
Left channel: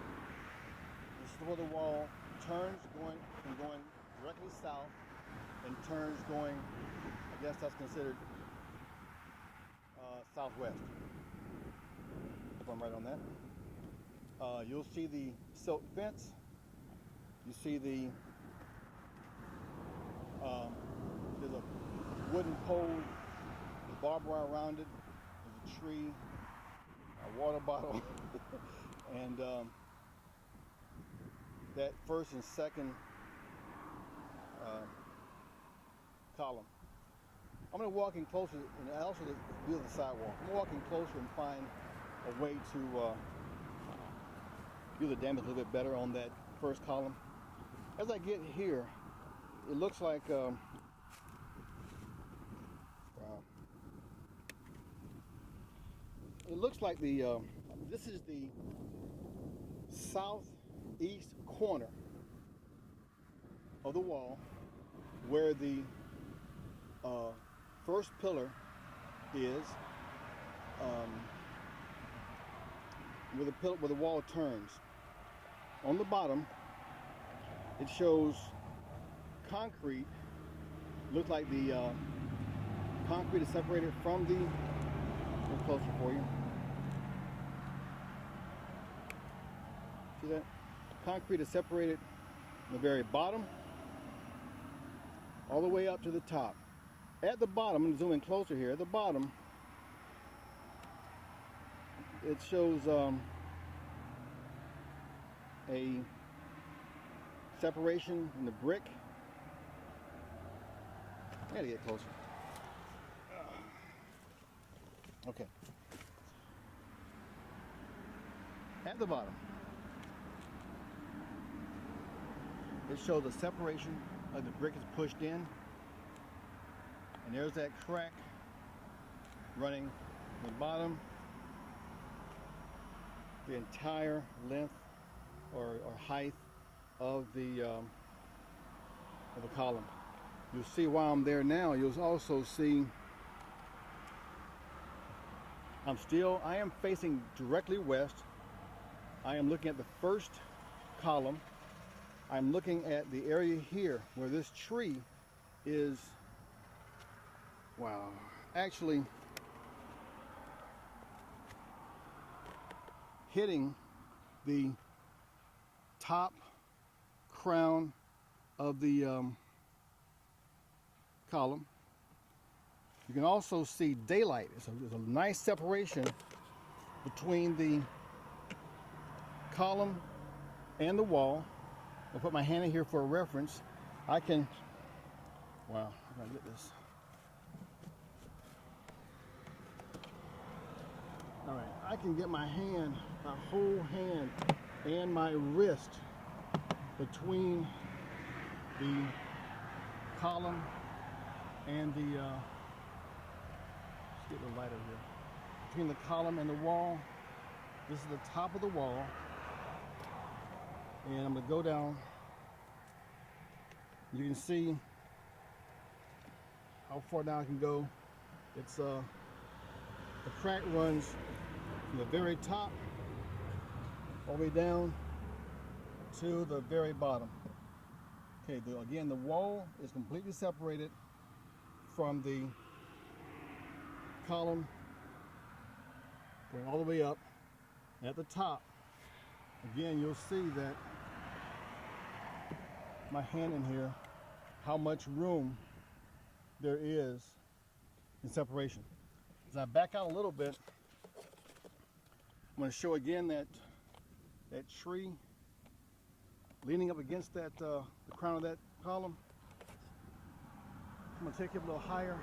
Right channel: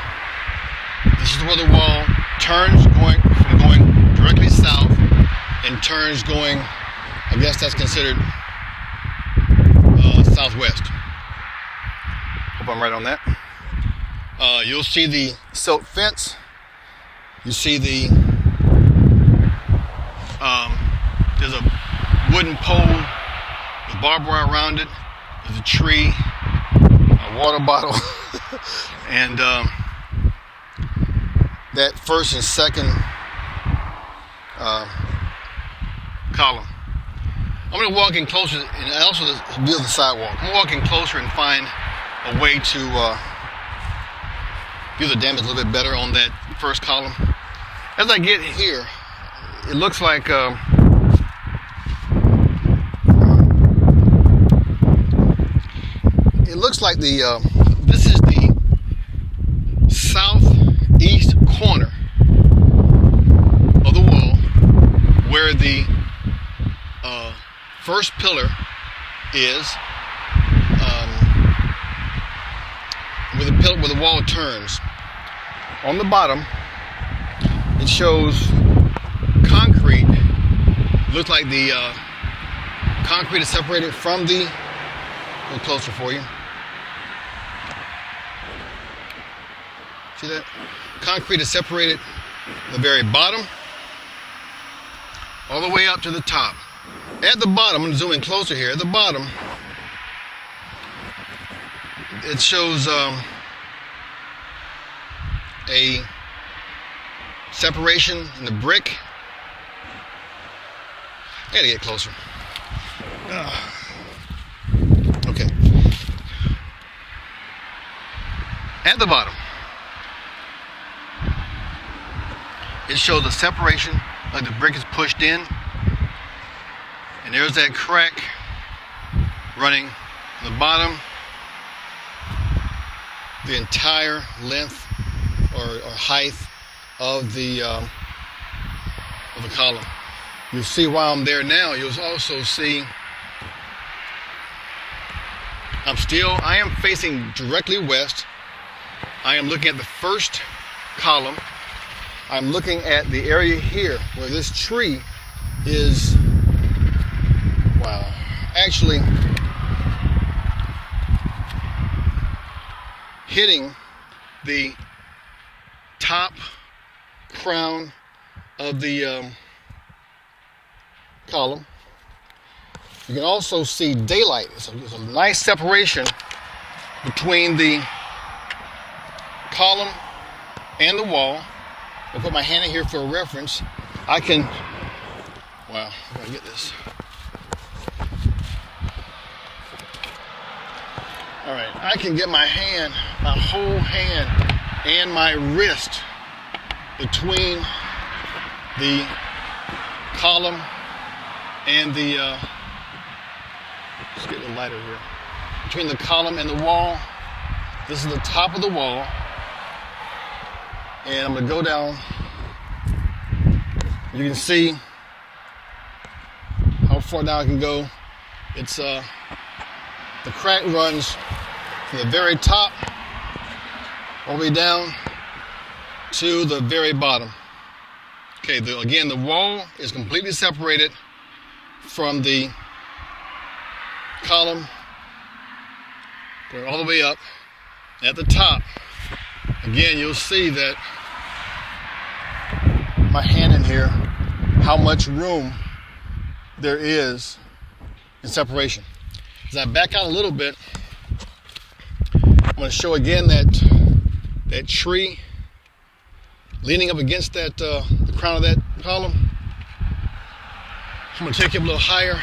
This is where the wall turns going directly south and turns going, I guess that's considered southwest. Hope I'm right on that. You'll see the silk fence. You see the there's a wooden pole with barbed wire around it. There's a tree, a water bottle, and that first and second column. I'm going to walk in closer, and also view the sidewalk. I'm going to walk in closer and find a way to view the damage a little bit better on that first column. As I get here, it looks like this is the southeast corner of the wall where the first pillar is, where the wall turns. On the bottom, it shows concrete. Looks like the concrete is separated from the, a little closer for you. See that? Concrete is separated at the very bottom all the way up to the top. At the bottom, I'm going to zoom in closer here. At the bottom, it shows a separation in the brick. I gotta get closer. Okay. At the bottom, it shows a separation, like the brick is pushed in, and there's that crack running on the bottom, the entire length or height of the column. You'll see while I'm there now, you'll also see I am facing directly west. I am looking at the first column. I'm looking at the area here where this tree is, wow, actually hitting the top crown of the column. You can also see daylight. There's a nice separation between the column and the wall. I'll put my hand in here for a reference. I can, wow, I gotta get this. All right, I can get my hand, my whole hand, and my wrist between the column and the, let's get a lighter here. Between the column and the wall. This is the top of the wall. And I'm gonna go down. You can see how far down I can go. It's, the crack runs from the very top all the way down to the very bottom. Okay, again, the wall is completely separated from the column, going all the way up. At the top, again, you'll see that my hand in here, how much room there is in separation. As I back out a little bit, I'm going to show again that tree leaning up against that the crown of that column. I'm going to take it a little higher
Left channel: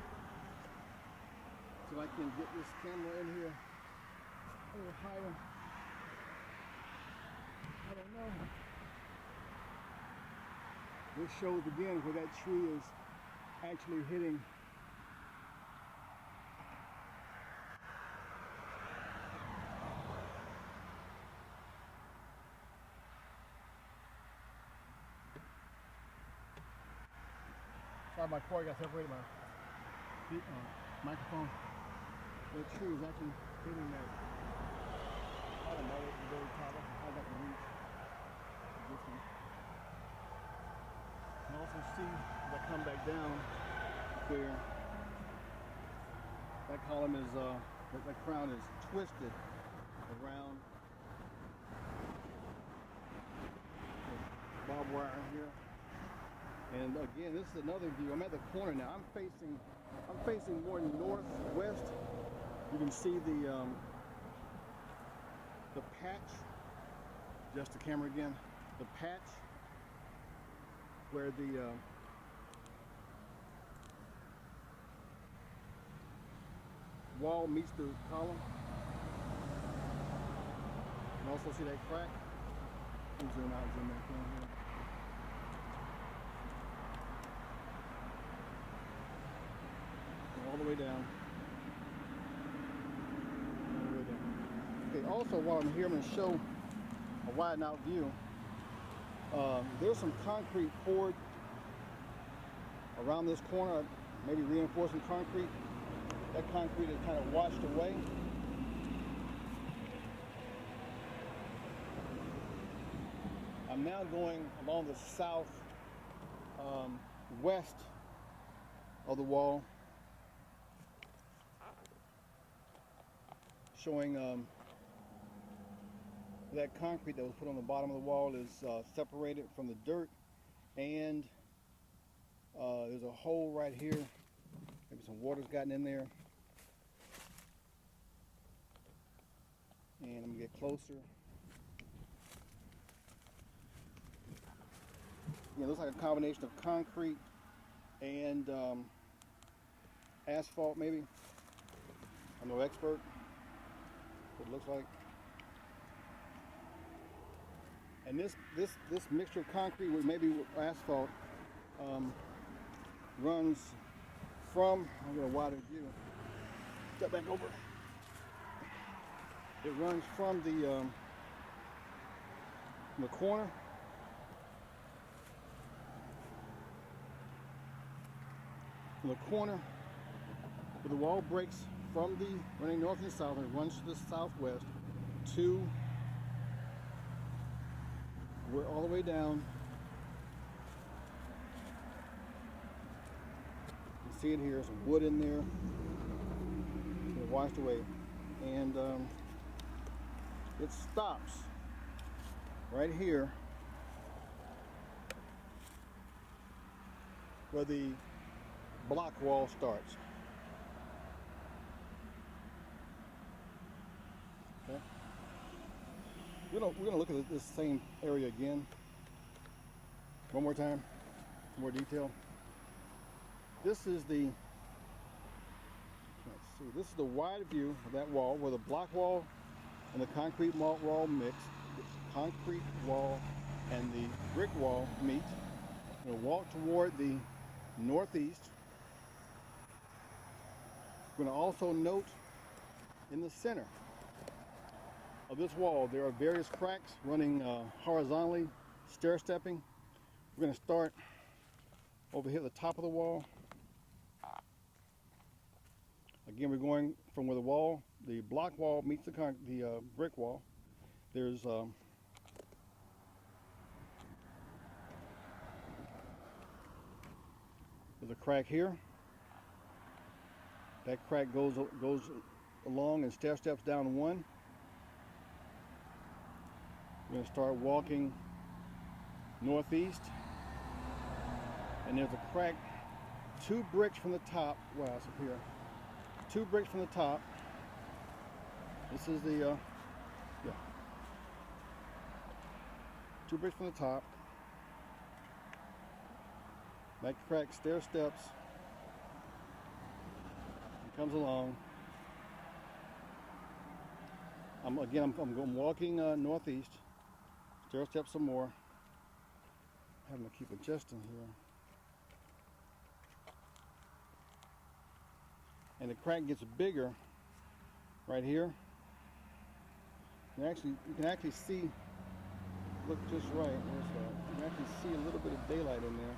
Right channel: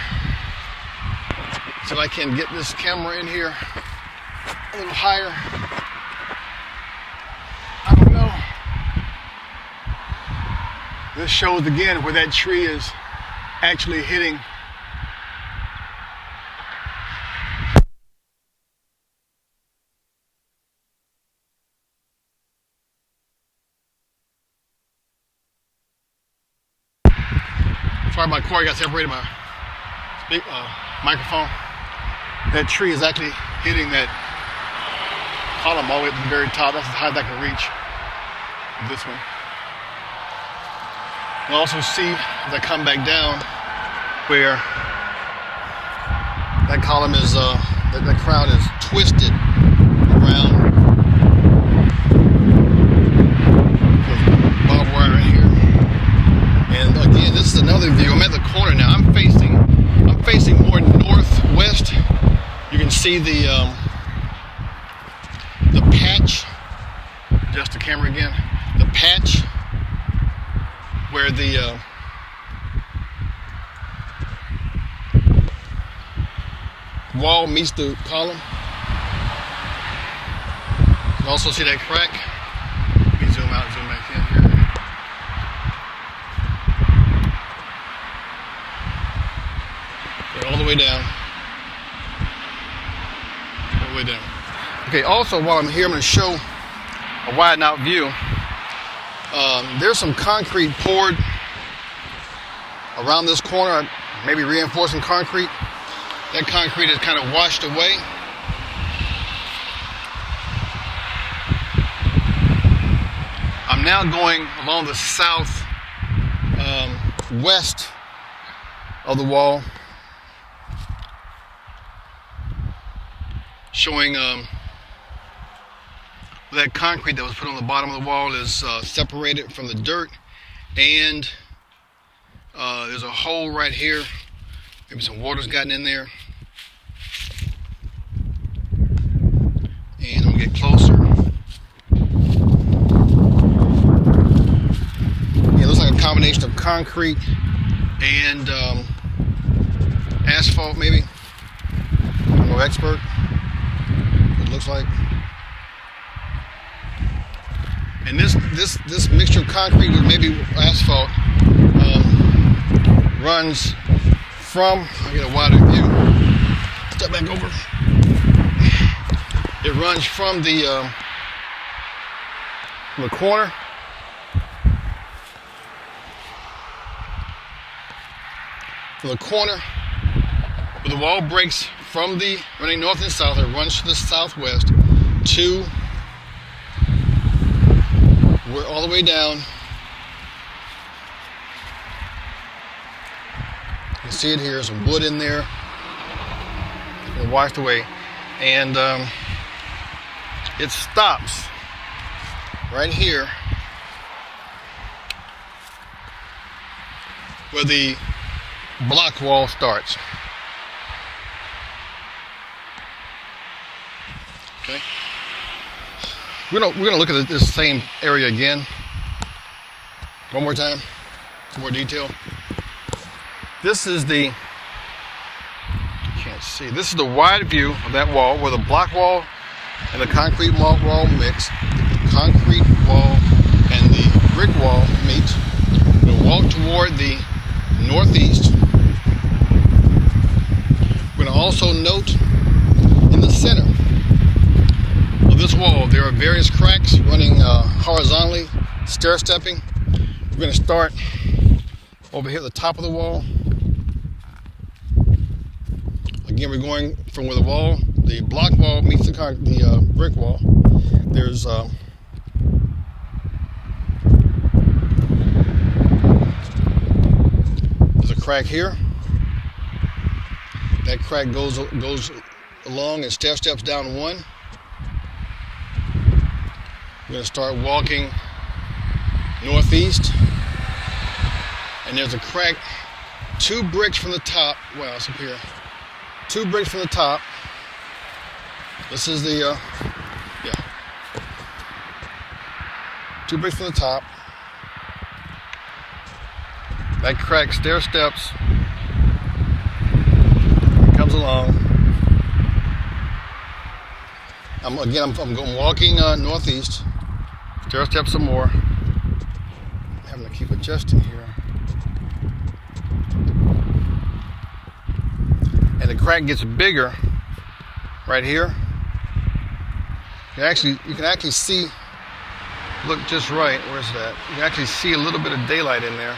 so I can get this camera in here a little higher. I don't know. This shows again where that tree is actually hitting. Sorry, my cord got separated, my microphone. That tree is actually hitting that column all the way up to the very top. That's as high as I can reach. This one. You'll also see as I come back down where that column is, that crown is twisted around. There's barbed wire right here. And again, this is another view. I'm at the corner now. I'm facing more northwest. You can see the patch. Adjust the camera again. The patch where the wall meets the column. You can also see that crack. Let me zoom out, zoom back in here. All the way down. All the way down. Okay, also while I'm here, I'm going to show a widen out view. There's some concrete poured around this corner, maybe reinforcing concrete. That concrete is kind of washed away. I'm now going along the south west of the wall, showing that concrete that was put on the bottom of the wall is separated from the dirt, and there's a hole right here. Maybe some water's gotten in there. And I'm gonna get closer. Yeah, it looks like a combination of concrete and asphalt, maybe. I'm no expert. It looks like. And this mixture of concrete with maybe asphalt runs from, I'll get a wider view, step back over. It runs from the corner where the wall breaks from the running north and south. It runs to the southwest to where all the way down. You can see it here. Some wood in there. It's been washed away, and it stops right here where the block wall starts. Okay. We're gonna look at this same area again. One more time. Some more detail. This is the, you can't see, this is the wide view of that wall where the block wall and the concrete wall mix. The concrete wall and the brick wall meet. We'll walk toward the northeast. We're going to also note in the center of this wall there are various cracks running horizontally, stair-stepping. We're going to start over here at the top of the wall. Again, we're going from where the block wall meets the brick wall. There's a crack here. That crack goes along and steps down one. We're going to start walking northeast, and there's a crack 2 bricks from the top. Wow, it's up here. 2 bricks from the top. This is the 2 bricks from the top. That crack stair steps, comes along. I'm going walking northeast. Stair steps some more. I'm having to keep adjusting here. And the crack gets bigger right here. You can actually see. Look just right. Where's that? You can actually see a little bit of daylight in there.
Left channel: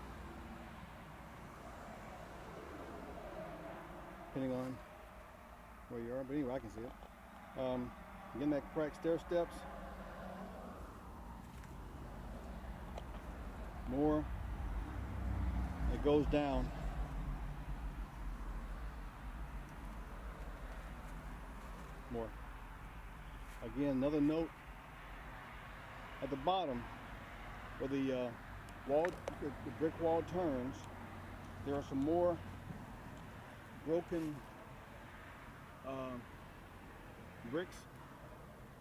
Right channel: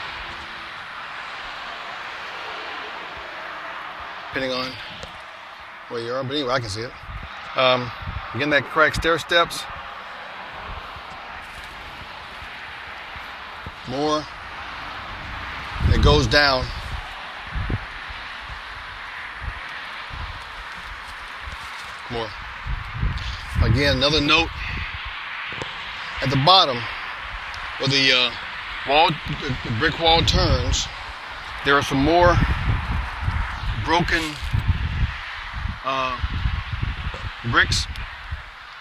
Depending on where you are, but anyway, I can see it. Again, that crack stair steps. More. And it goes down. More. Again, another note at the bottom where the brick wall turns, there are some more broken bricks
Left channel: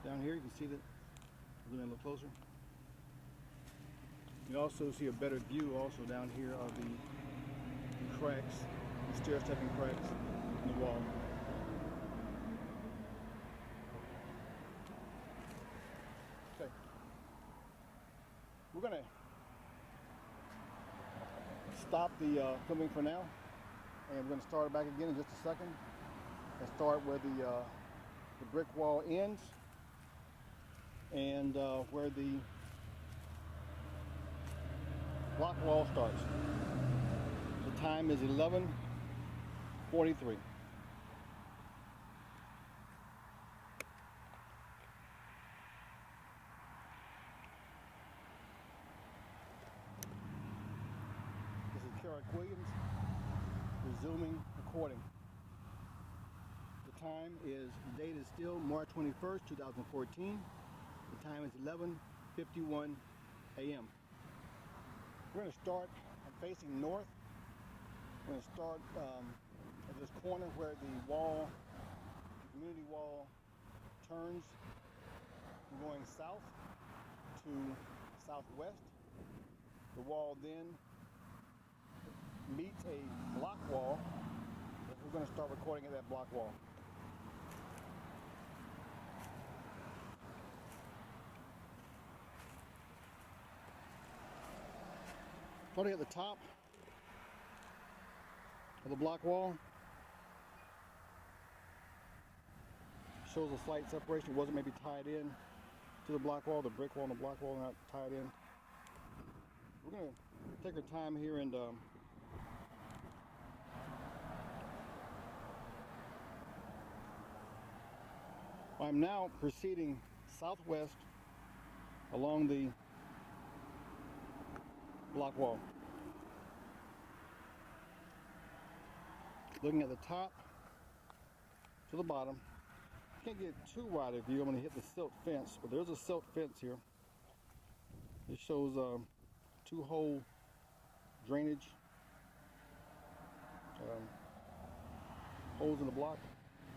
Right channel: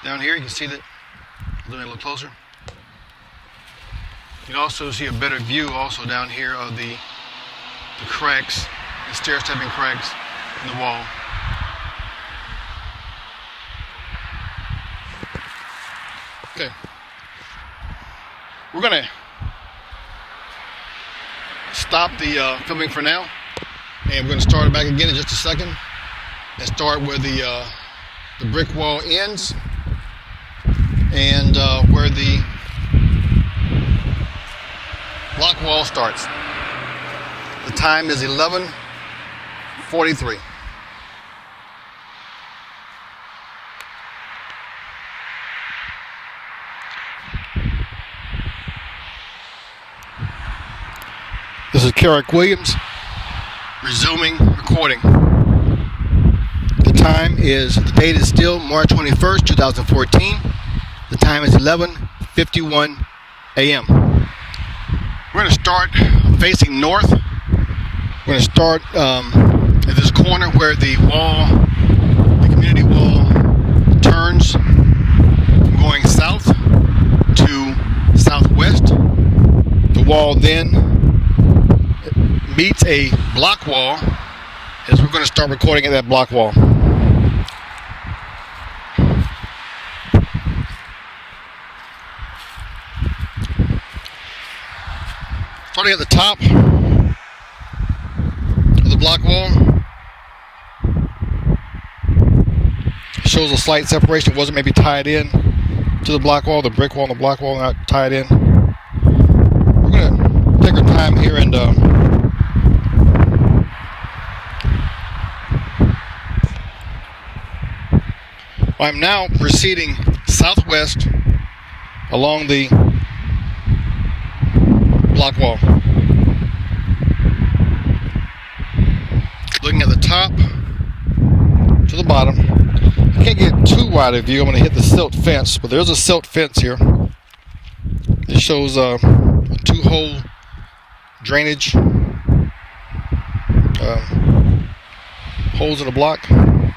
down here. You can see that. Let me look closer. You can also see a better view also down here of the cracks, the stair-stepping cracks in the wall. Okay. We're going to stop the filming for now, and we're going to start it back again in just a second and start where the brick wall ends and where the block wall starts. The time is 11:43. This is Carrick Williams resuming recording. The date is still March 21st, 2014. The time is 11:51 a.m. We're going to start facing north. We're going to start at this corner where the community wall turns, going south to southwest. The wall then meets a block wall, as we're going to start recording at that block wall. Starting at the top of the block wall, shows a slight separation. It wasn't maybe tied in to the block wall, the brick wall and the block wall not tied in. We're going to take our time here and I'm now proceeding southwest along the block wall. Looking at the top to the bottom. I can't get too wide a view. I'm going to hit the silt fence, but there's a silt fence here. It shows a 2-hole drainage holes in the block. I'm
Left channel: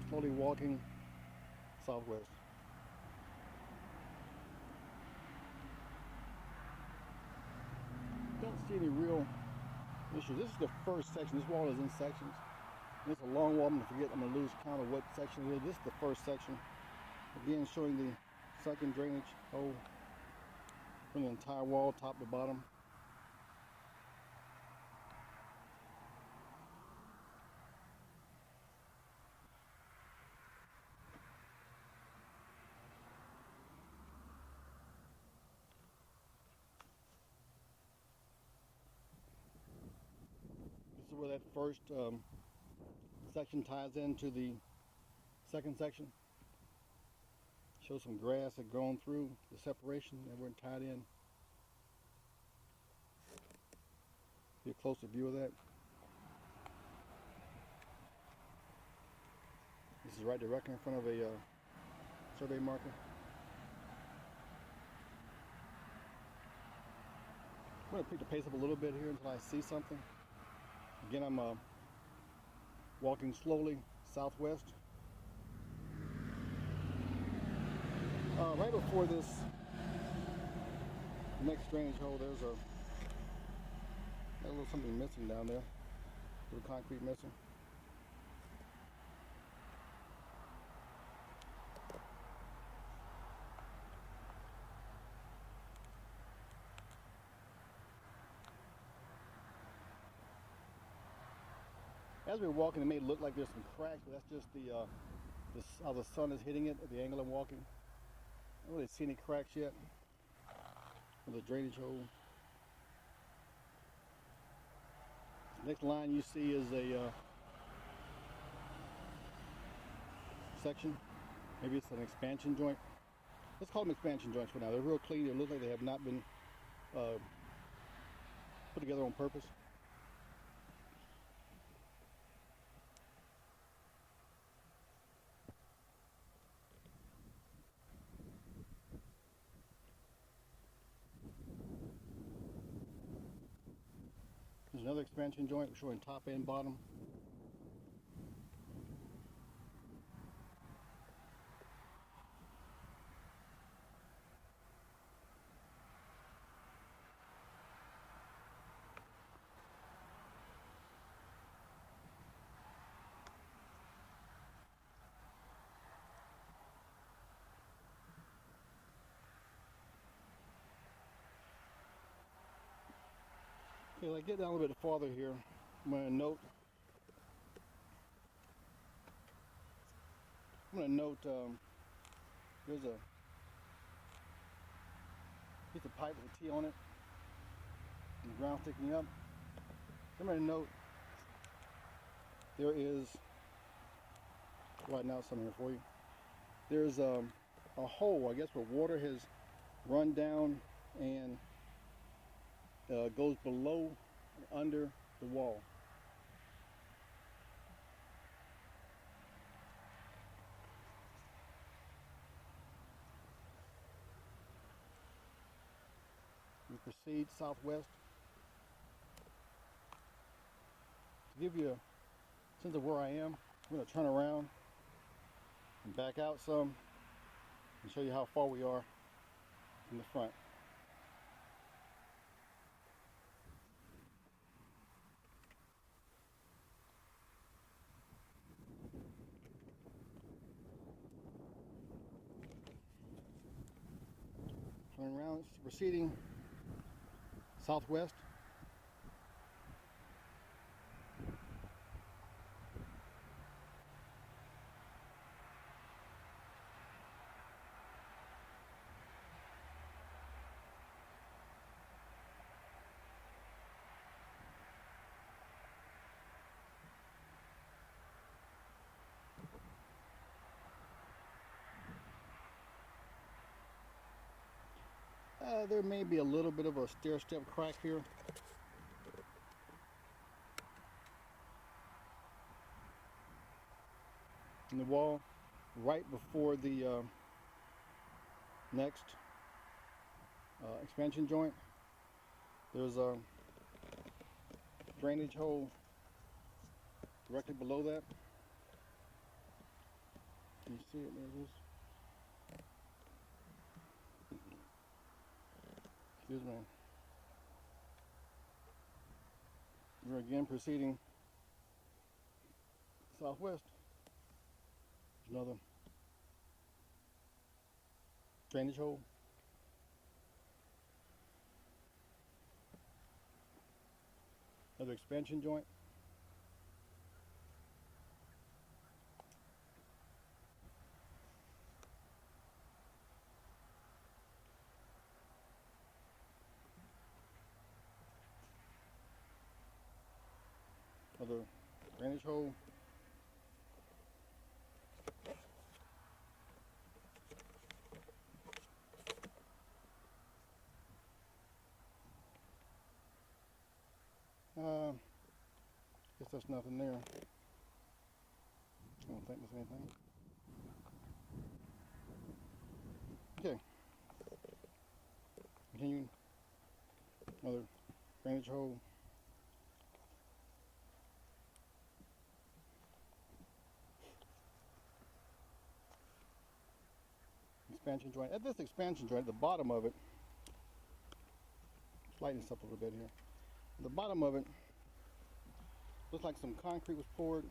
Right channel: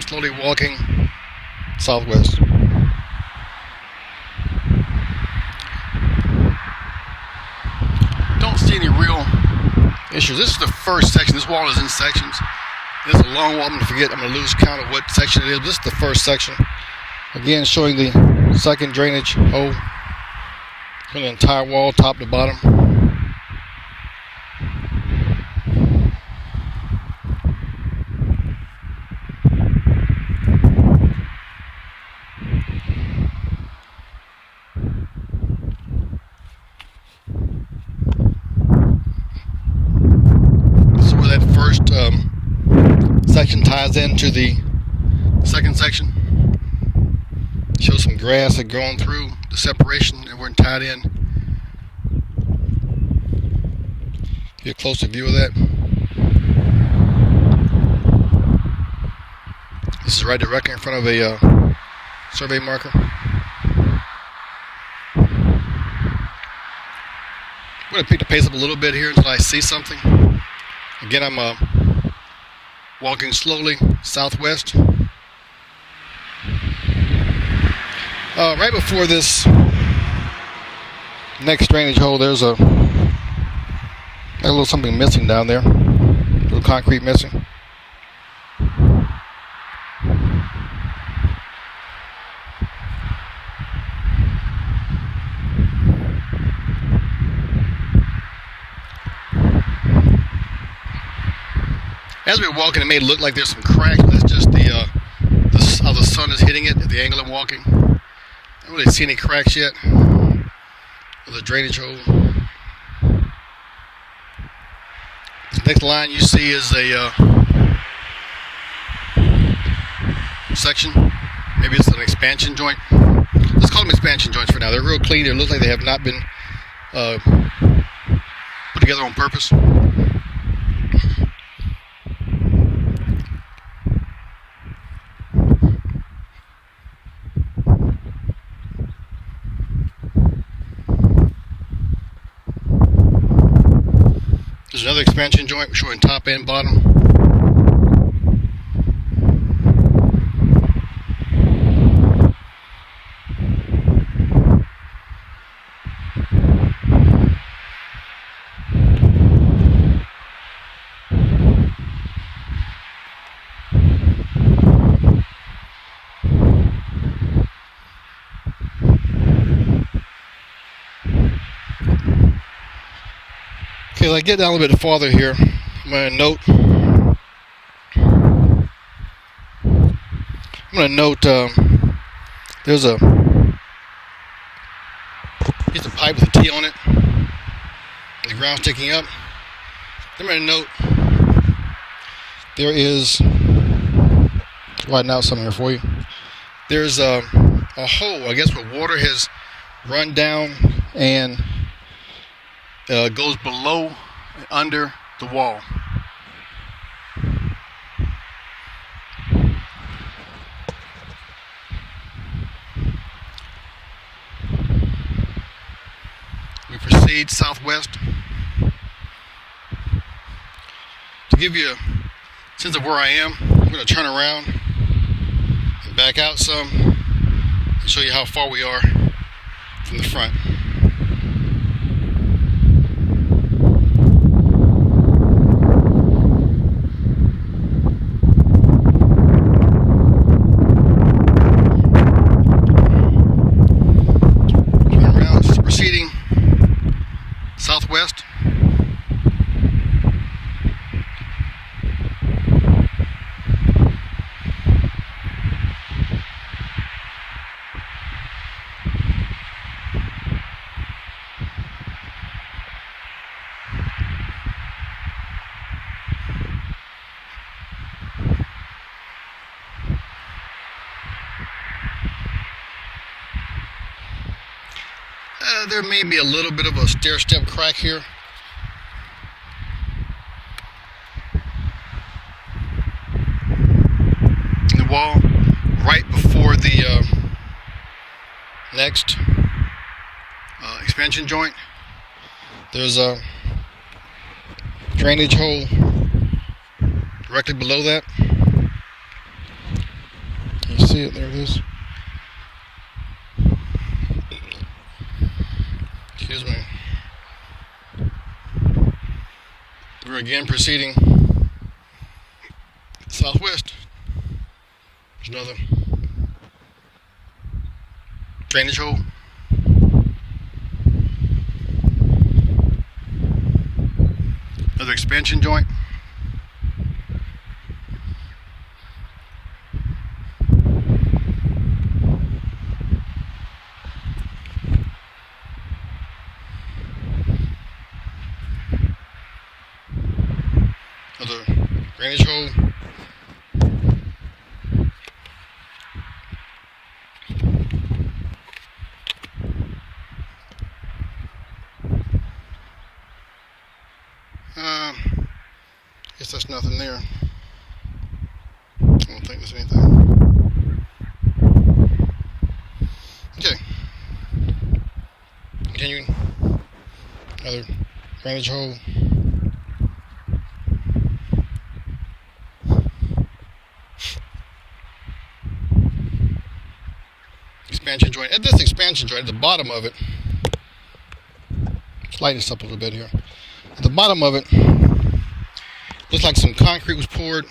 slowly walking southwest. Don't see any real issues. This is the first section. This wall is in sections. It's a long wall. I'm going to lose count of what section it is. This is the first section. Again, showing the second drainage hole for the entire wall, top to bottom. This is where that first section ties into the second section. Show some grass that going through the separation and we're tied in. Get a closer view of that. This is right directly in front of a survey marker. I'm going to pick the pace up a little bit here until I see something. Again, I'm walking slowly southwest. Right before this next drainage hole, there's a little something missing down there. A little concrete missing. As we were walking, it may look like there's some cracks. That's just how the sun is hitting it at the angle I'm walking. I don't really see any cracks yet. There's a drainage hole. This next line you see is a section. Maybe it's an expansion joint. Let's call them expansion joints for now. They're real clean. They look like they have not been put together on purpose. There's another expansion joint showing top and bottom. Okay, as I get down a little bit farther here, I'm going to note there's a piece of pipe with a T on it, and the ground sticking up. I'm going to note there is, widen out some here for you. There's a hole, I guess, where water has run down and goes below and under the wall. We proceed southwest. To give you a sense of where I am, I'm going to turn around and back out some and show you how far we are from the front. Proceeding southwest. There may be a little bit of a stair-step crack here. right before the next expansion joint. There's a drainage hole directly below that. You see it? There it is. Excuse me. We're again proceeding southwest. There's another drainage hole. Another expansion joint. Another drainage hole. Guess that's nothing there. I don't think there's anything. Okay. Continuing. Another drainage hole. Expansion joint. At this expansion joint, at the bottom of it, let's lighten this up a little bit here. At the bottom of it, looks like some concrete was poured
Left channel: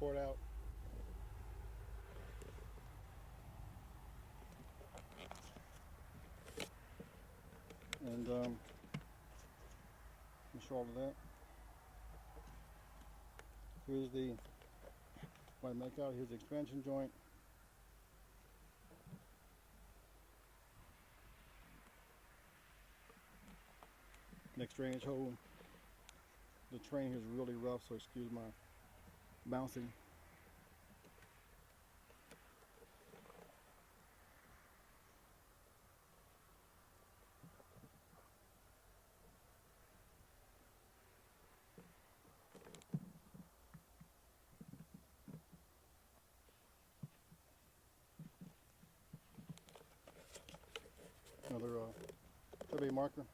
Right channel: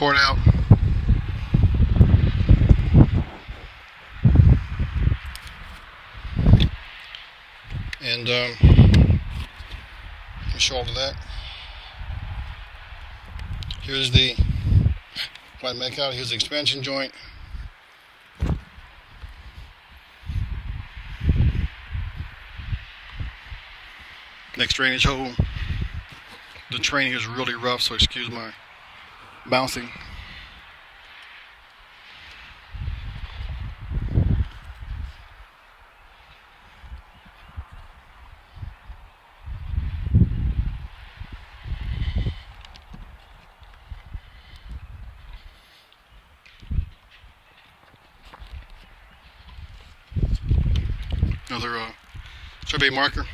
out. And let me show all of that. Here's the white make out. Here's the expansion joint. Next drainage hole. The terrain here is really rough, so excuse my bouncing. Another survey marker.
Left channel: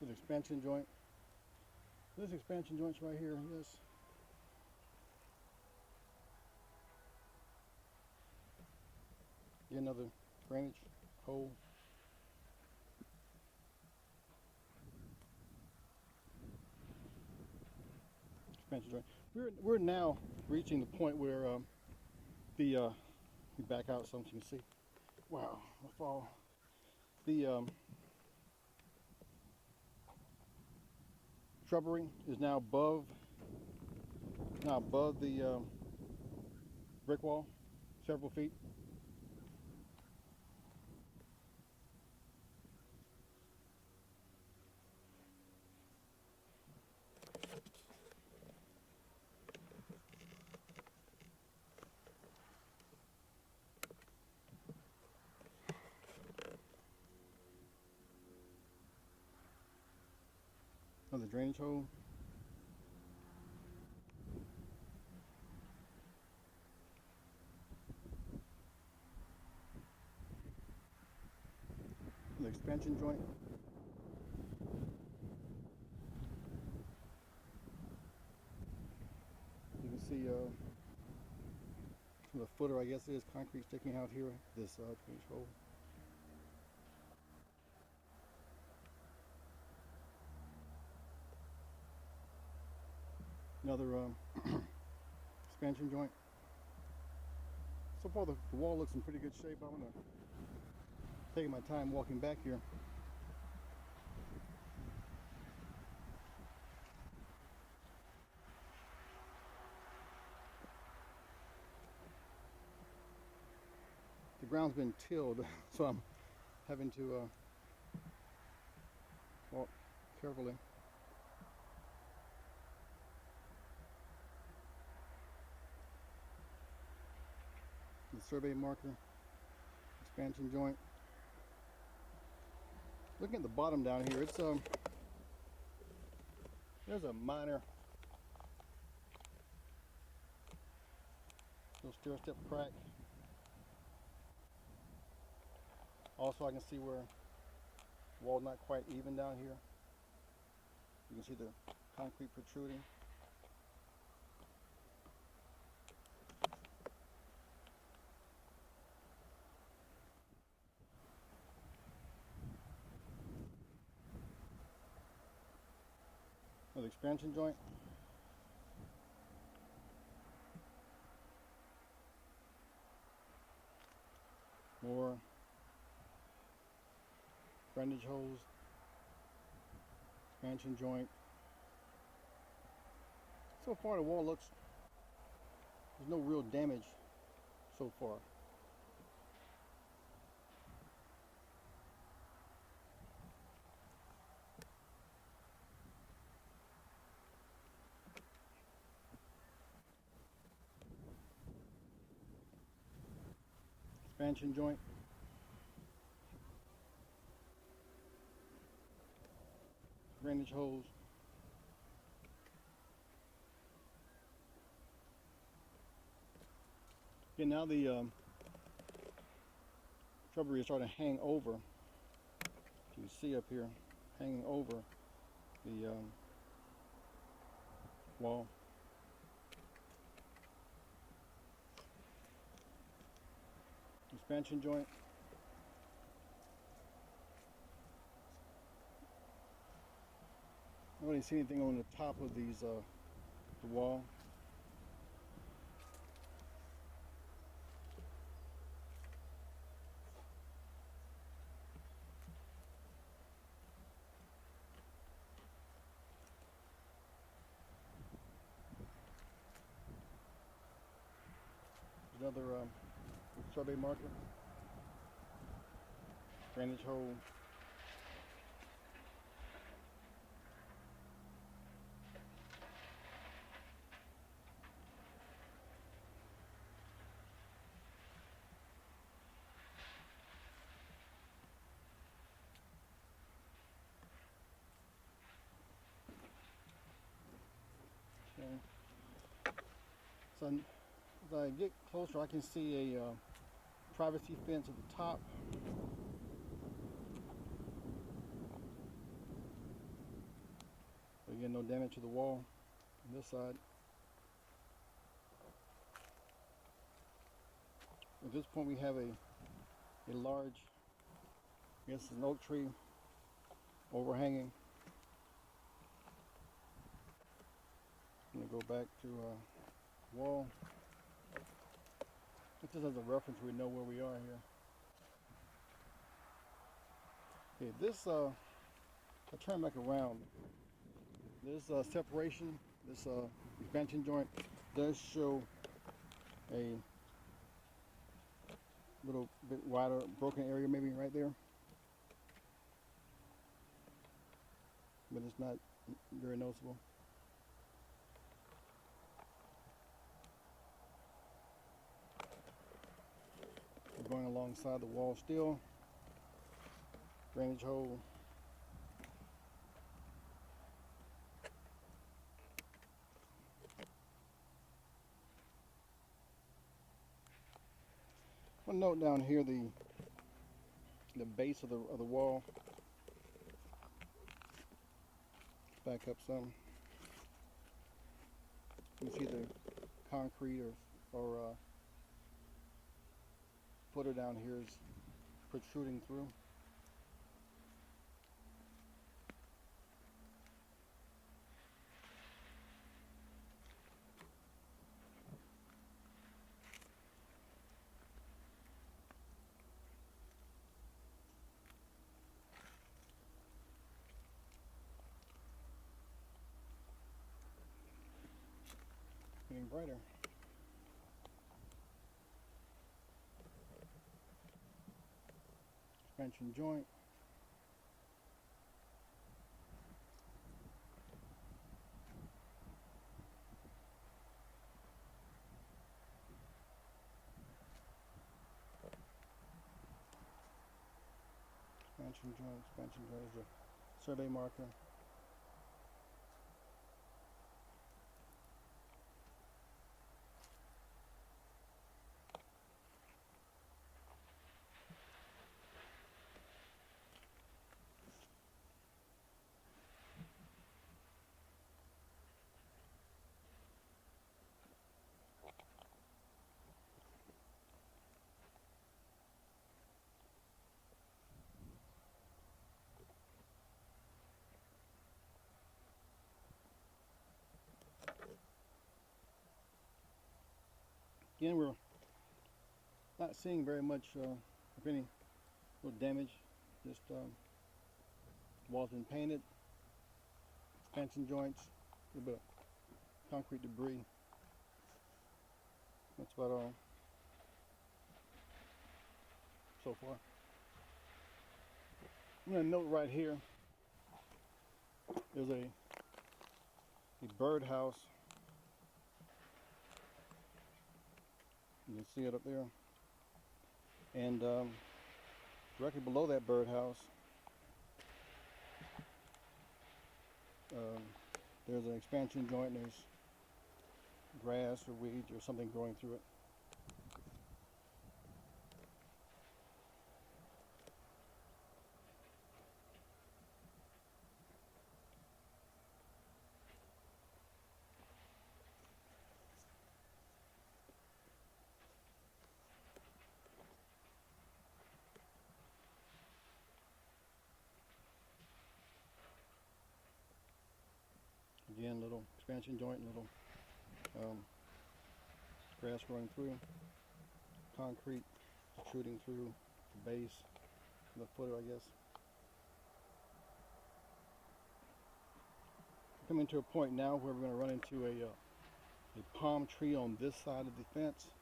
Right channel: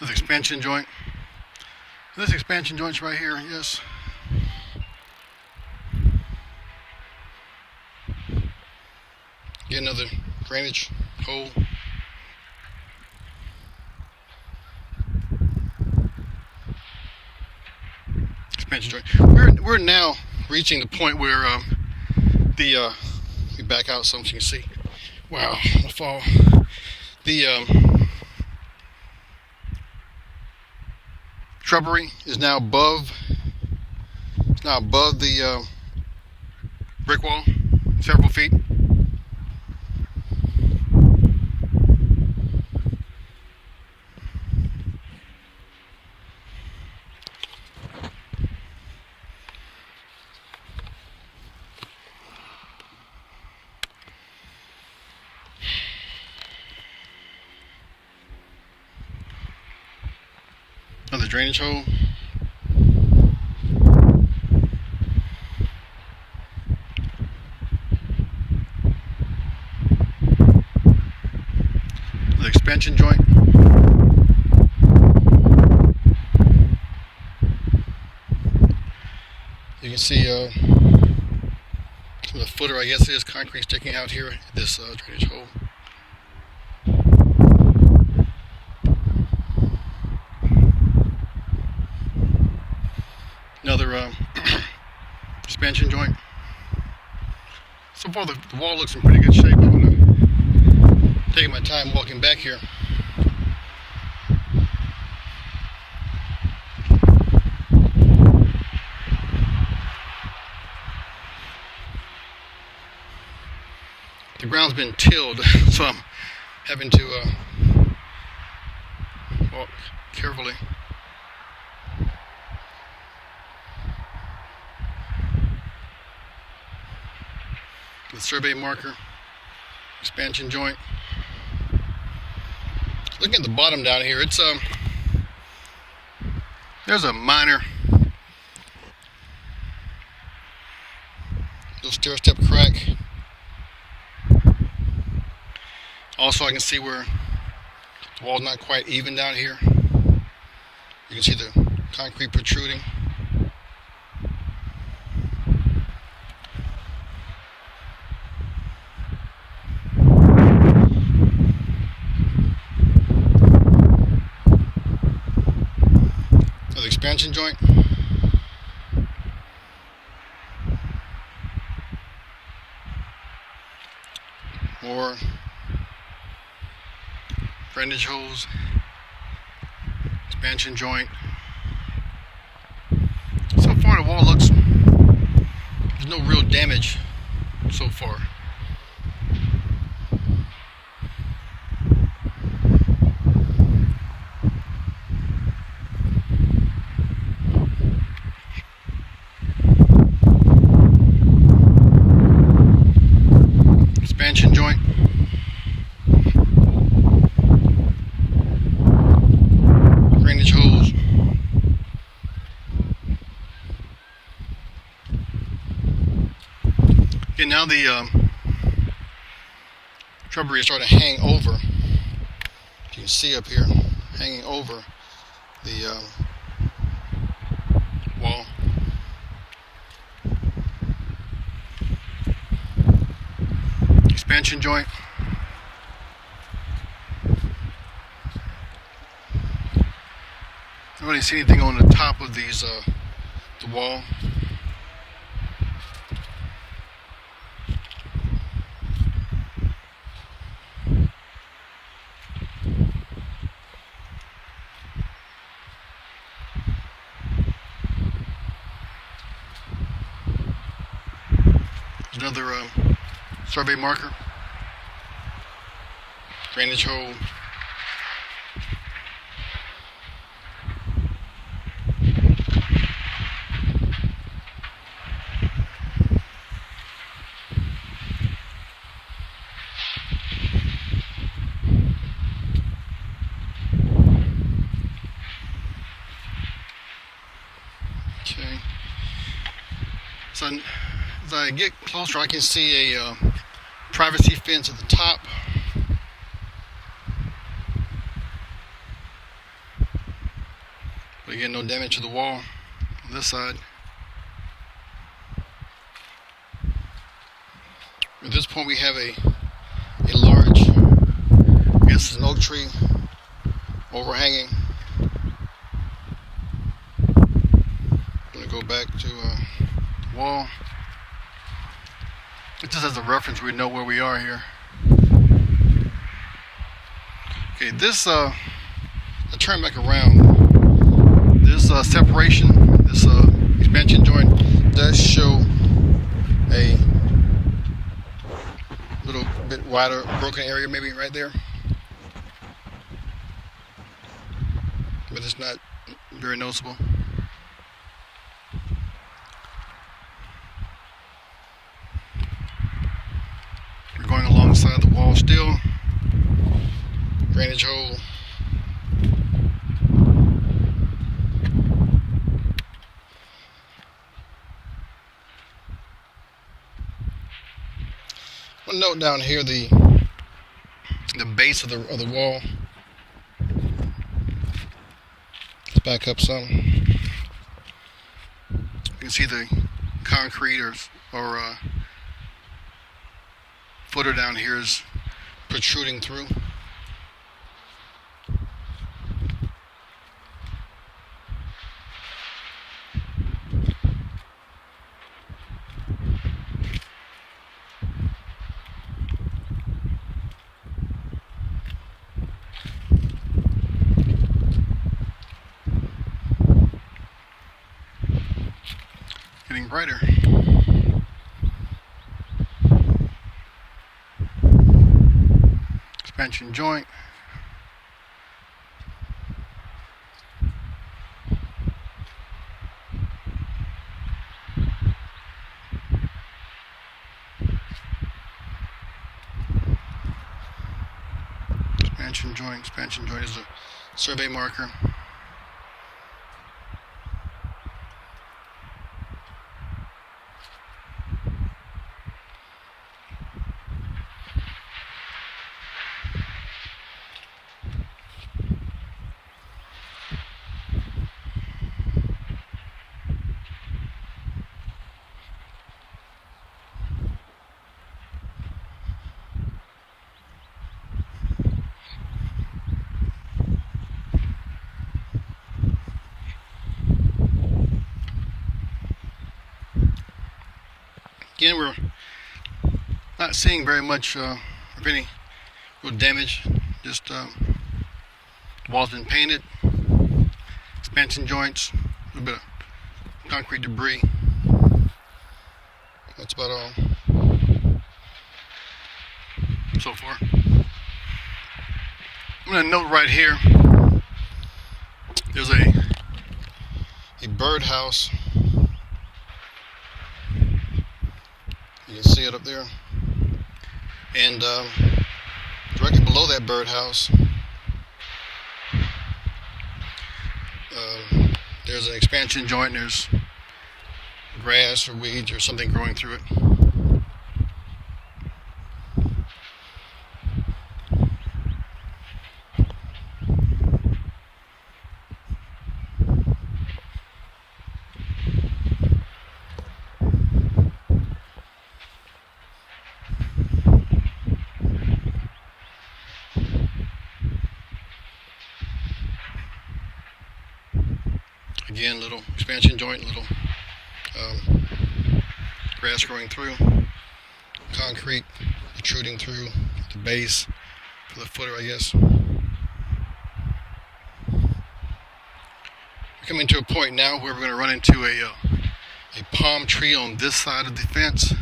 This expansion joint. This expansion joint's right here, yes. Get another drainage hole. Expansion joint. We're now reaching the point where we back out some so you can see. Wow, the fall. The shrubbery is now above. It's now above the brick wall, several feet. Another drainage hole. The expansion joint. You can see some of the footer, I guess it is concrete sticking out here at this drainage hole. Another expansion joint. So far the wall looks in pretty good shape. I'm going to take my time walking back here. The ground's been tilled, so I'm having to walk carefully. The survey marker, expansion joint. looking at the bottom down here, it's there's a minor little stair step crack. Also, I can see where the wall's not quite even down here. You can see the concrete protruding. Another expansion joint. More drainage holes, expansion joint. So far the wall looks, there's no real damage so far. Expansion joint. Drainage holes. Okay, now the shrubbery is starting to hang over. You can see up here, hanging over the wall. Expansion joint. I don't really see anything on the top of these, the wall. Another survey marker. Drainage hole. Okay. So as I get closer, I can see a privacy fence at the top. But again, no damage to the wall on this side. At this point, we have a large, I guess it's an oak tree overhanging. I'm going to go back to the wall. Just as a reference, we know where we are here. Okay, this, I turn back around. This separation, this expansion joint does show a little bit wider broken area, maybe right there. But it's not very noticeable. We're going alongside the wall still. Drainage hole. One note down here, the base of the wall. Let's back up some. You can see the concrete or footer down here is protruding through. Getting brighter. Expansion joint. expansion joint. Expansion joint is a survey marker. Again, we're not seeing very much of any real damage. Just walls been painted, expansion joints, a little bit of concrete debris. That's about all so far. I'm going to note right here, there's a birdhouse. You can see it up there, and directly below that birdhouse, there's an expansion joint. There's grass or weeds or something growing through it. Again, little expansion joint, little grass growing through, concrete protruding through the base for the footer, I guess. We're coming to a point now where we're going to run into a palm tree on this side of the fence,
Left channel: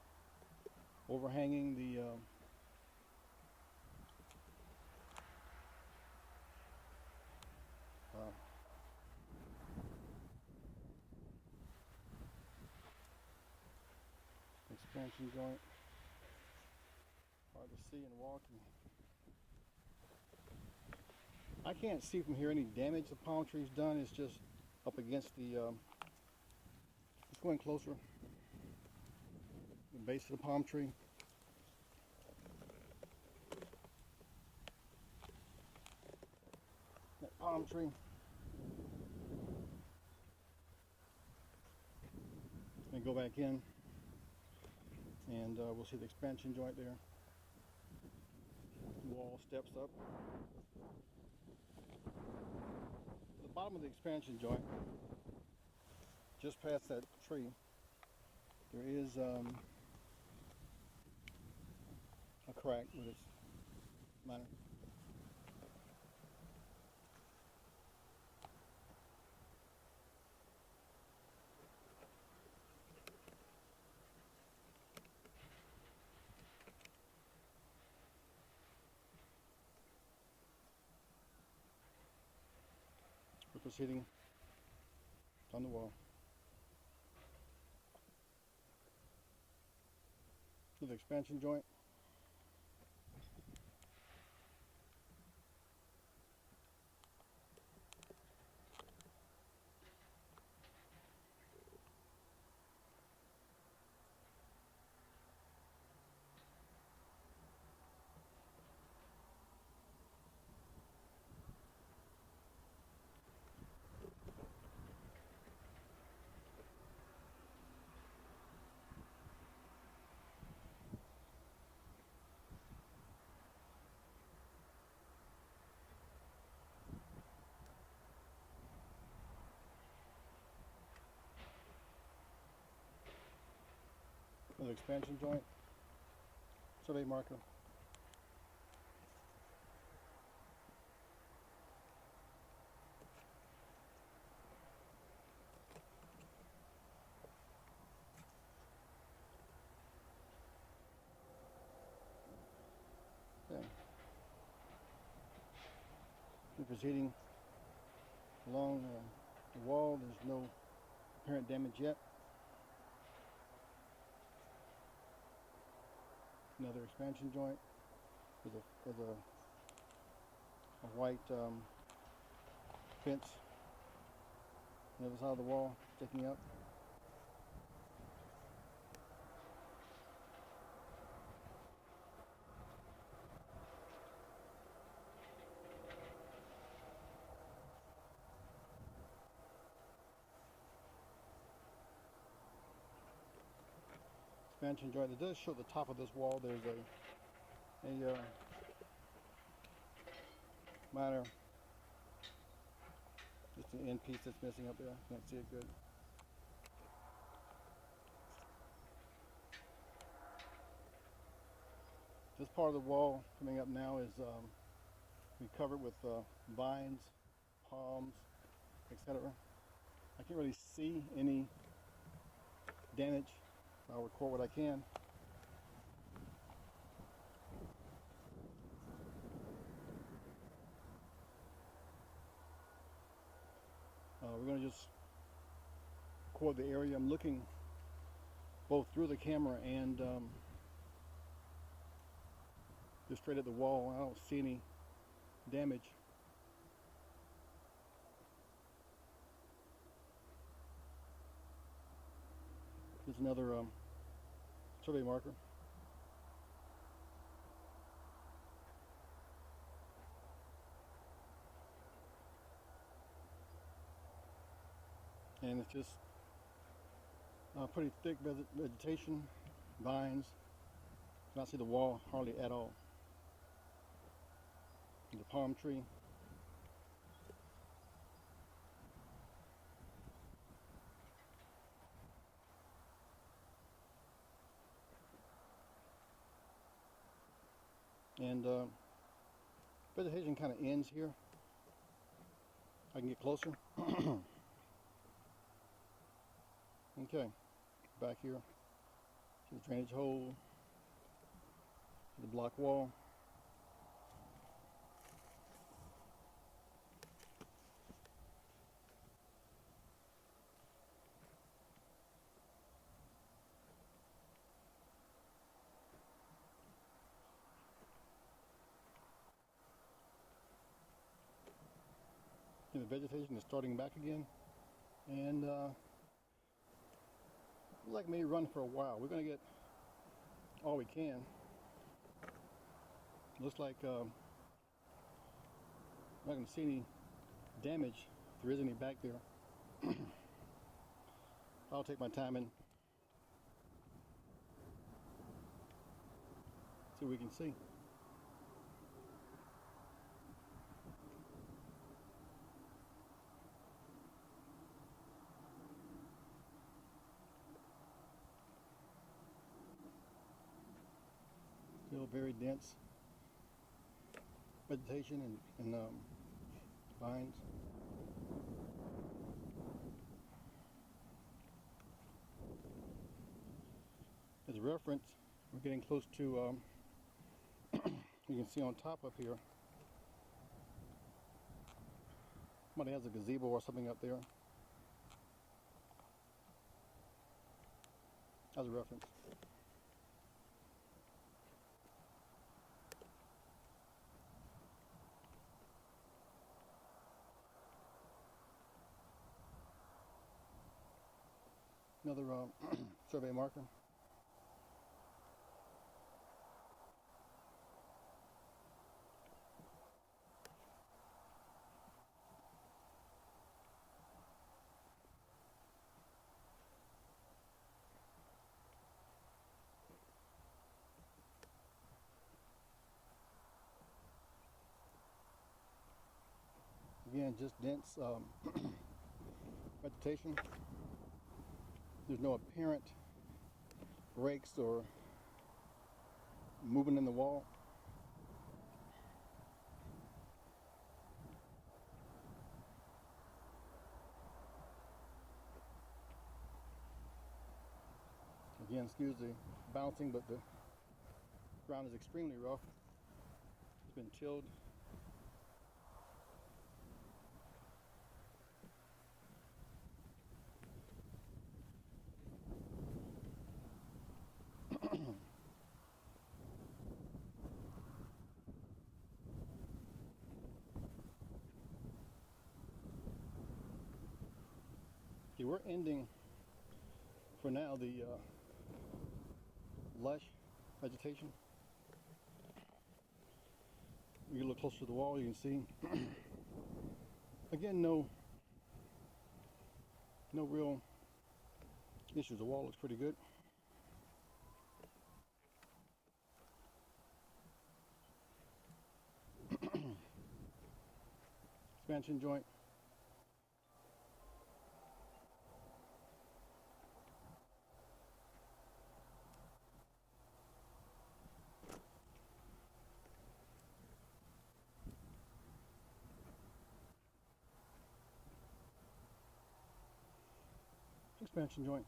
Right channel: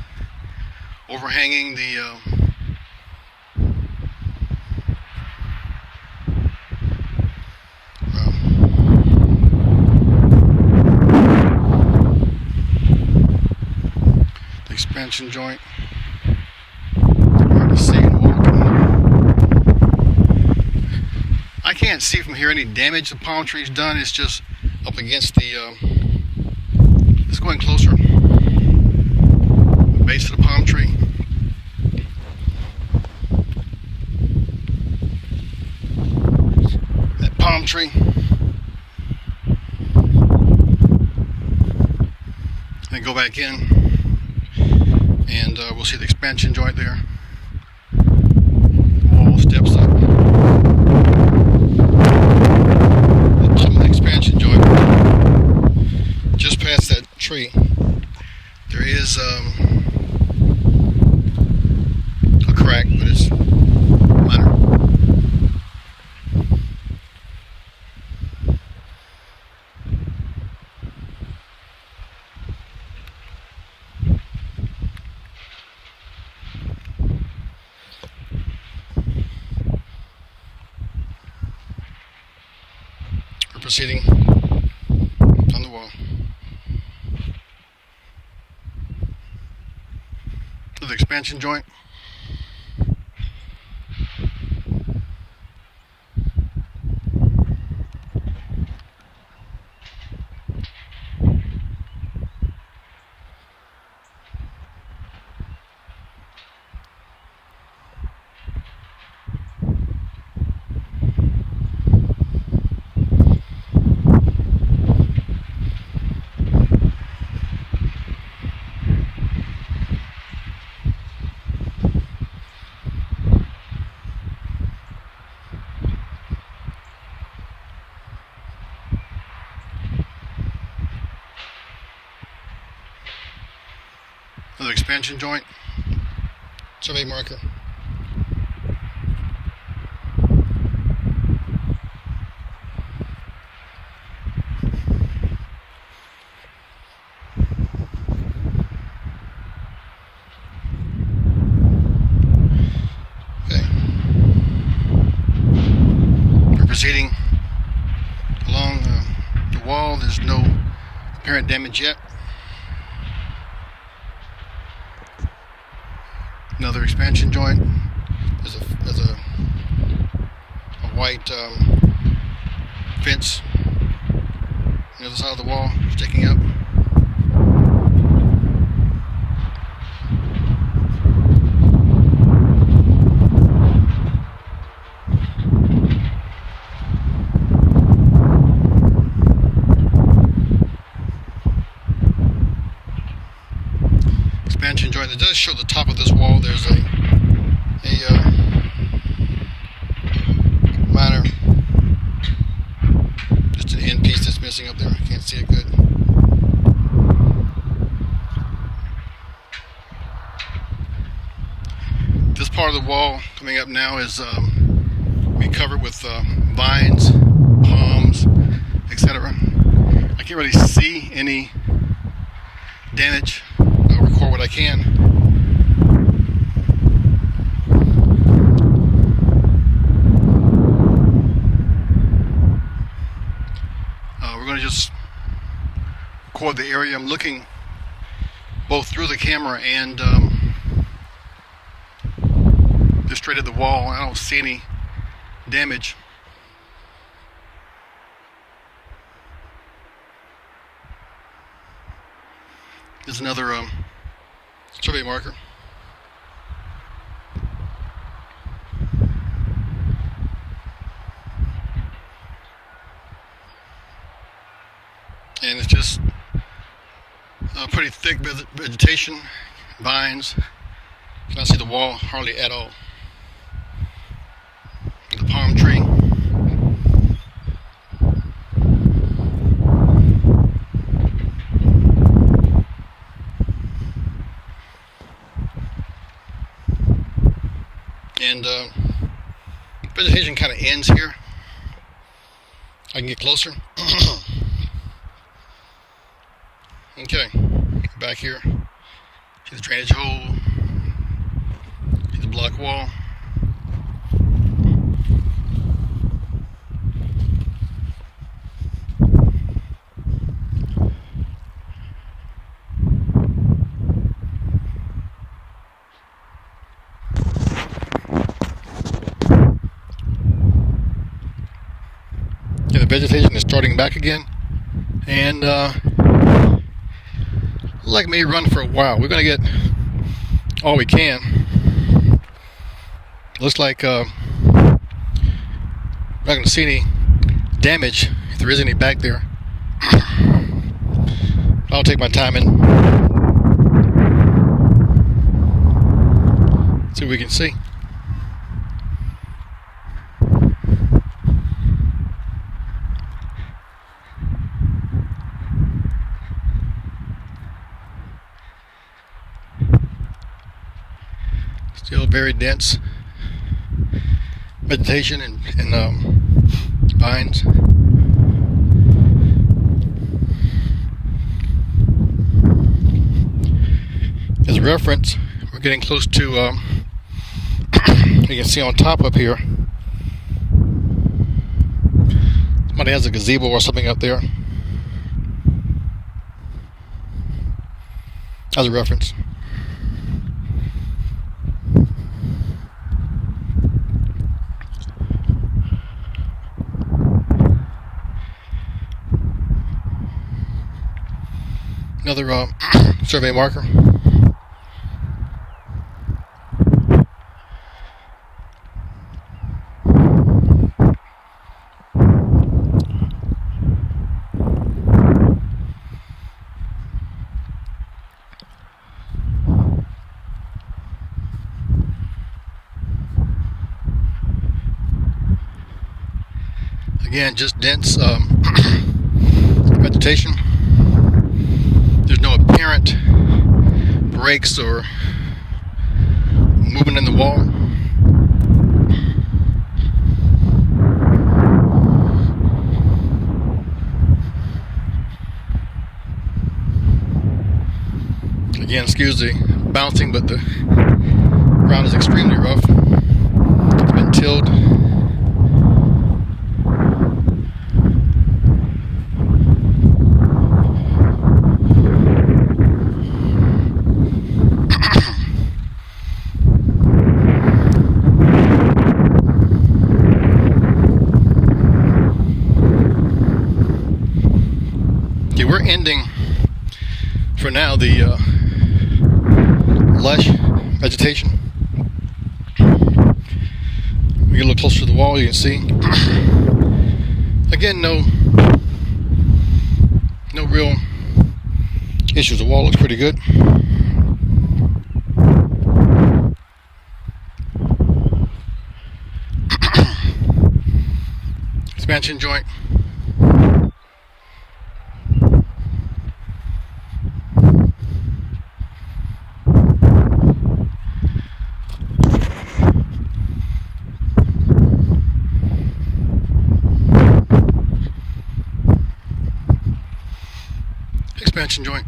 overhanging the expansion joint. Hard to see and walking. I can't see from here any damage the palm tree's done. It's just up against the it's going closer, the base of the palm tree. That palm tree. Then go back in, and we'll see the expansion joint there. Wall steps up. The top of the expansion joint, just past that tree, there is a crack, but it's minor. Proceeding on the wall. The expansion joint. Another expansion joint, survey marker. Okay. We're proceeding along the wall. There's no apparent damage yet. Another expansion joint. There's a white fence on the other side of the wall sticking up. Expansion joint. It does show the top of this wall. There's a minor, just an end piece that's missing up there. I can't see it good. This part of the wall coming up now is we covered with vines, palms, etc. I can't really see any damage. I'll record what I can. We're going to just record the area. I'm looking both through the camera and just straight at the wall. I don't see any damage. There's another survey marker. And it's just pretty thick vegetation, vines. Cannot see the wall hardly at all. The palm tree. And vegetation kind of ends here. I can get closer. Okay, back here. See the drainage hole. See the block wall. Yeah, the vegetation is starting back again, and like me run for a while. We're gonna get all we can. Looks like not gonna see any damage if there is any back there. I'll take my time and see what we can see. Still very dense vegetation and vines. As a reference, we're getting close to, you can see on top up here, somebody has a gazebo or something up there. As a reference. Another survey marker. Again, just dense vegetation. There's no apparent breaks or movement in the wall. Again, excuse the bouncing, but the ground is extremely rough. It's been tilled. we're ending, for now, the lush vegetation. We get a little closer to the wall, you can see. Again, no real issues. The wall looks pretty good. Expansion joint. Expansion joint.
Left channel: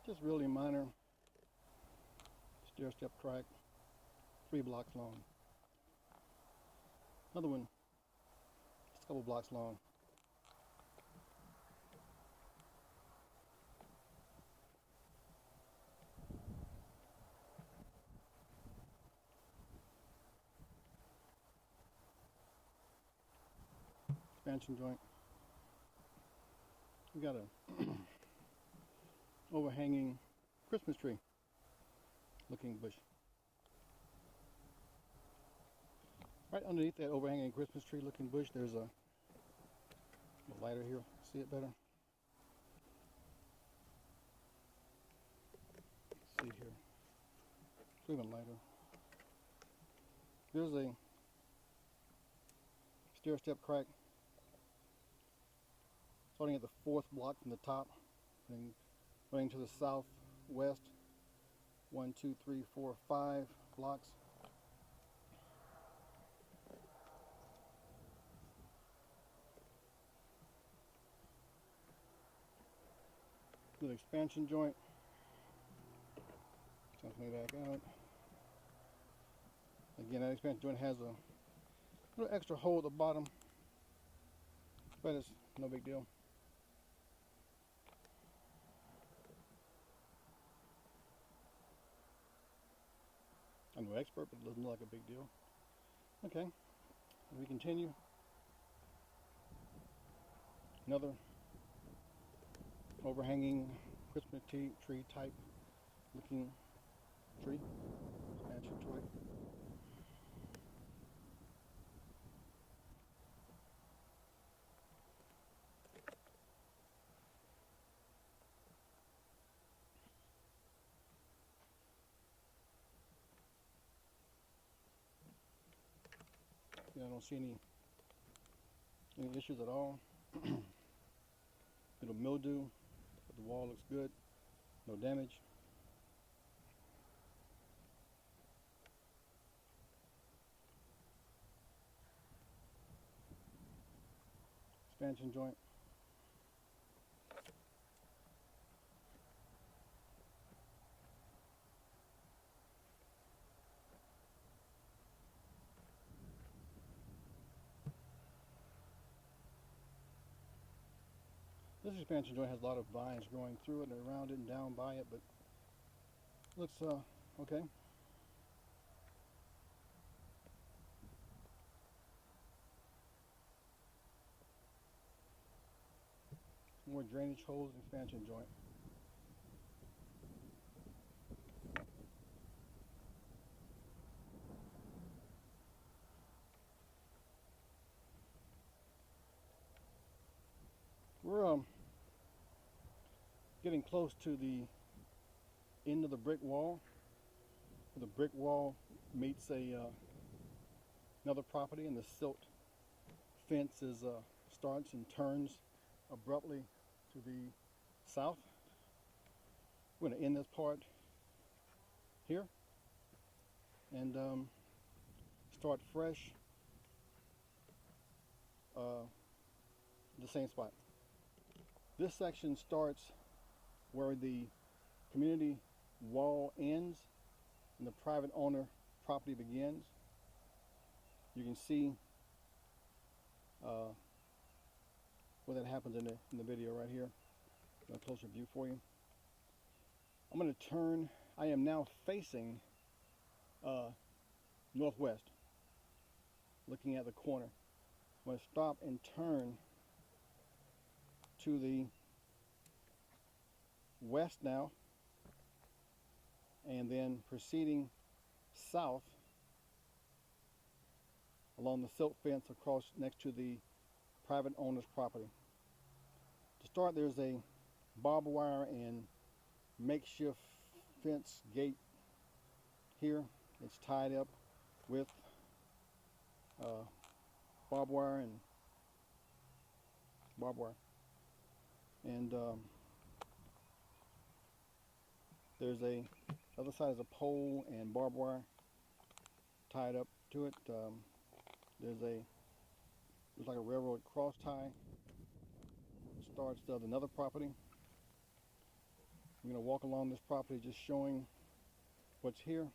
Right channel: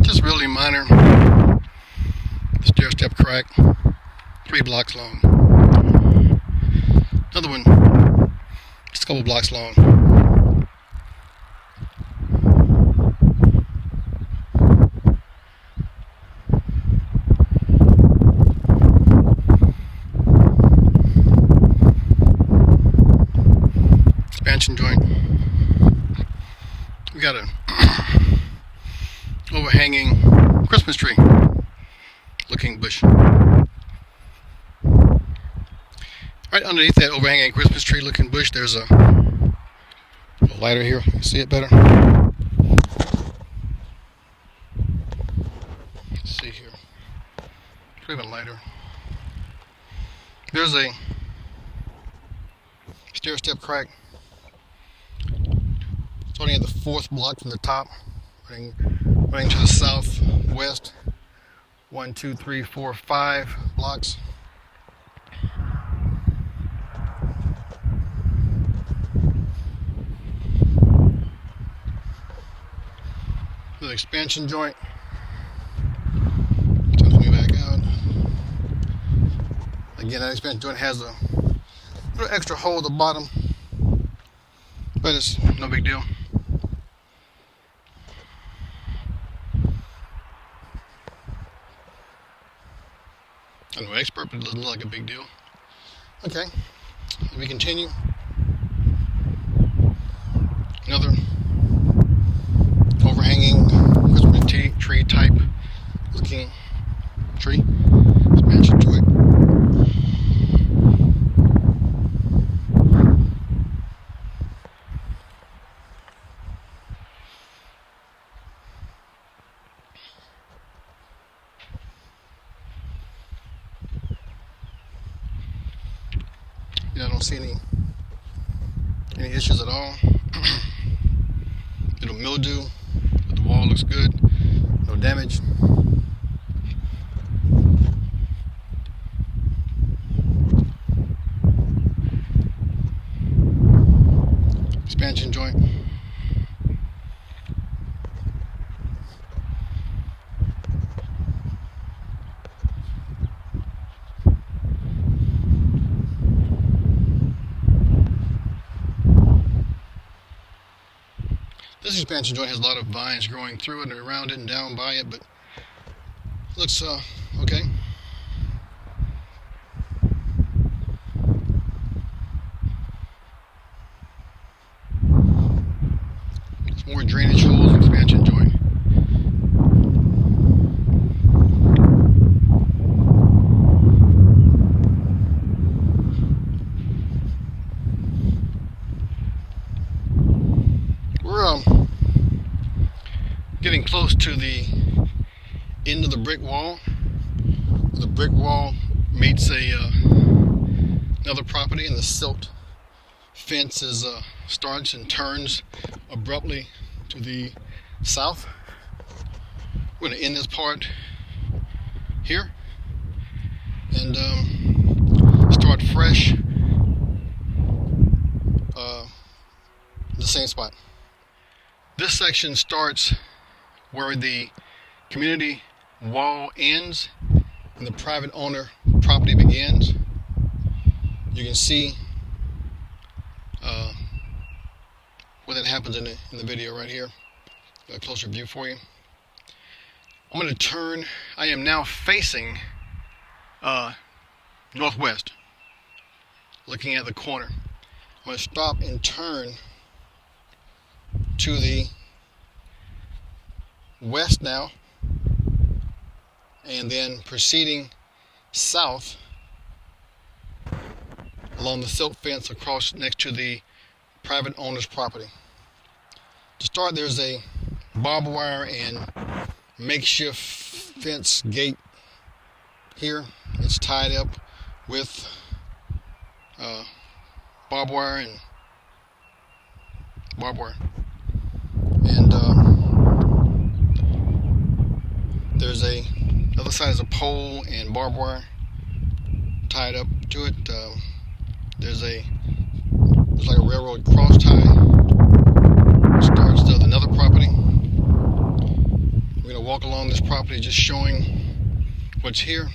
Just really minor stair step crack, 3 blocks long. Another one, just a couple blocks long. Expansion joint. We got a overhanging Christmas tree looking bush. Right underneath that overhanging Christmas tree looking bush, there's a lighter here. You see it better? Let's see here. Even lighter. There's a stair step crack starting at the 4th block from the top, running to the southwest. 1, 2, 3, 4, 5 blocks. The expansion joint. Turns me back out. Again, that expansion joint has a little extra hole at the bottom, but it's no big deal. I'm no expert, but it doesn't look like a big deal. Okay, let me continue. Another overhanging Christmas tree type looking tree. Expansion joint. I don't see any issues at all. Little mildew, but the wall looks good. No damage. Expansion joint. This expansion joint has a lot of vines growing through it and around it and down by it, but it looks okay. There's more drainage holes, expansion joint. We're getting close to the end of the brick wall. The brick wall meets another property, and the silt fence starts and turns abruptly to the south. We're going to end this part here and start fresh the same spot. This section starts where the community wall ends and the private owner property begins. You can see where that happens in the video right here. a closer view for you. I'm going to turn. I am now facing northwest, looking at the corner. I'm going to stop and turn to the west now, and then proceeding south along the silk fence across next to the private owner's property. To start, there's a barbed wire and makeshift fence gate here. It's tied up with barbed wire and there's a other side is a pole and barbed wire tied up to it. There's like a railroad cross tie. It starts to another property. We're going to walk along this property just showing what's here.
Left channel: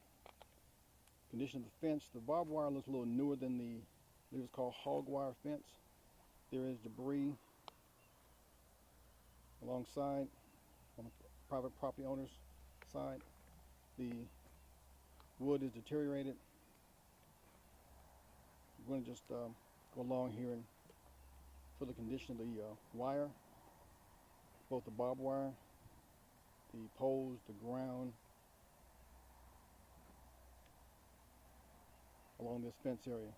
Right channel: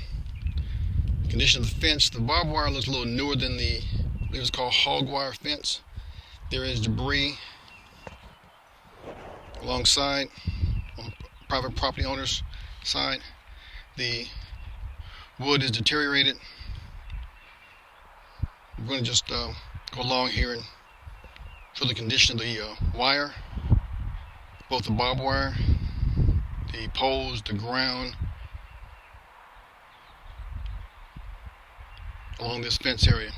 Condition of the fence. The barbed wire looks a little newer than it was called hog wire fence. There is debris alongside on private property owner's side. The wood is deteriorated. I'm going to just go along here and show the condition of the wire, both the barbed wire, the poles, the ground along this fence area.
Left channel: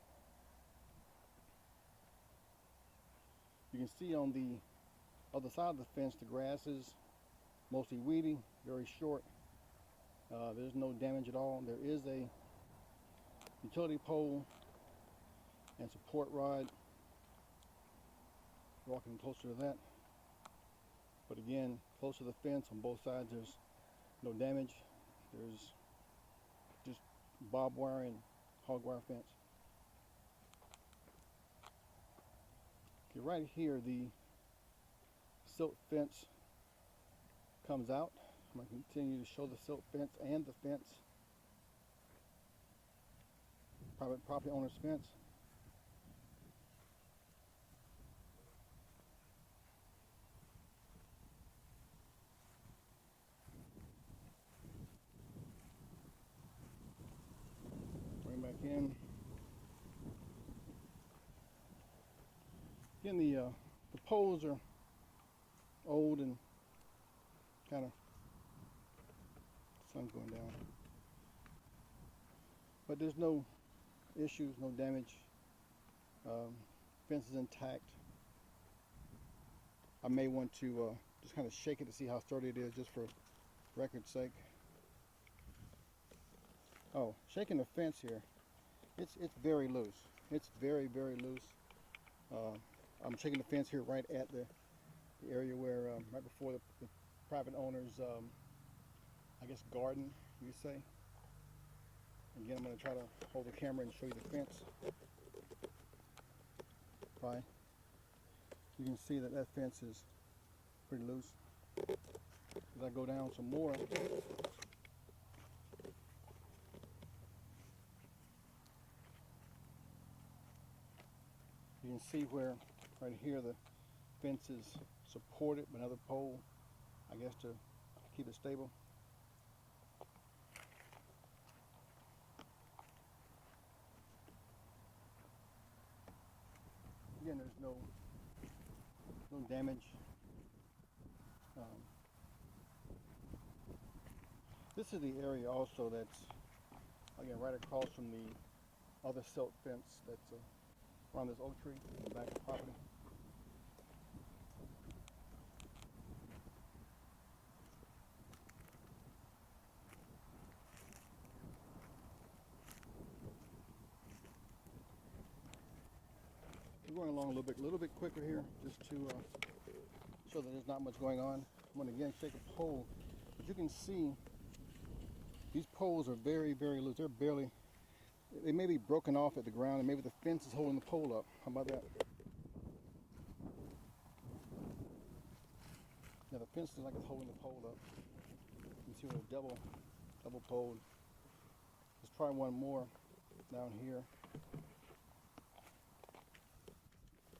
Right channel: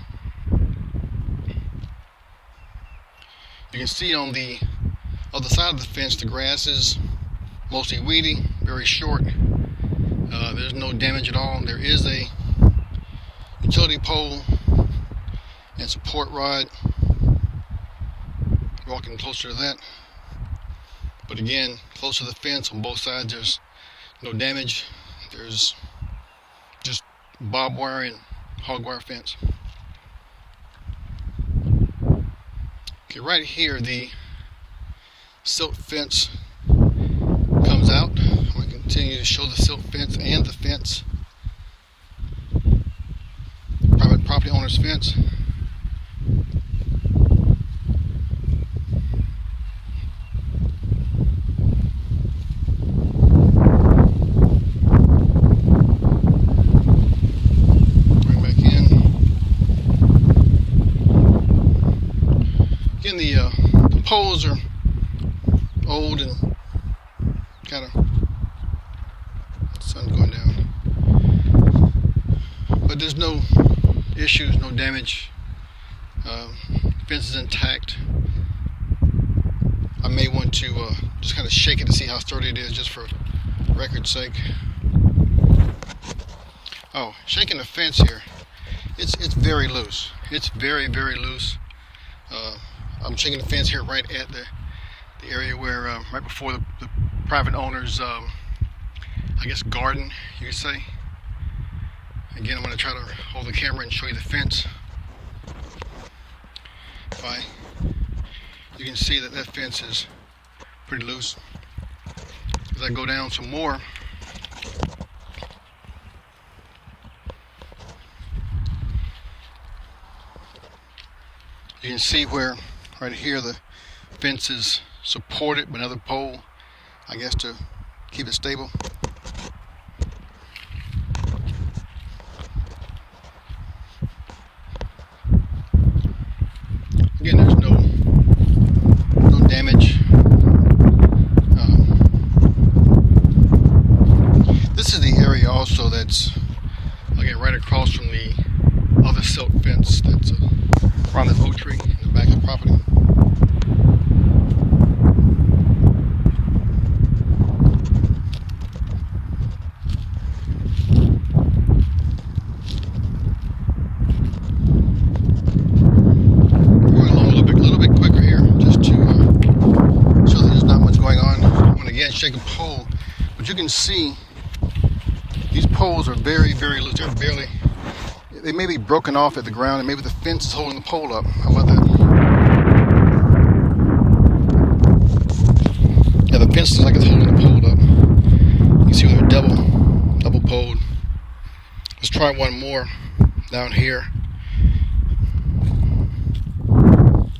You can see on the other side of the fence the grass is mostly weedy, very short. There's no damage at all. There is a utility pole and support rod. Walking closer to that. But again, close to the fence on both sides, there's no damage. There's just barbed wire and hog wire fence. Okay, right here the silk fence comes out. I'm going to continue to show the silk fence and the fence. Private property owner's fence. Bring back in. Again, the poles are old and kind of sun's going down, but there's no issues, no damage. Fence is intact. I may want to just kind of shake it to see how sturdy it is, just for record's sake. Oh, shaking the fence here. It's very loose. It's very, very loose. I'm shaking the fence here right at the area where right before the private owner's I guess garden, you could say. Again, I'm going to try to hold the camera and show you the fence. You can see that fence is pretty loose. As I go down some more, you can see where right here the fence is supported by another pole, I guess to keep it stable. Again, there's no damage. This is the area also that's again right across from the other silk fence that's around this oak tree in the back of the property. Shake a pole, but you can see these poles are very, very loose. They may be broken off at the ground, and maybe the fence is holding the pole up. How about that? Yeah, the fence looks like it's holding the pole up. You can see where they're double poled. Let's try one more down here.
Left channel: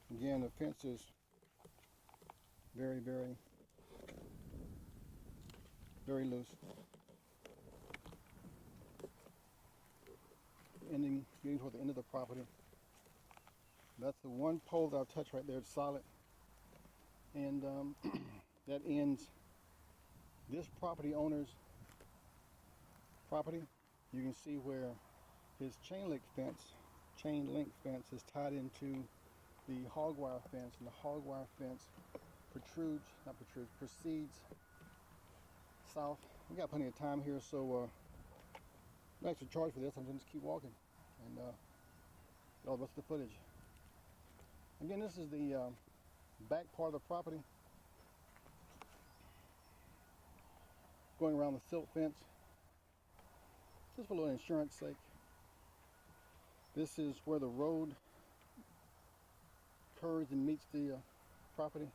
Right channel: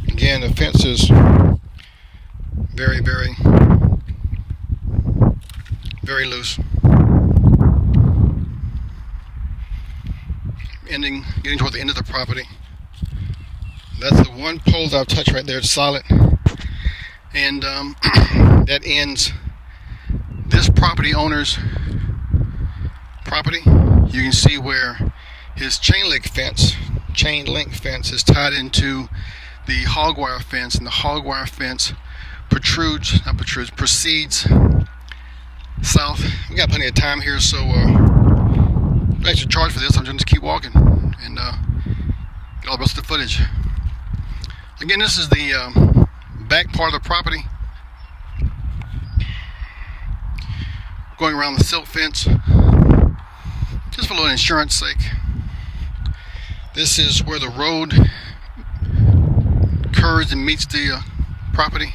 Again, the fence is very, very very loose. Getting toward the end of the property. That's the one pole that I've touched right there. It's solid, and that ends this property owner's property. You can see where his chain link fence is tied into the hog wire fence, and the hog wire fence proceeds south. We got plenty of time here, so I should charge for this. I'm just keep walking and get all the rest of the footage. Again, this is the back part of the property, going around the silt fence, just for a little insurance sake. This is where the road curves and meets the property.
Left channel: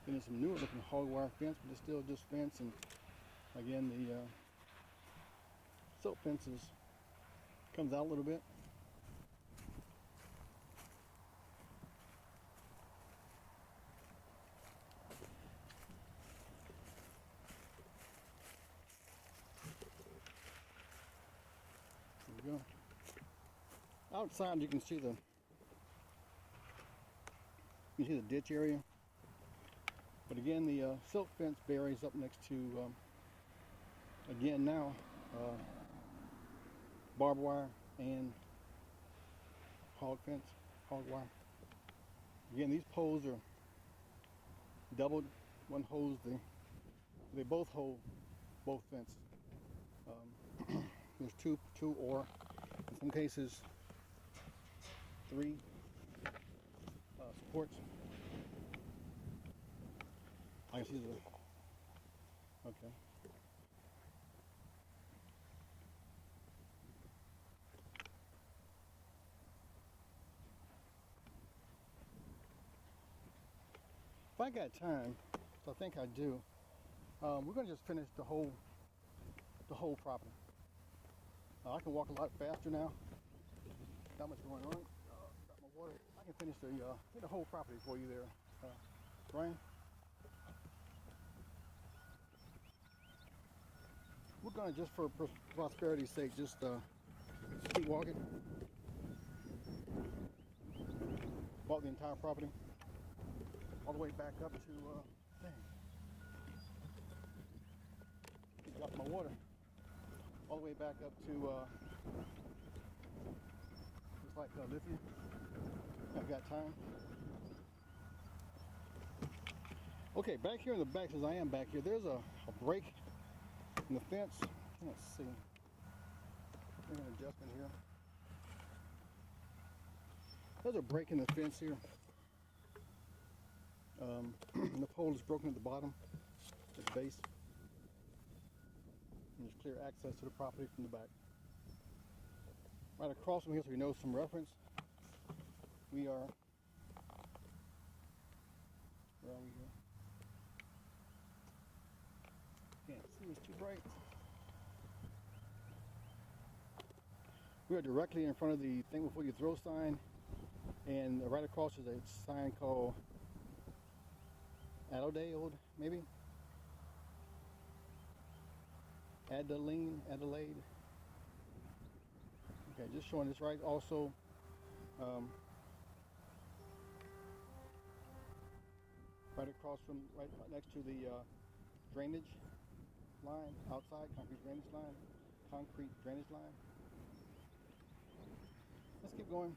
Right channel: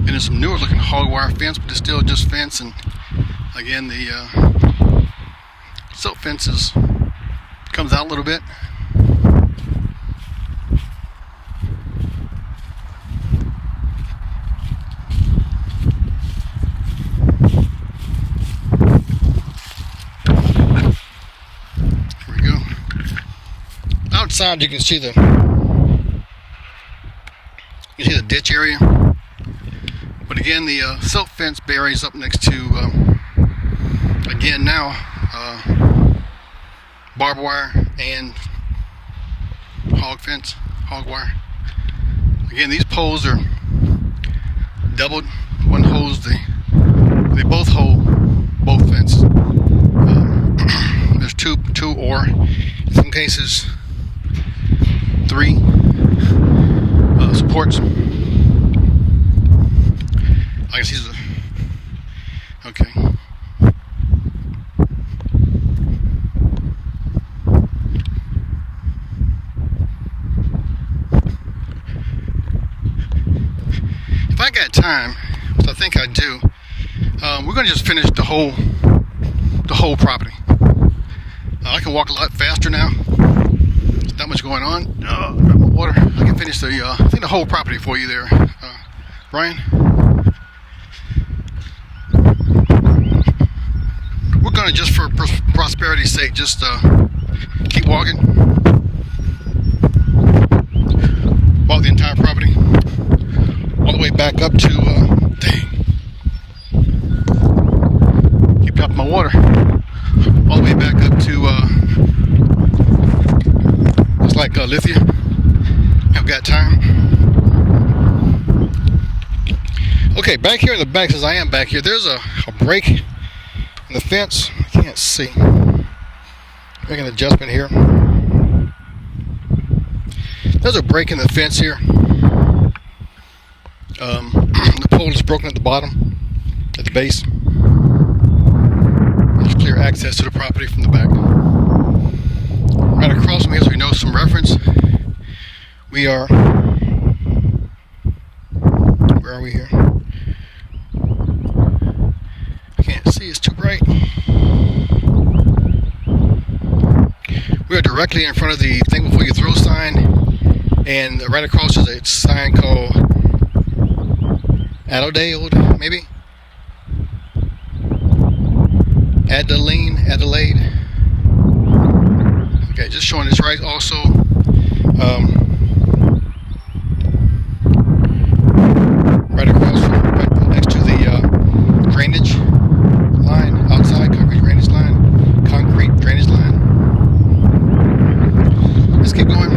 And there's some newer looking hog wire fence, but it's still just fence. And again, the silt fence comes out a little bit. Here we go. Outside, you can see the ditch area. But again, the silt fence buries up next to, again now, barbed wire and hog wire. Again, these poles are doubled. One holds they both hold both fences. There's two or in some cases 3 supports. I guess he's okay. If I got time, which I think I do, we're gonna just finish the whole property. I can walk a lot faster now. There's not much going on. Grab my water. I can finish the whole property for you there, Brian. We're gonna, just for prosperity's sake, just keep walking. Walk the entire property, all the way back up to, keep dropping my water, all the way back up to, it's like Lithia. I've got time. Okay, back here in the back, as I am back here, there's a break in the fence. I can't see. Make an adjustment here. There's a break in the fence here. The pole is broken at the bottom, at the base. There's clear access to the property from the back. Right across from here, so we know some reference. We are, where are we here? I can't see, it's too bright. We are directly in front of the thing before you throw sign, and right across is a sign called Adelaide, maybe? Adelaide. Okay, just showing this right. Also, right across, right next to the drainage line, outside concrete drainage line. Let's keep going.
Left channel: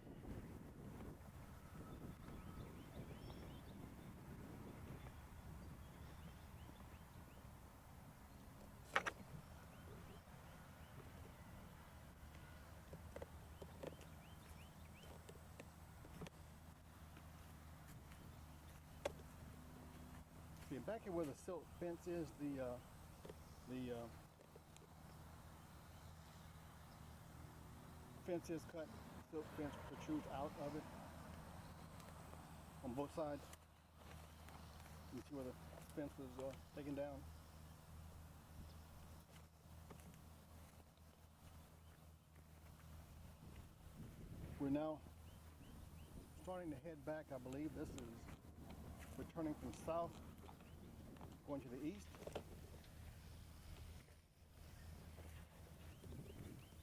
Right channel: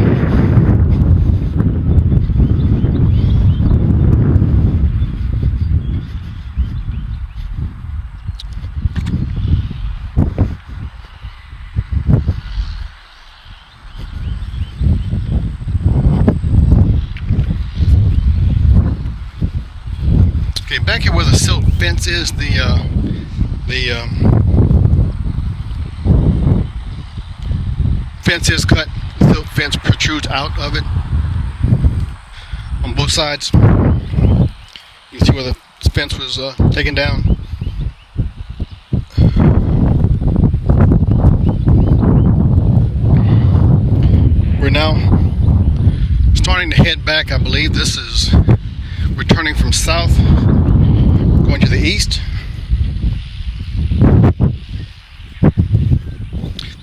Okay, back here where the silt fence is, the fence is cut. The silt fence protrudes out of it on both sides. You can see where the fence was taken down. now starting to head back. I believe this is returning from south, going to the east.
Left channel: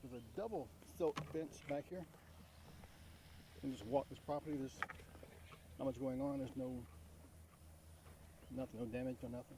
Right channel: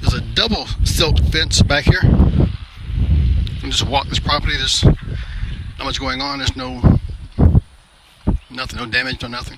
There's a double silk fence back here. You can just walk this property. There's not much going on. There's nothing, no damage, no nothing.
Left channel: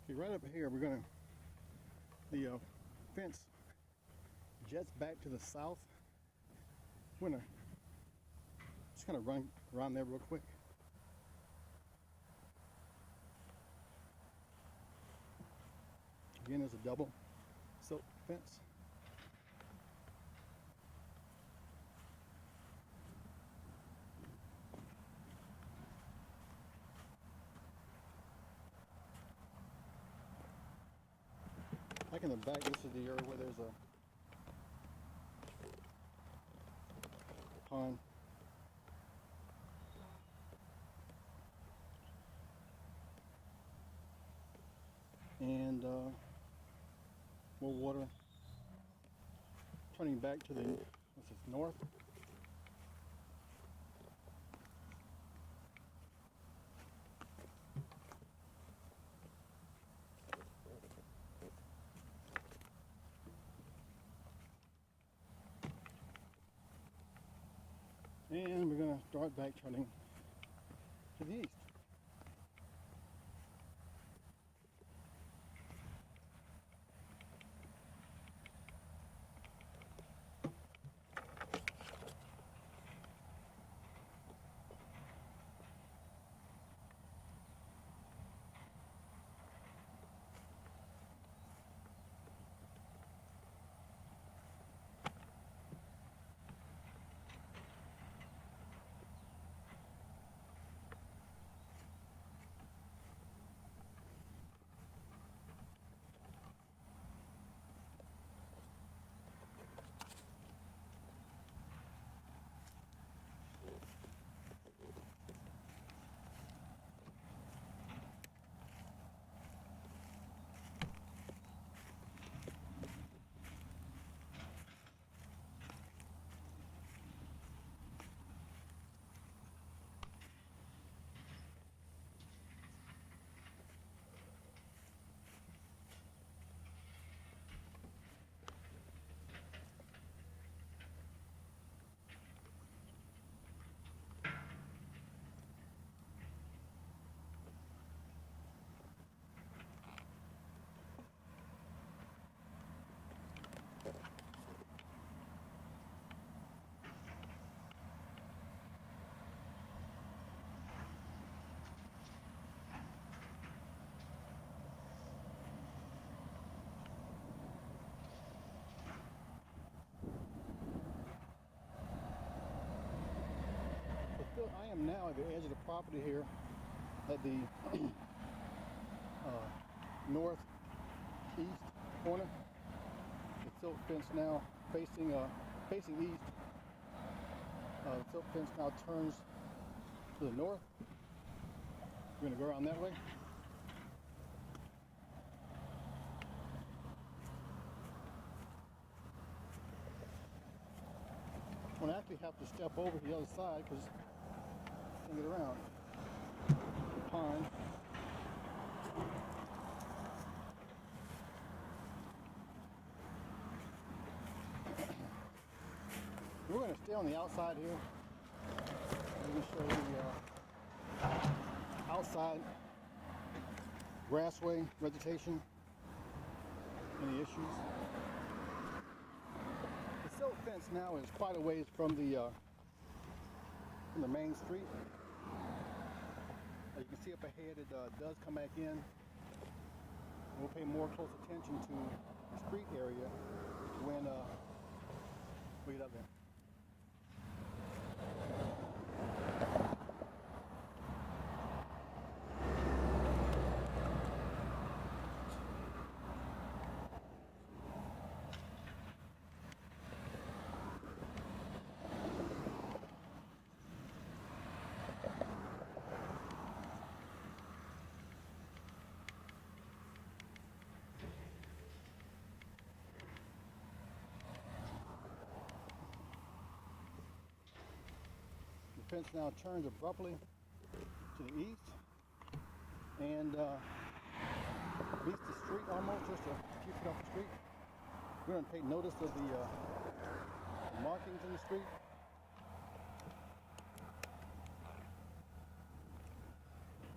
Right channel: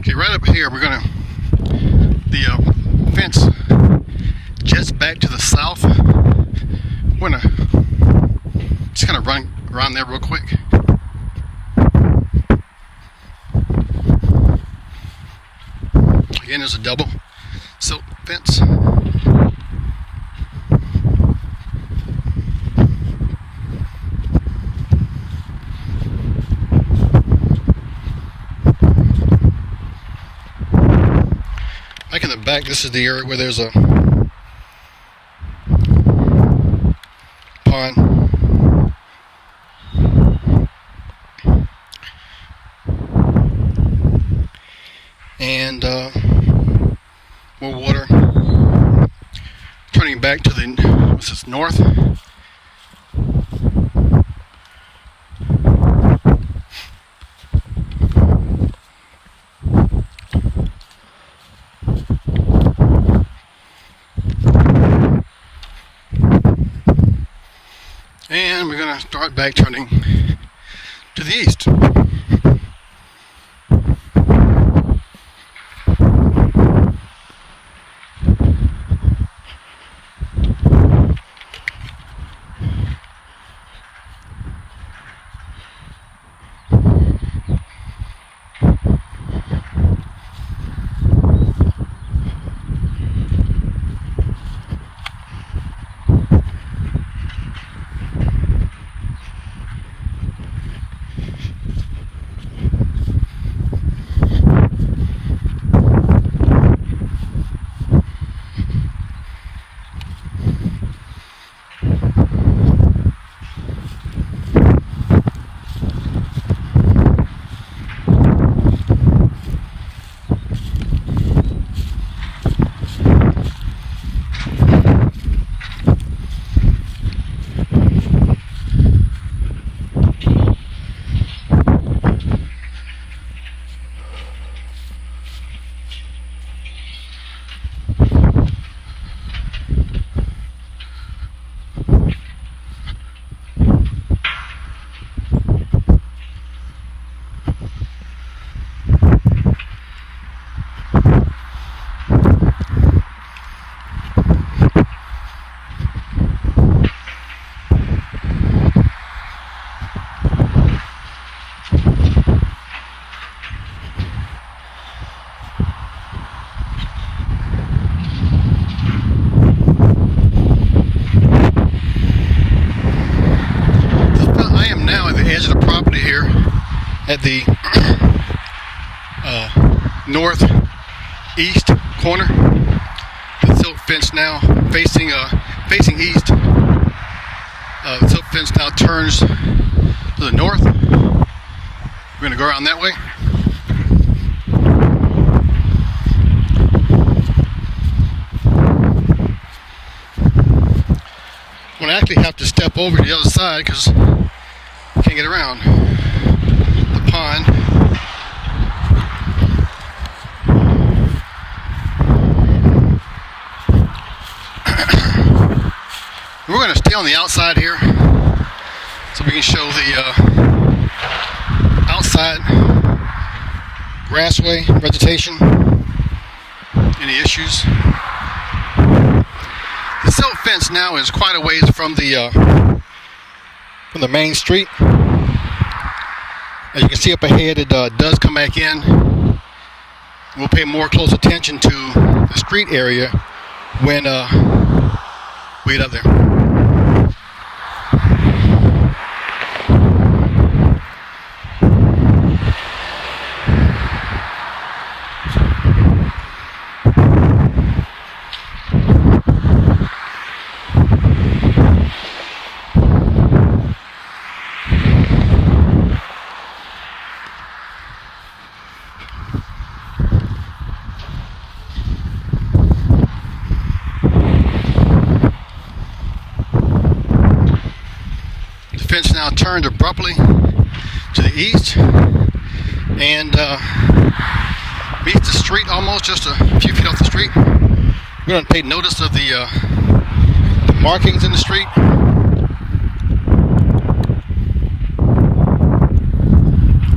Okay, right up here, we're gonna, the fence jets back to the south. We're gonna just kind of run around there real quick. Again, there's a double silk fence. Back in the back, this is the area where there's a pond. And more water. Turning back to the, what's this, north. And we're going to start back turning to the east. At the northeast corner. The silk fence now facing east. The silk fence now turns to the north. We're going to go around that way. I'm going to actually have to step over to the other side because I can't get around the pond. We're going to stay on the outside here so we can show the outside grassway vegetation. Any issues? The silk fence now is quite a ways from the main street. As you can see up ahead, it does come back in. We'll pay more close attention to the street area when we get up there. turned abruptly to the east and meets the street almost just a few feet off the street. We don't pay notice of the markings in the street.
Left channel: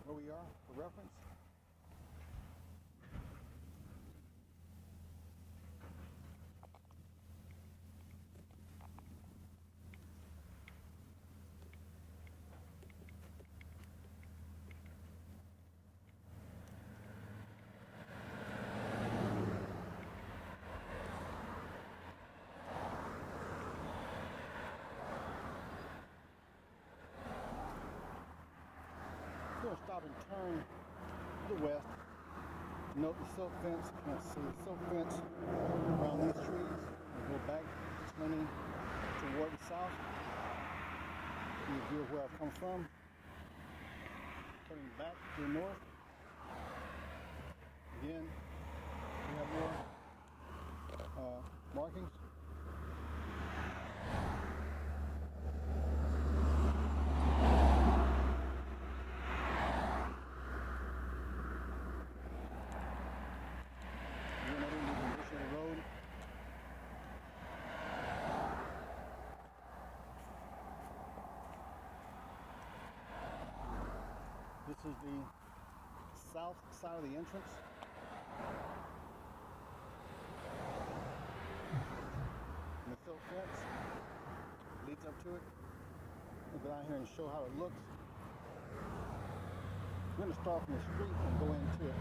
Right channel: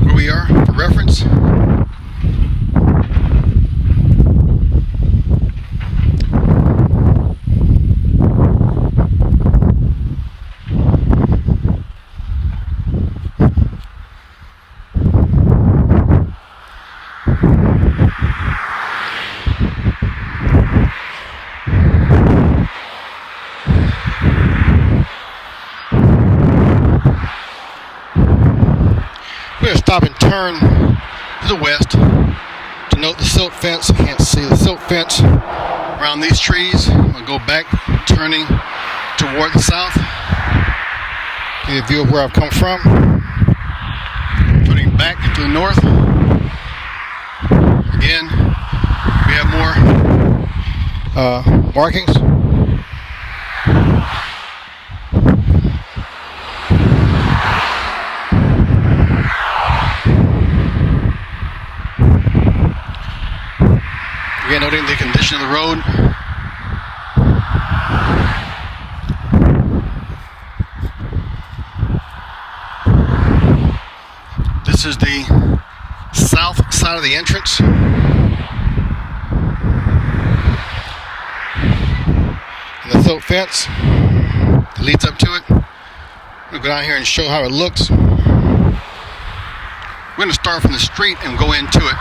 Where we are for reference. We're going to stop and turn to the west to note the silt fence. I can't see the silt fence around these trees. I'll go back, turning toward the south. Get a view of where I've come from. Turning back to the north. Again, we have more markings. Again, noting the condition of the road. This is the south side of the entrance. And the silt fence that leads up to it. We'll go down here and show how it looks. We're going to start from the street and go into it.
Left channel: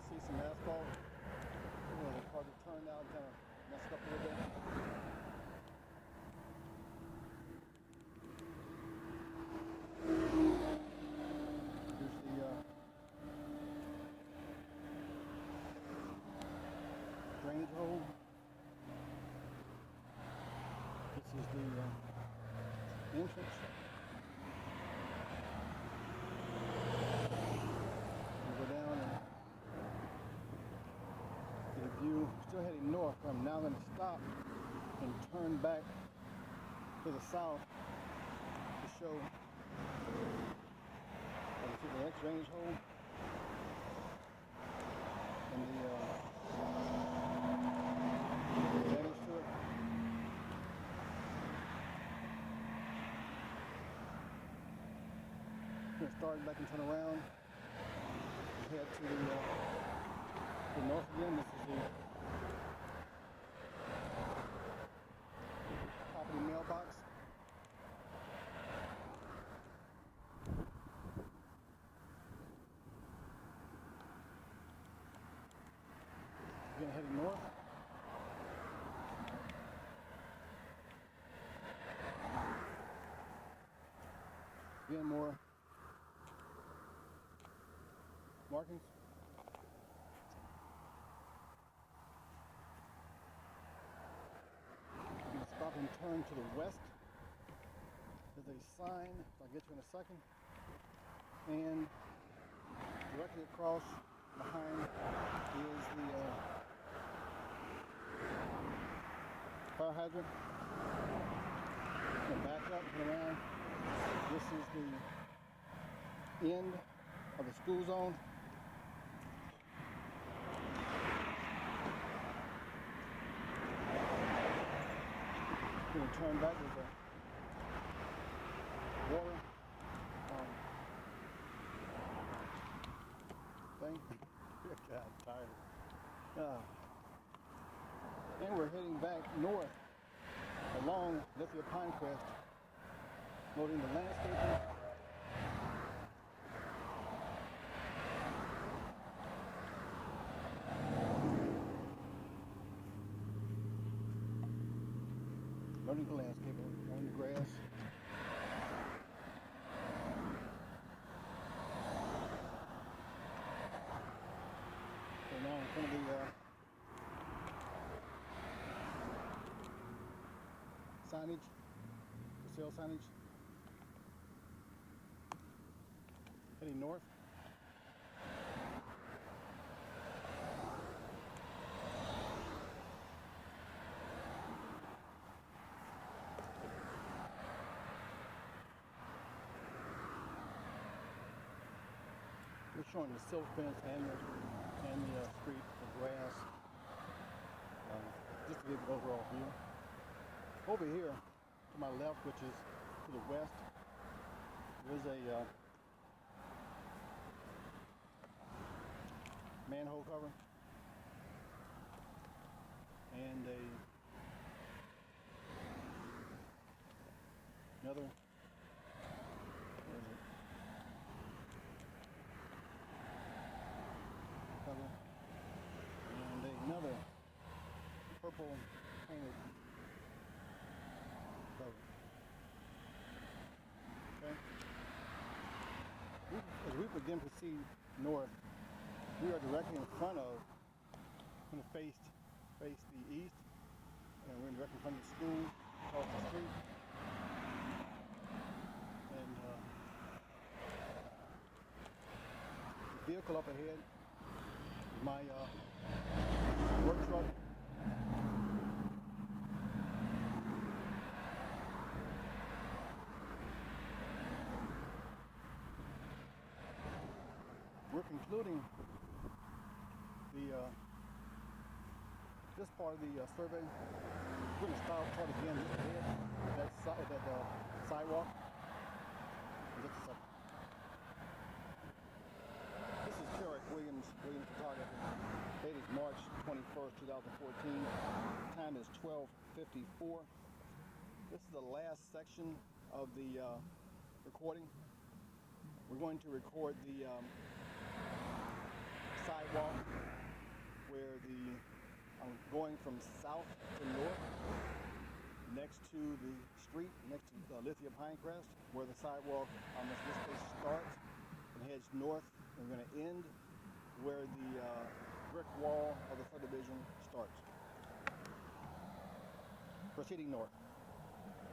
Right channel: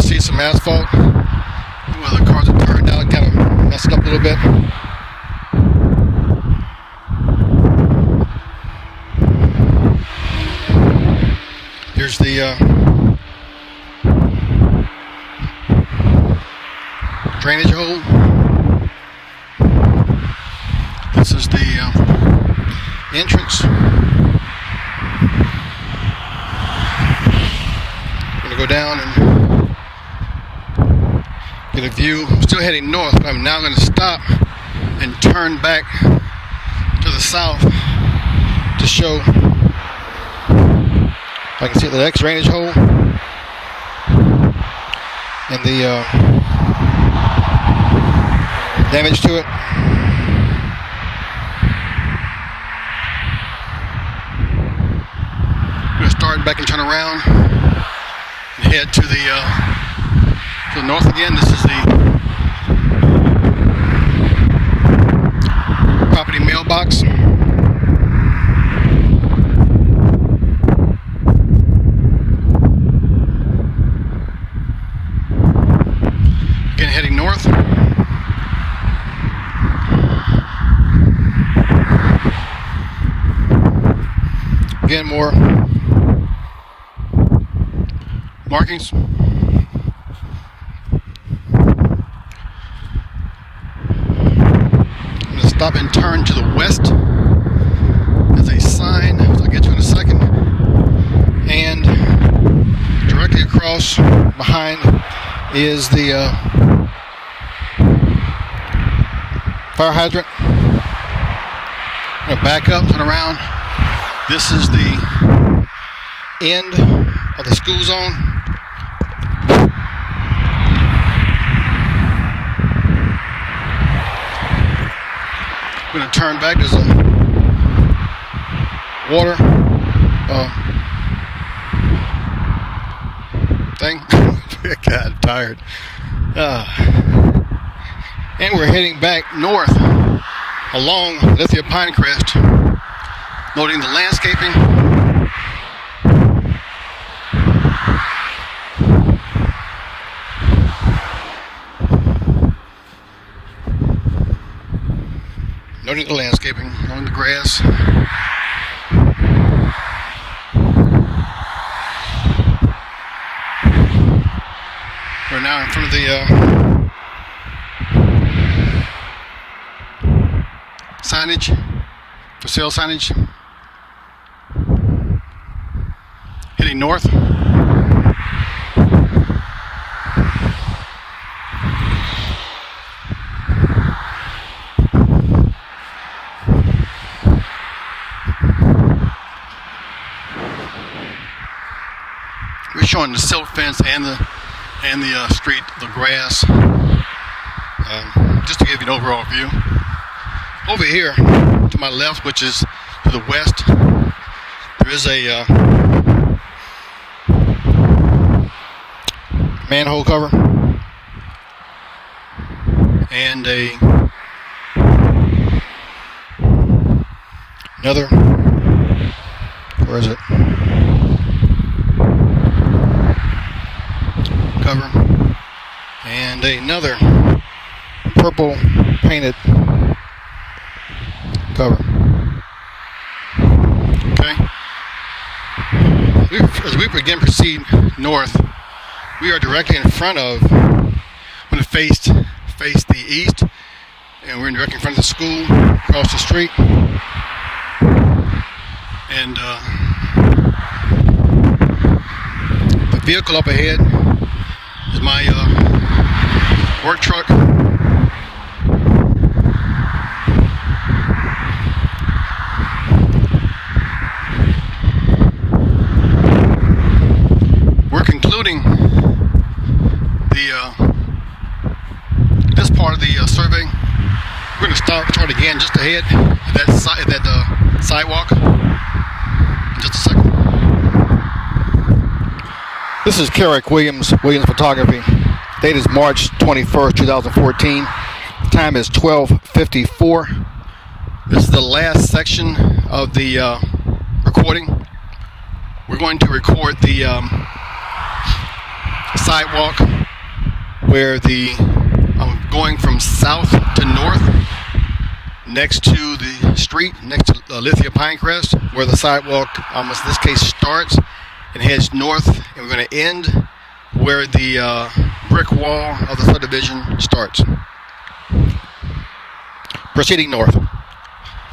See some asphalt. Well, the cars are turned out, kind of messed up a little bit. Here's the drainage hole. This is the entrance. I'm going to go down and get a view. I'm still heading north, but I'm now going to stop and turn back to the south to show. I can see the next drainage hole and the damage to it. I'm going to start back and turn around and head to the north again. This is the property mailbox. Again, heading north. Again, more markings. Stop and turn to the west. There's a sign, which I'll get to in a second. And directly across behind is the fire hydrant. I'm going to back up, turn around. This is the end of the school zone. I'm going to turn back. There's a water thing. God, I'm tired. And we're heading back north along Lithia Pinecrest, noting the landscaping. Noting the landscaping, on the grass. We're now in front of the signage, for sale signage. Heading north. We're showing the silt fence and the street, the grass, just to give you an overall view. Over here to my left, which is to the west, there is a manhole cover and another, where is it? Cover and another purple painted cover. Okay. As we again proceed north, we are directly in front of, when it faced the east, and we're directly in front of the school across the street. And the vehicle up ahead is my work truck. We're concluding this part of the survey. We're going to start again just ahead at that sidewalk. In just a second. This is Carrick Williams Photography. Date is March 21st, 2014. Time is 12:54. This is the last section of the recording. We're going to record the sidewalk where I'm going from south to north next to the street, next to Lithia Pinecrest, where the sidewalk, in this case, starts and heads north, and we're going to end where the brick wall of the subdivision starts. Proceeding north.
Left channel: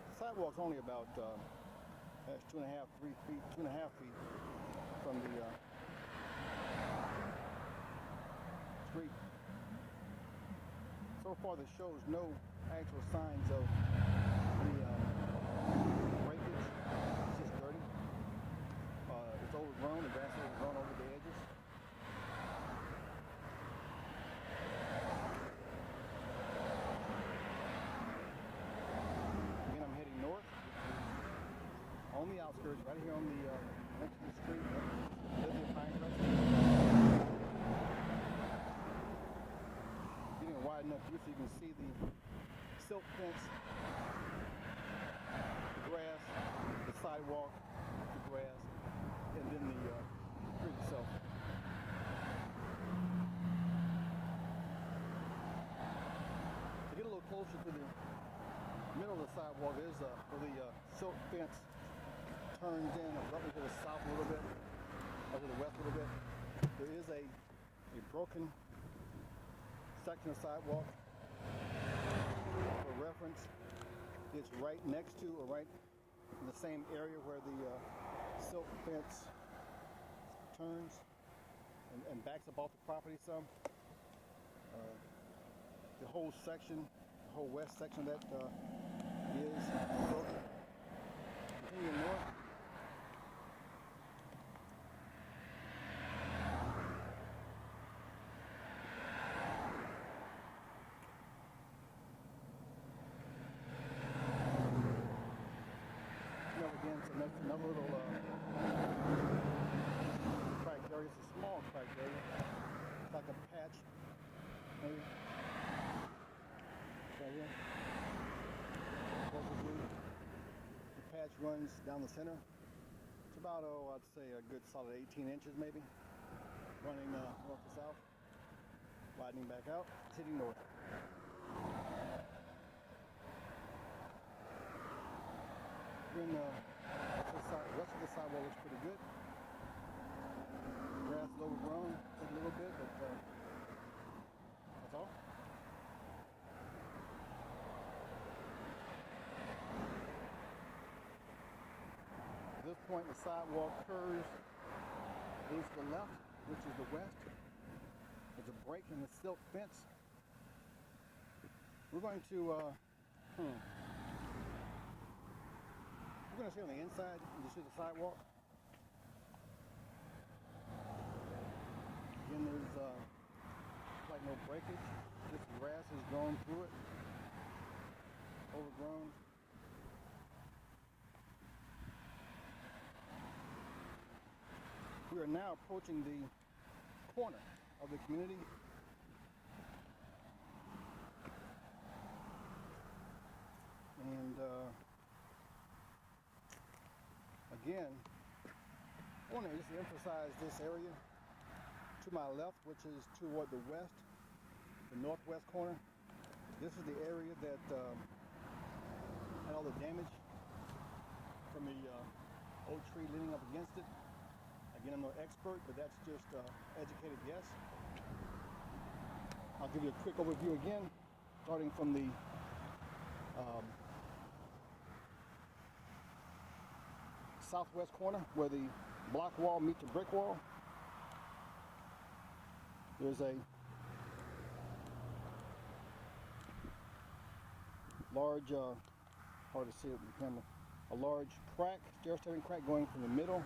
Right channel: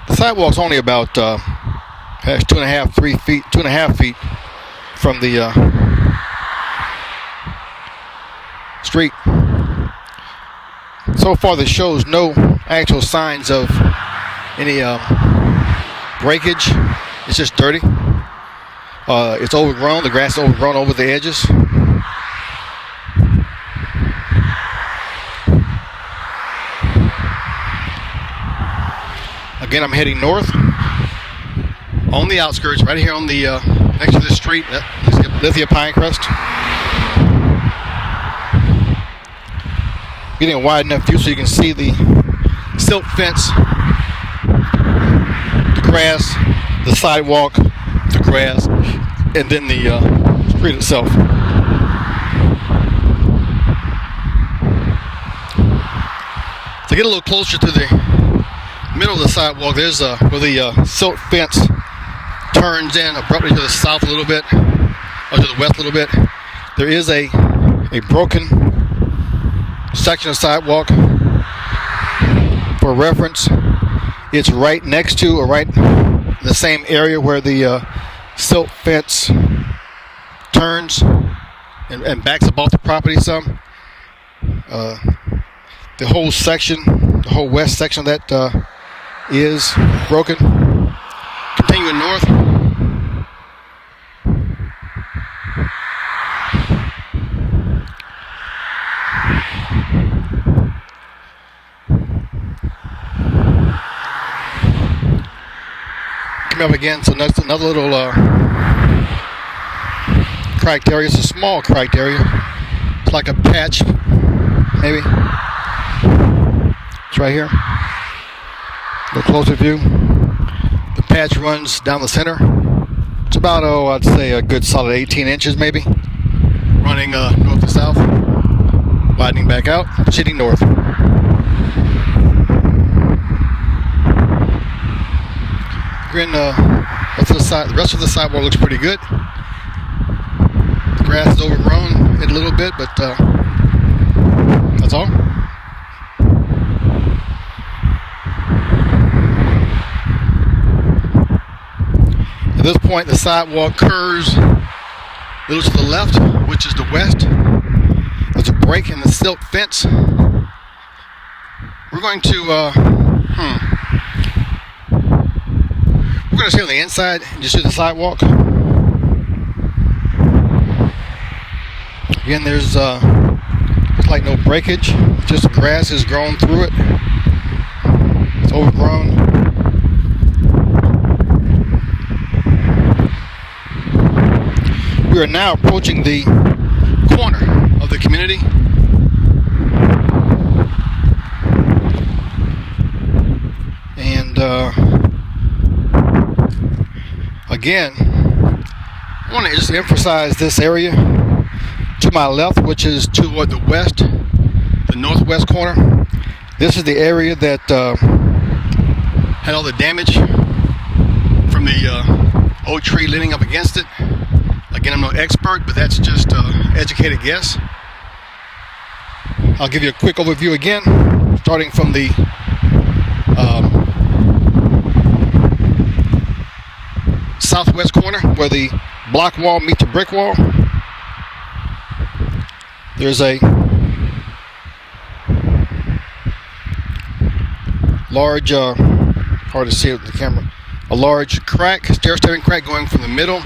The sidewalk's only about 2.5 feet from the street. So far, this shows no actual signs of any breakage. It's just dirty. It's overgrown. The grass is overgrown over the edges. Again, I'm heading north on the outskirts, right here on the next to the street, Lithia Pinecrest. Getting a wide enough view so you can see the silt fence, the grass, the sidewalk, the grass, and then the street itself. To get a little closer to the middle of the sidewalk, there's where the silt fence turns in abruptly to the south a little bit, or to the west a little bit. There is a broken section of sidewalk. For reference, it's right next to, or right in the same area where the silt fence turns and backs up off the property some. The whole section, the whole west section of that is broken. Continuing north. Coming up again, so that's another little cracked area. It's a small cracked area. It's like a patch, maybe. It's right here. A little closer view. The patch runs down the center. It's about, I'd say a good solid 18 inches maybe. Running north to south. Widening back out, proceeding north. Again, the rest of the sidewalk looks pretty good. The grass is overgrown a little bit, but that's all. At this point, the sidewalk curves a little to the left, which is the west. There's a break in the silt fence. We're going to we're going to stay on the inside and just do the sidewalk. Again, there's like no breakage, just grass has grown through it. It's overgrown. We are now approaching the corner of the community. And again, I want to just emphasize this area to my left, which is toward the west, the northwest corner. This is the area that had all the damage from the oak tree leaning up against it. Again, I'm no expert, but that's just educated guess. I'll give you a quick overview again, starting from the southwest corner where the block wall meets the brick wall. There's a large, hard to see it with the camera, a large crack, stair-stepping crack going from the middle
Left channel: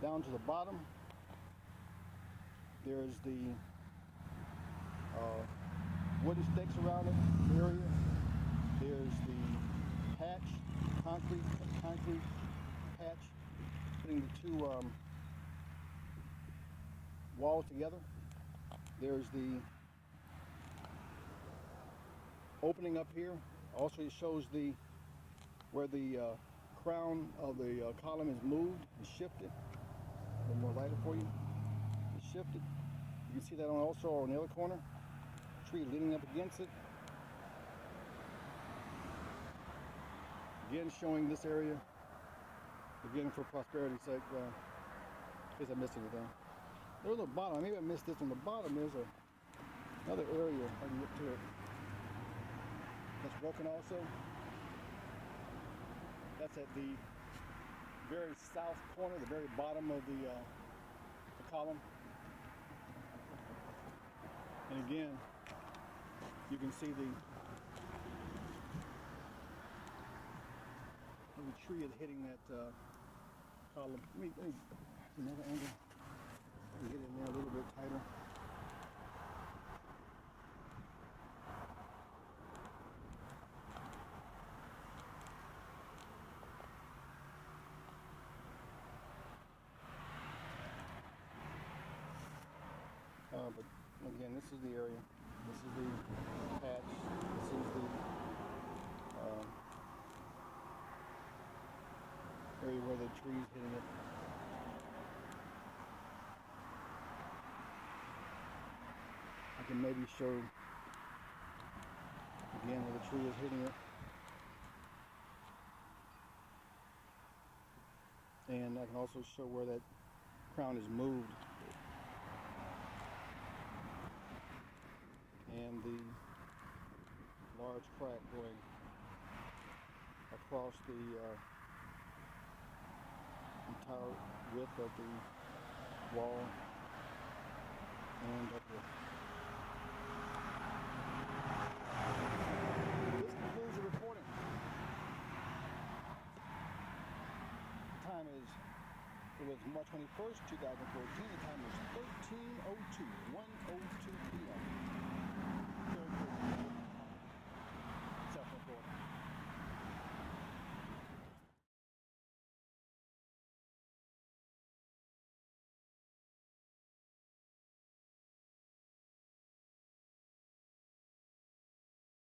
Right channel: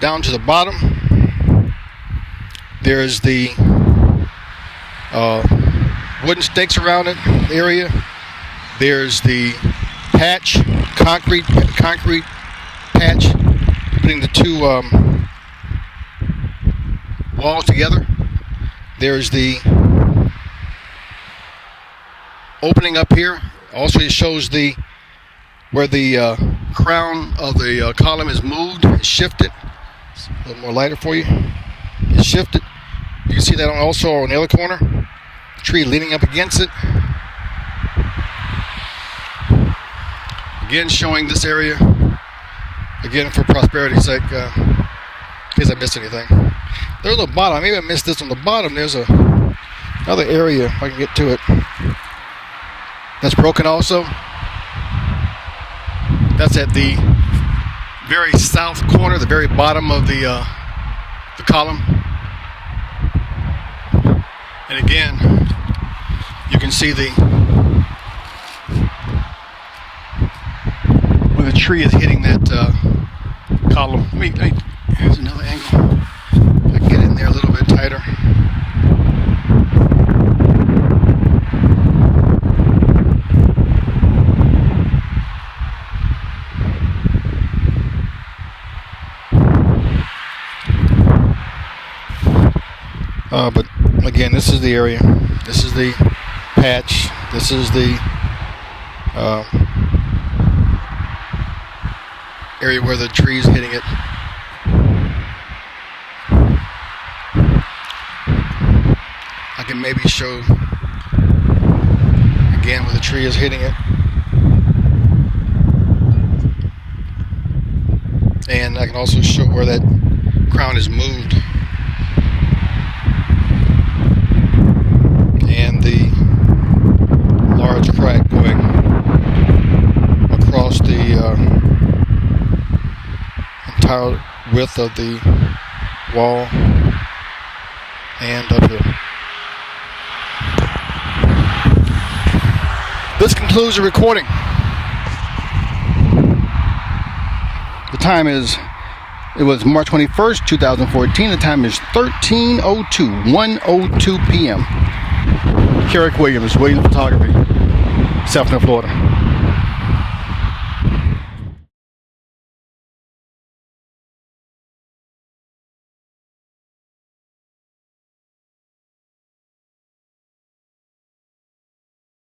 down to the bottom. There's the wooden stakes around it area. There's the patch, concrete patch, putting the two walls together. There's the opening up here. Also, it shows the where the crown of the column is moved, it's shifted. It's a little more lighter for you. It's shifted. You can see that also on the other corner. The tree leaning up against it. Again, showing this area. Again, for prosperity's sake, in case I missed anything. There's a bottom. Maybe I missed this on the bottom. There's another area, if I can get to it, that's broken also. That's at the very south corner, the very bottom of the column. And again, you can see where the tree is hitting that column. Here's another angle. If I can get in there a little bit tighter. But again, this is the area. This is the patch. This is the area where the tree is hitting it. I can maybe show again where the tree is hitting it. And I can also show where that crown is moved. And the large crack going across the entire width of the wall and up here. This concludes the recording. The time is, it was March 21st, 2014. The time is 1:02 p.m. Carrick Williams, Williams Photography, South Florida.